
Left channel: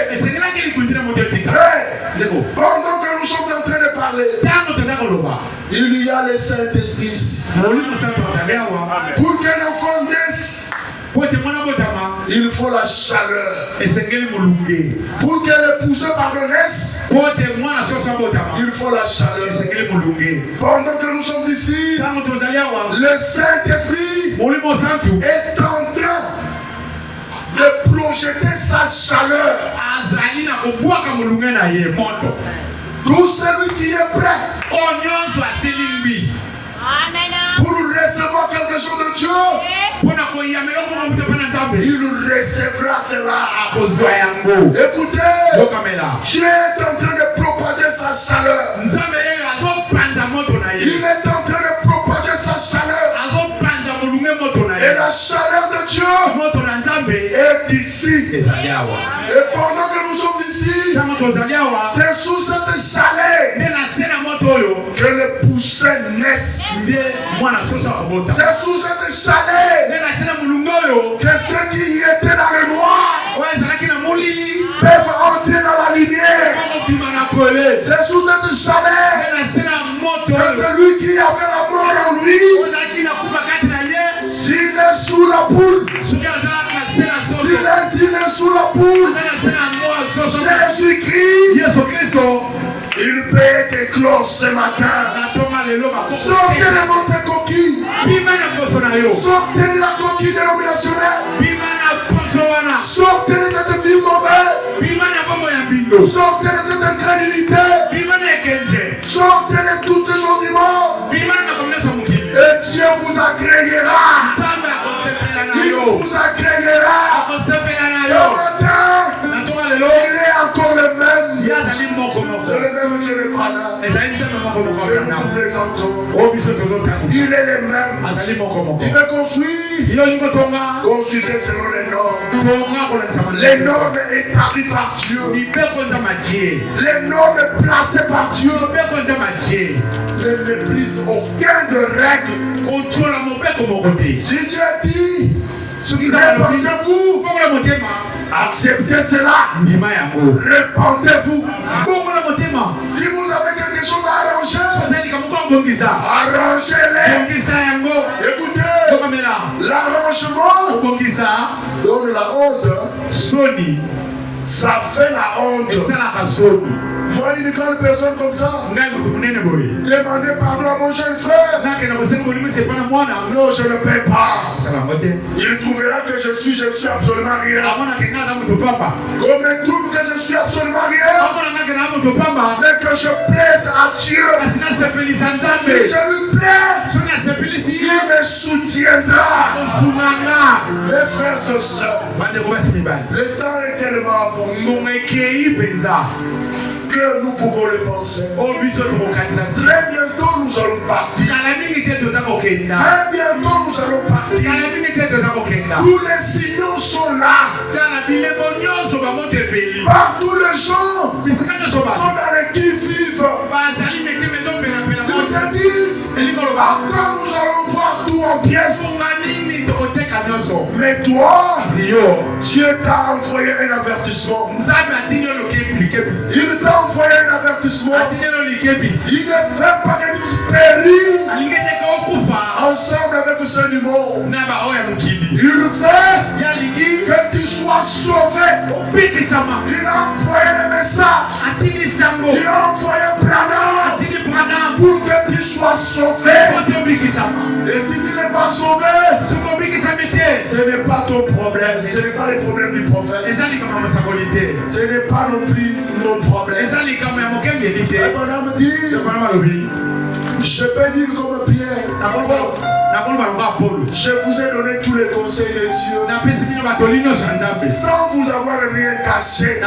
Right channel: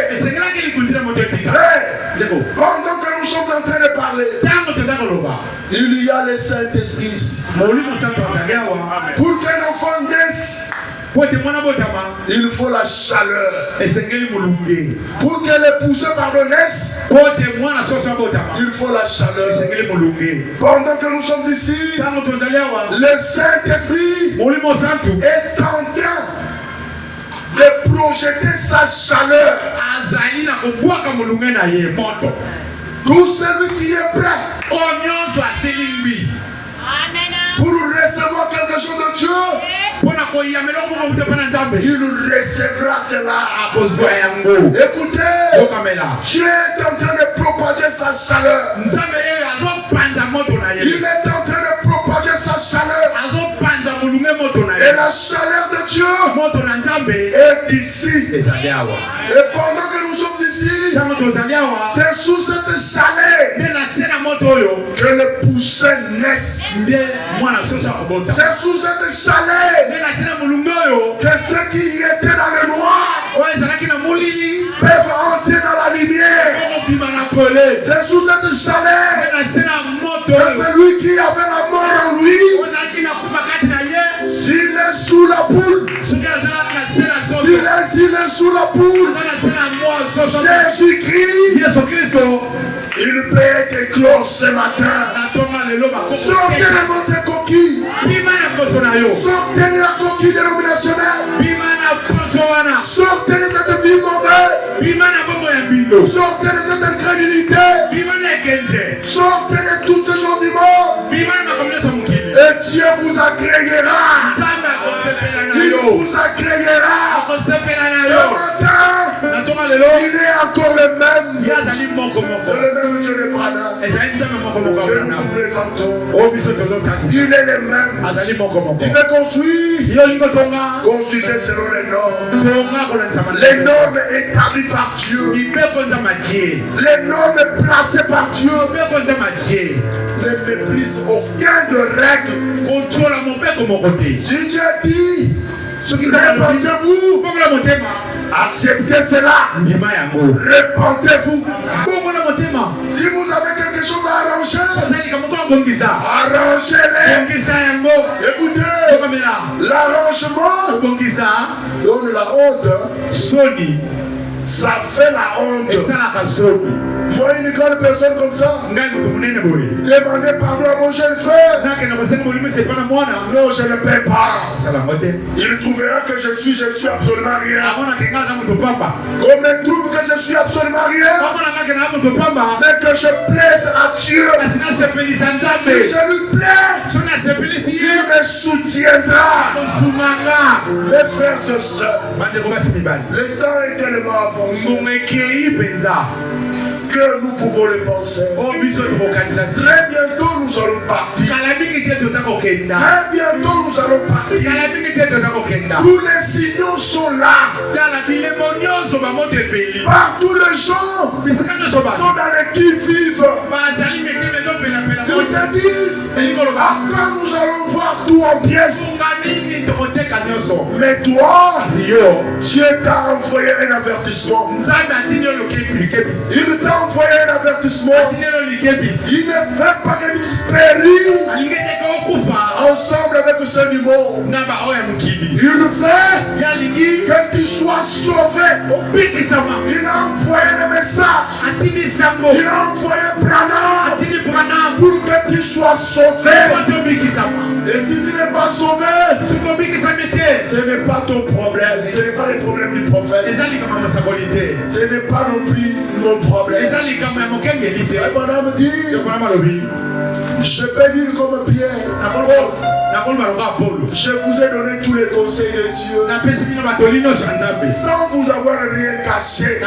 Pendant que nous sommes en train de parler, Il y a le Saint-Esprit ici. Pour qu'un enfant naisse, il faut la chaleur. Pour que l'épouse pardonnesse, il faut la chaleur. Pendant que nous sommes ici, le Saint-Esprit est en train de projeter sa chaleur. Tout celui qui est prêt pour recevoir quelque chose de Dieu, il recevra cela. Écoutez, Dieu est en train de propager sa chaleur. Il est en train de propager sa chaleur. Et la chaleur de Dieu est ici. Et pendant que nous sommes ici, c'est sous cette chaleur que les poussins naissent. C'est sous cette chaleur que ceux qui étaient dans le noir peuvent entrer dans la lumière. C'est sous cette chaleur que celui qui avait la mort en lui, s'il est sous la poule, s'il est sous la poule, Jésus-Christ, il peut être éclos ce matin. Sortez de votre coquille. Sortez de la coquille dénominationnelle. Sortez de cette vie mauvaise. Sortez de cette incrédulité. Sortez de tous ces gens vivants. Et Dieu vous agréera. Il vous agréera. Ce matin, il est encore le même. C'est le même Dieu de Bwana. Nous présentons. Il est le même. Il veut construire. Construisez selon les normes. Les normes établies par Dieu. Les normes placées par Dieu. Ne méprise aucun de règles. Si Dieu dit, répandez-vous, acceptez cela. Répandez-vous. Si vous avez quelque chose à arranger, arrangez-les. Écoutez, l'arrangement donne la honte. Ça fait la honte. Moi, une grande personne comme ça, demandez pardon à mon jeune frère. Non, je ne paie pas. Il trouvera que je suis absolument rien. Comme il trouve que je suis absolument rien, mais que je plaise à Dieu. Si je lui plais, il me soutiendra. Mes frères et sœurs, le temps est tellement avancé que nous pouvons le penser. Très bientôt nous allons partir. Très bientôt nous allons partir. Tous les signaux sont là. Partout les gens sont dans les qui-vivent. Ils se disent, quand nous allons voir tout en pièces. Mais toi, Dieu t'a envoyé un avertissement. Il t'a envoyé un avertissement. Il ne veut pas que nous périssions ensemble avec ce niveau. Il veut que tu sois sauvé. Il a envoyé le message. Il a envoyé Branham pour que tu sois sauvé. Et si tu n'es pas sauvé, ce n'est pas ton problème. Ce n'est pas le problème du prophète. Ce n'est pas non plus mon problème. Branham dit, je peux dire comme Pierre. Je vous ai donné tous les conseils de Dieu sans vous avoir rien caché.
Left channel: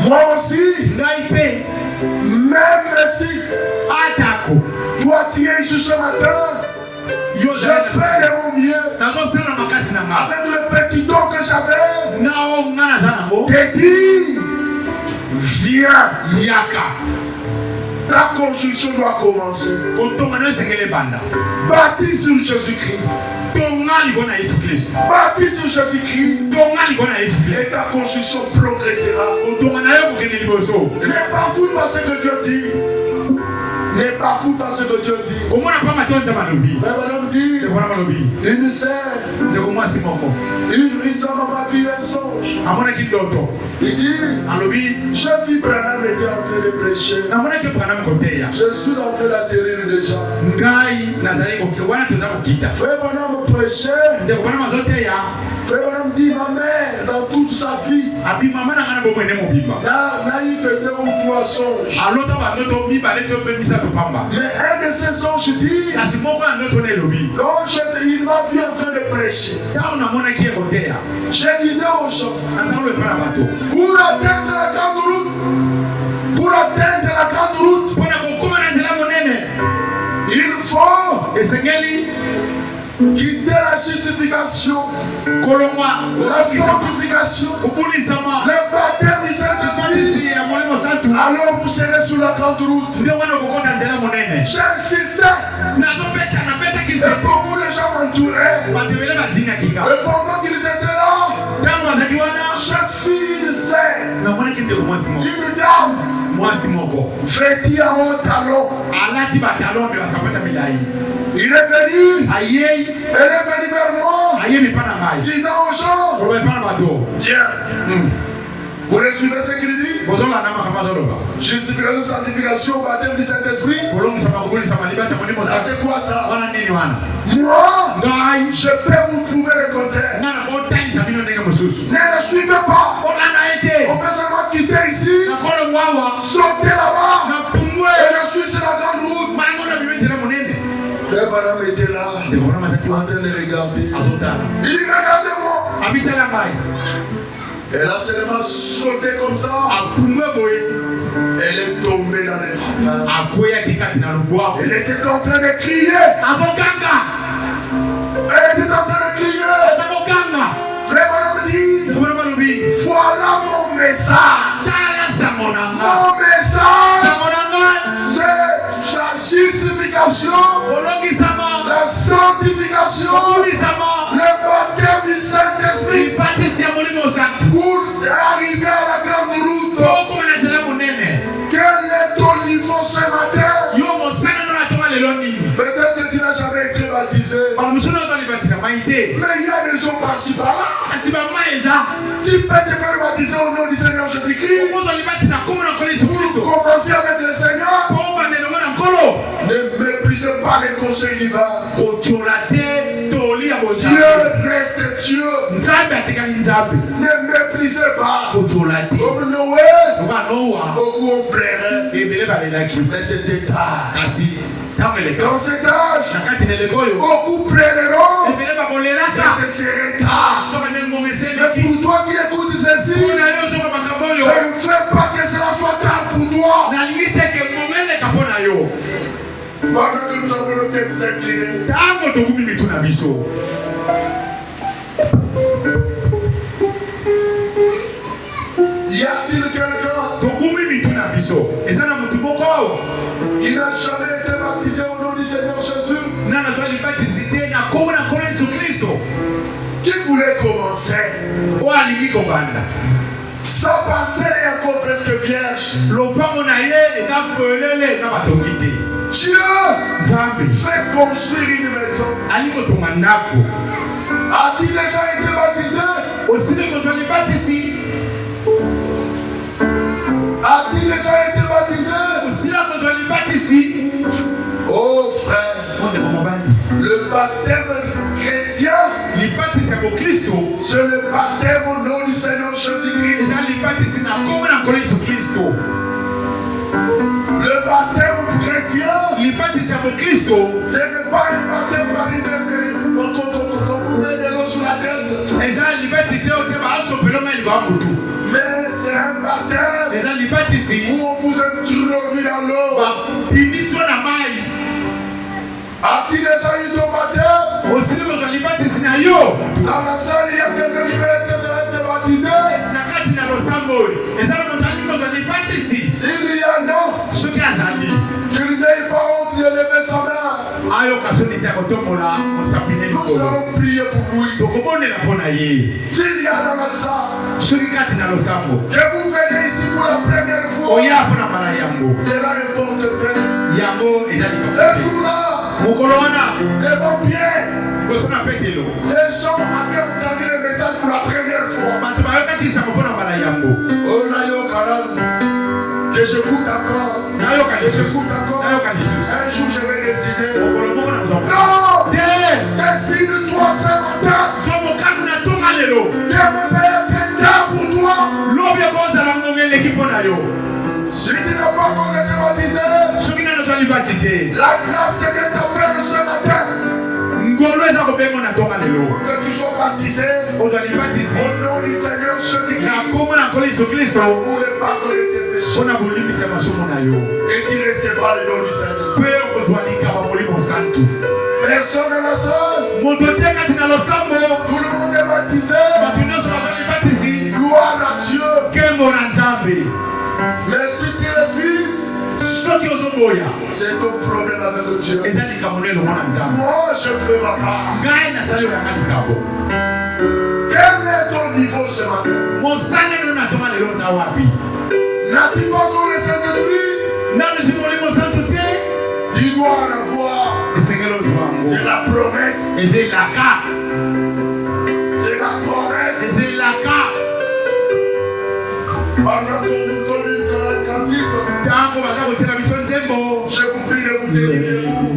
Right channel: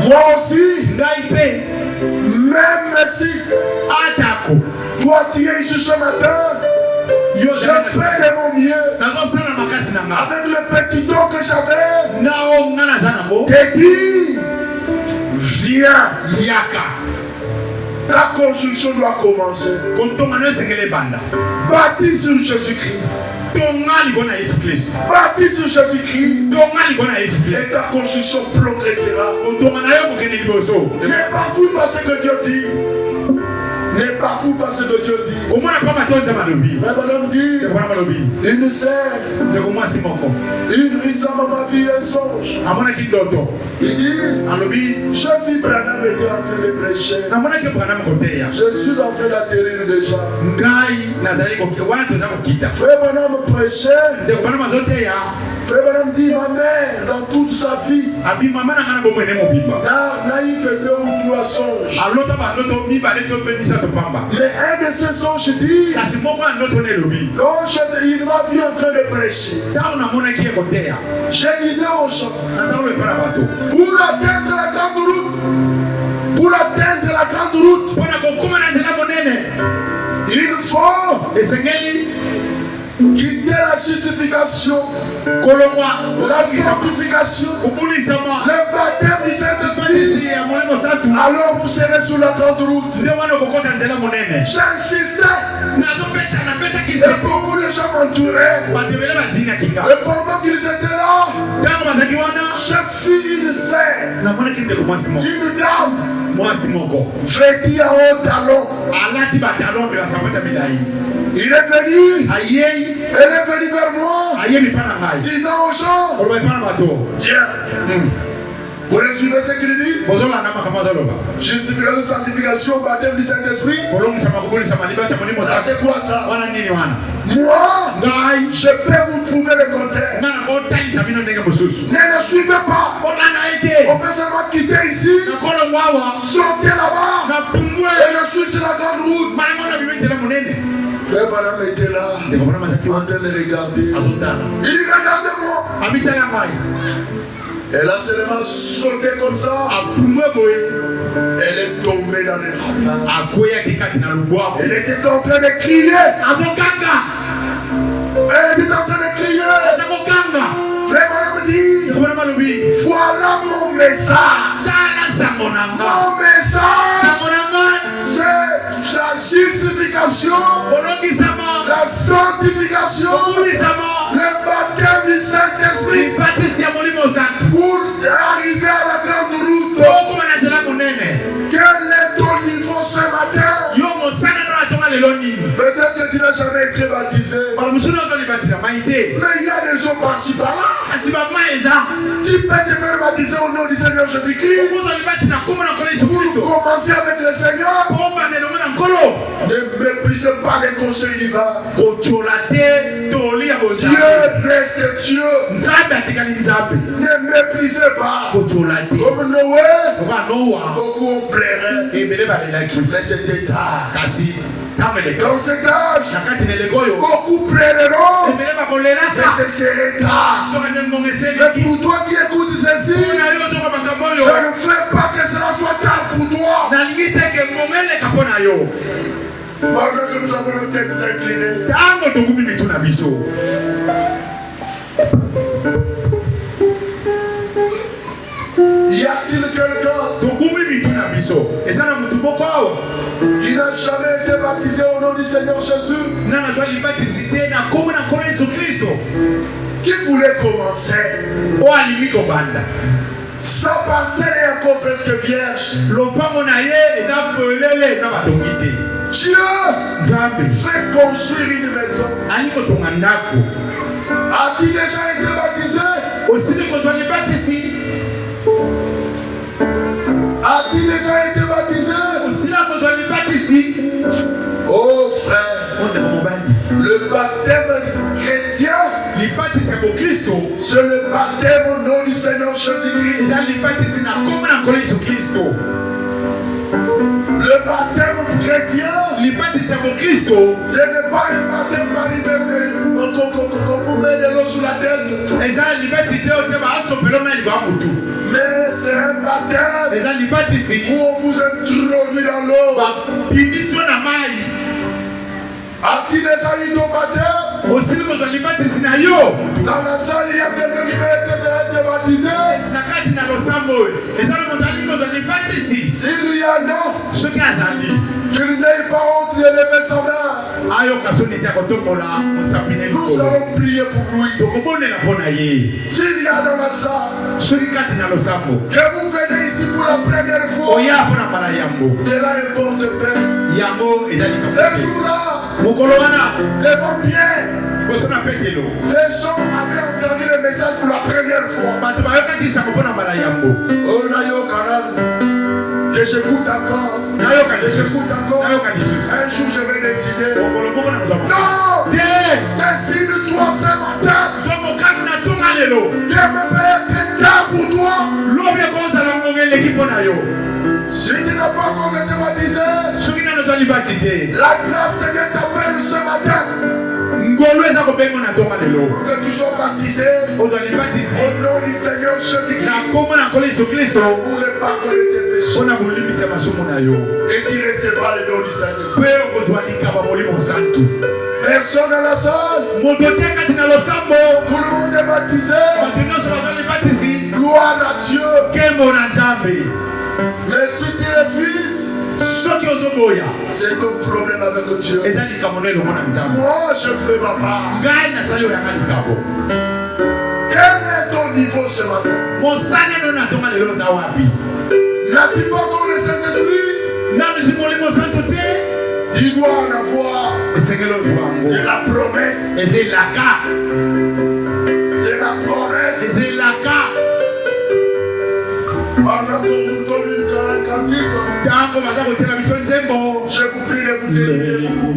Moi aussi, même si toi tu es ici ce matin, je fais de mon mieux avec le petit don que j'avais. Te dis, viens, Yaka. Ta construction doit commencer. Bâtie sur Jésus-Christ. Baptise sur Jésus-Christ. Et ta construction progressera. N'est pas fou par ce que Dieu dit. N'est pas fou par ce que Dieu dit. Mais madame dit, il ne sait. Il s'en m'a vu un songe. Il dit, je vis Branham était en train de prêcher. Je suis en train d'atterrir déjà. Frère Branham prêchait. Frère Branham dit, ma mère, dans toute sa vie, n'a eu que 2 ou 3 songes. Mais un de ces songes dit, quand il m'a vu en train de prêcher, je disais aux gens, pour atteindre la grande route, il faut quitter la justification, la sanctification, le baptême du Saint-Esprit. Alors vous serez sur la grande route. J'insistais. Et beaucoup de gens m'entouraient. Et pendant qu'ils étaient là, je fis une scène. Une dame vêtue en haut talon. Il est venu. Elle est venue vers moi. Disant aux gens, tiens, vous recevez ce qu'il dit? Justification, sanctification, baptême du Saint-Esprit. Ça c'est quoi ça? Moi, je peux vous prouver le contraire. Ne le suivez pas. On peut seulement quitter ici, sauter là-bas, et le suivre sur la grande route. Frère Branham était là, en train de regarder. Il dit, regardez-moi. Elle a seulement sauté comme ça. Elle est tombée dans les ravins. Elle était en train de crier. Elle était en train de crier. Frère Branham dit, voilà mon message. Mon message, c'est la justification, la sanctification, le baptême du Saint-Esprit pour arriver à la grande route. Quel est ton niveau ce matin? Peut-être que tu n'as jamais été baptisé. Mais il y a des gens par-ci par-là qui peuvent te faire baptiser au nom du Seigneur Jésus-Christ. Pour commencer avec le Seigneur. Ne méprisez pas les conseils divins. Dieu reste Dieu. Ne méprisez pas. Comme Noé, beaucoup ont pleuré. Mais c'était tard. Dans cet âge, beaucoup pleureront. Et ce serait tard. Mais pour toi qui écoutes ceci, je ne fais pas que cela soit tard pour toi. Pendant que nous avons le tête incliné. Y a-t-il quelqu'un qui n'a jamais été baptisé au nom du Seigneur Jésus? Qui voulait commencer? Sa pensée est encore presque vierge. Dieu fait construire une maison. A-t-il déjà été baptisé? A-t-il déjà été baptisé? Oh frère, le baptême chrétien, c'est le baptême au nom du Seigneur Jésus-Christ. Le baptême chrétien, ce n'est pas un baptême par une qu'on vous met de l'eau sur la tête. Mais c'est un baptême où on vous introduit dans l'eau. A-t-il déjà eu ton baptême? Dans la salle, il y a quelqu'un qui va être baptisé. S'il y a non, qu'il n'ait pas honte de lever sa main. Nous allons prier pour lui. S'il y a dans la salle, que vous venez ici pour la première fois, cela importe peu. Ce jour-là, devant Pierre, ces gens avaient entendu le message pour la première fois. Oh, que j'écoute encore. Un jour, je vais décider. Non! Décide-toi ce matin. De me mettre là pour toi. Si tu n'as pas encore été baptisé, la grâce de Dieu t'appelle ce matin. Nous sommes baptisés au nom du Seigneur Jésus-Christ pour le pardon de tes péchés. Et tu recevras le nom du Saint-Esprit. Personne dans la salle. Tout le monde est baptisé. Gloire à Dieu. Mais si tu refuses, c'est ton problème avec Dieu. Moi, je fais ma part. Quel est ton niveau ce matin? N'as-tu pas encore le Saint-Esprit? Tu dois en avoir. C'est la promesse. C'est la promesse. Pendant qu'on nous donne une cantique, je vous prie de vous tenir debout.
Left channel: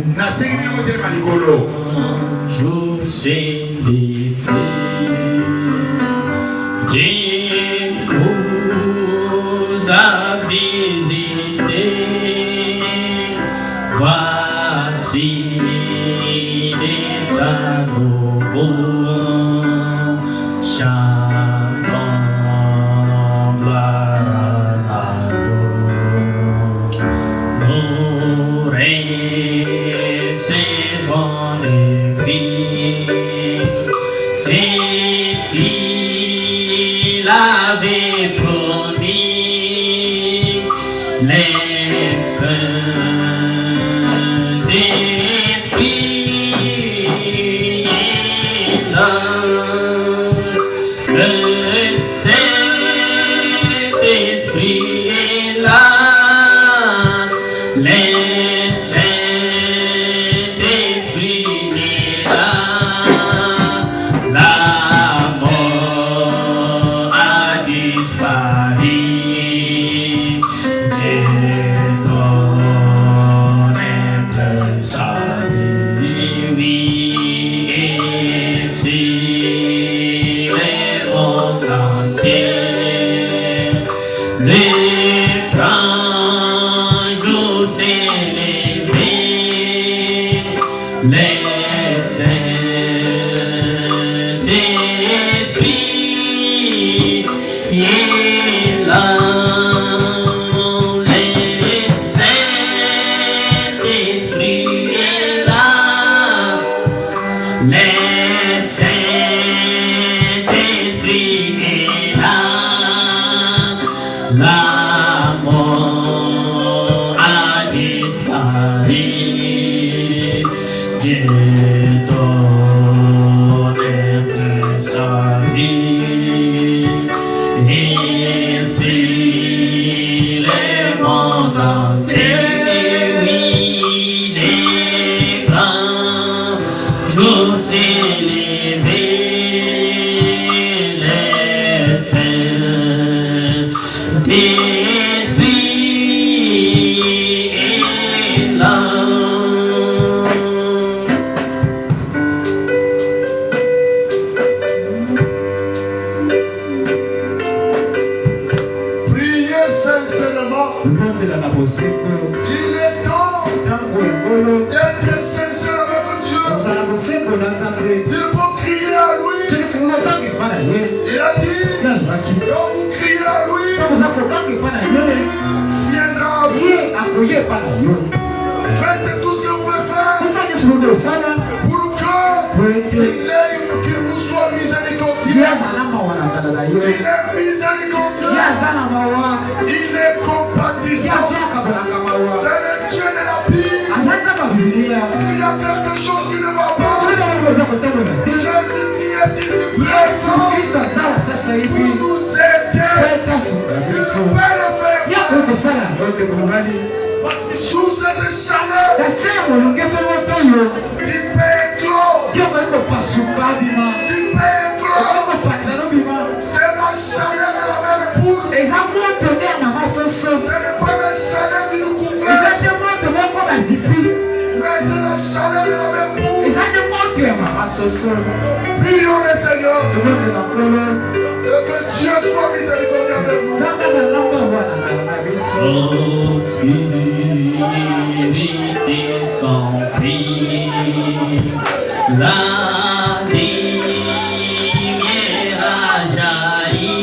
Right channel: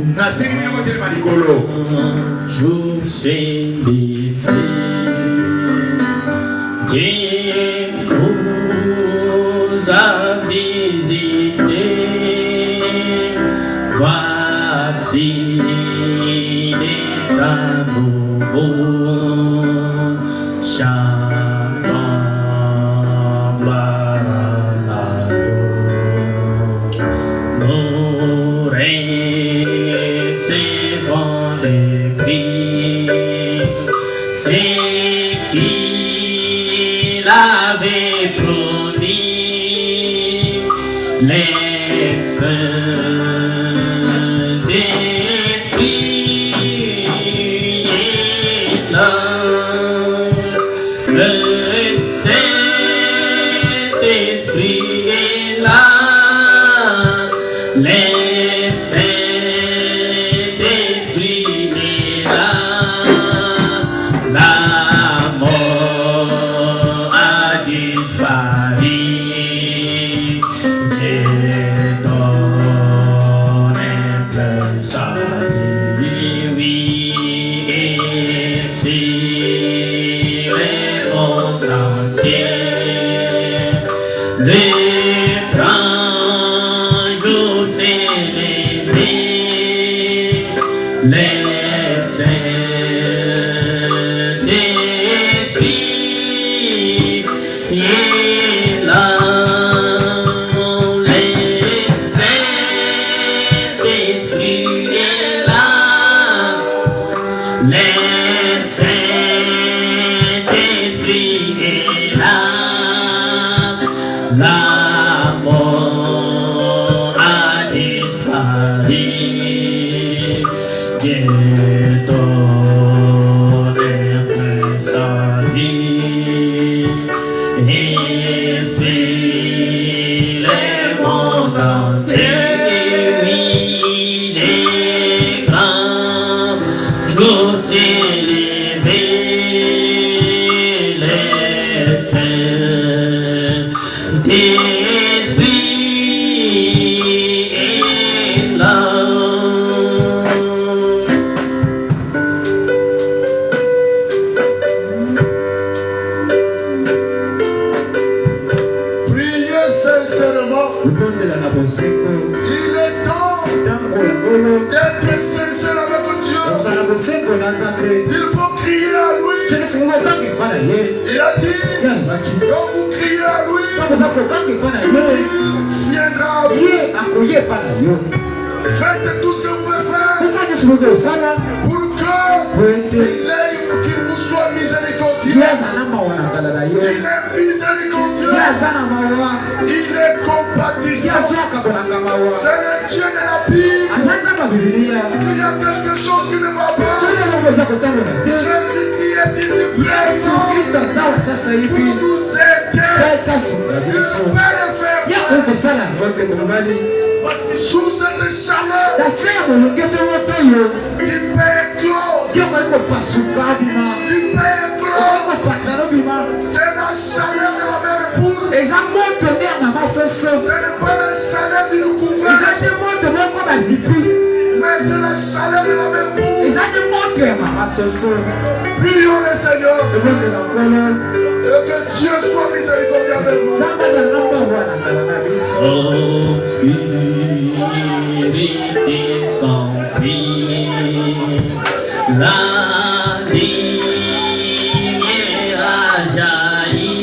Jour c'est des Dieu nous a visité. Voici à nouveau chantons gloire à Dieu. Nous recevons les cris, c'est qu'il avait promis les saints. Il est temps d'être sincère avec Dieu. S'il faut crier à lui, il a dit, quand vous criez à lui, il viendra à vous. Faites tout ce que vous pouvez faire pour qu'il vous soit miséricordieux. Il est miséricordieux. Il est compatissant. C'est le Dieu de la Bible. Jésus-Christ est ici présent pour nous aider. Il peut le faire. Sous cette chaleur, il peut éclore. Il peut éclore. C'est la chaleur de la mère poule. Ce n'est pas la chaleur qui nous couvre. Mais c'est la chaleur de la mère poule. Prions le Seigneur. Et que Dieu soit miséricordieux avec nous. Obscurité sans fin, la lumière a jailli,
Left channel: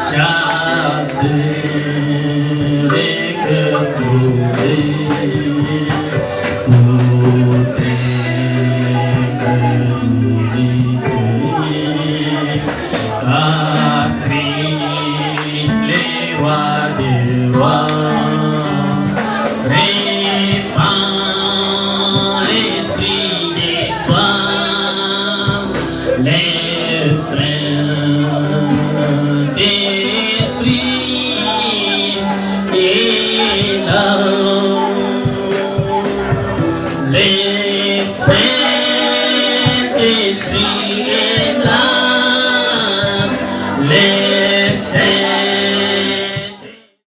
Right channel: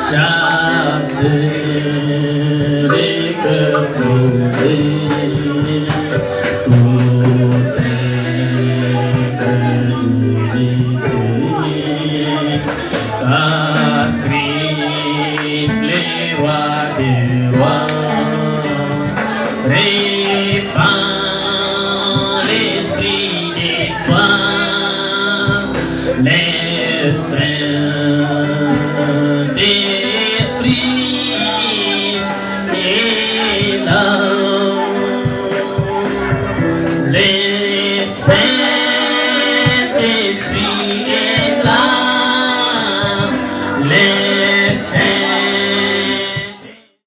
chasse les cœurs tombés, tout est à Christ les rois des rois. Répand l'esprit des femmes, les saints d'esprit et l'homme, les saints d'esprit et l'homme, les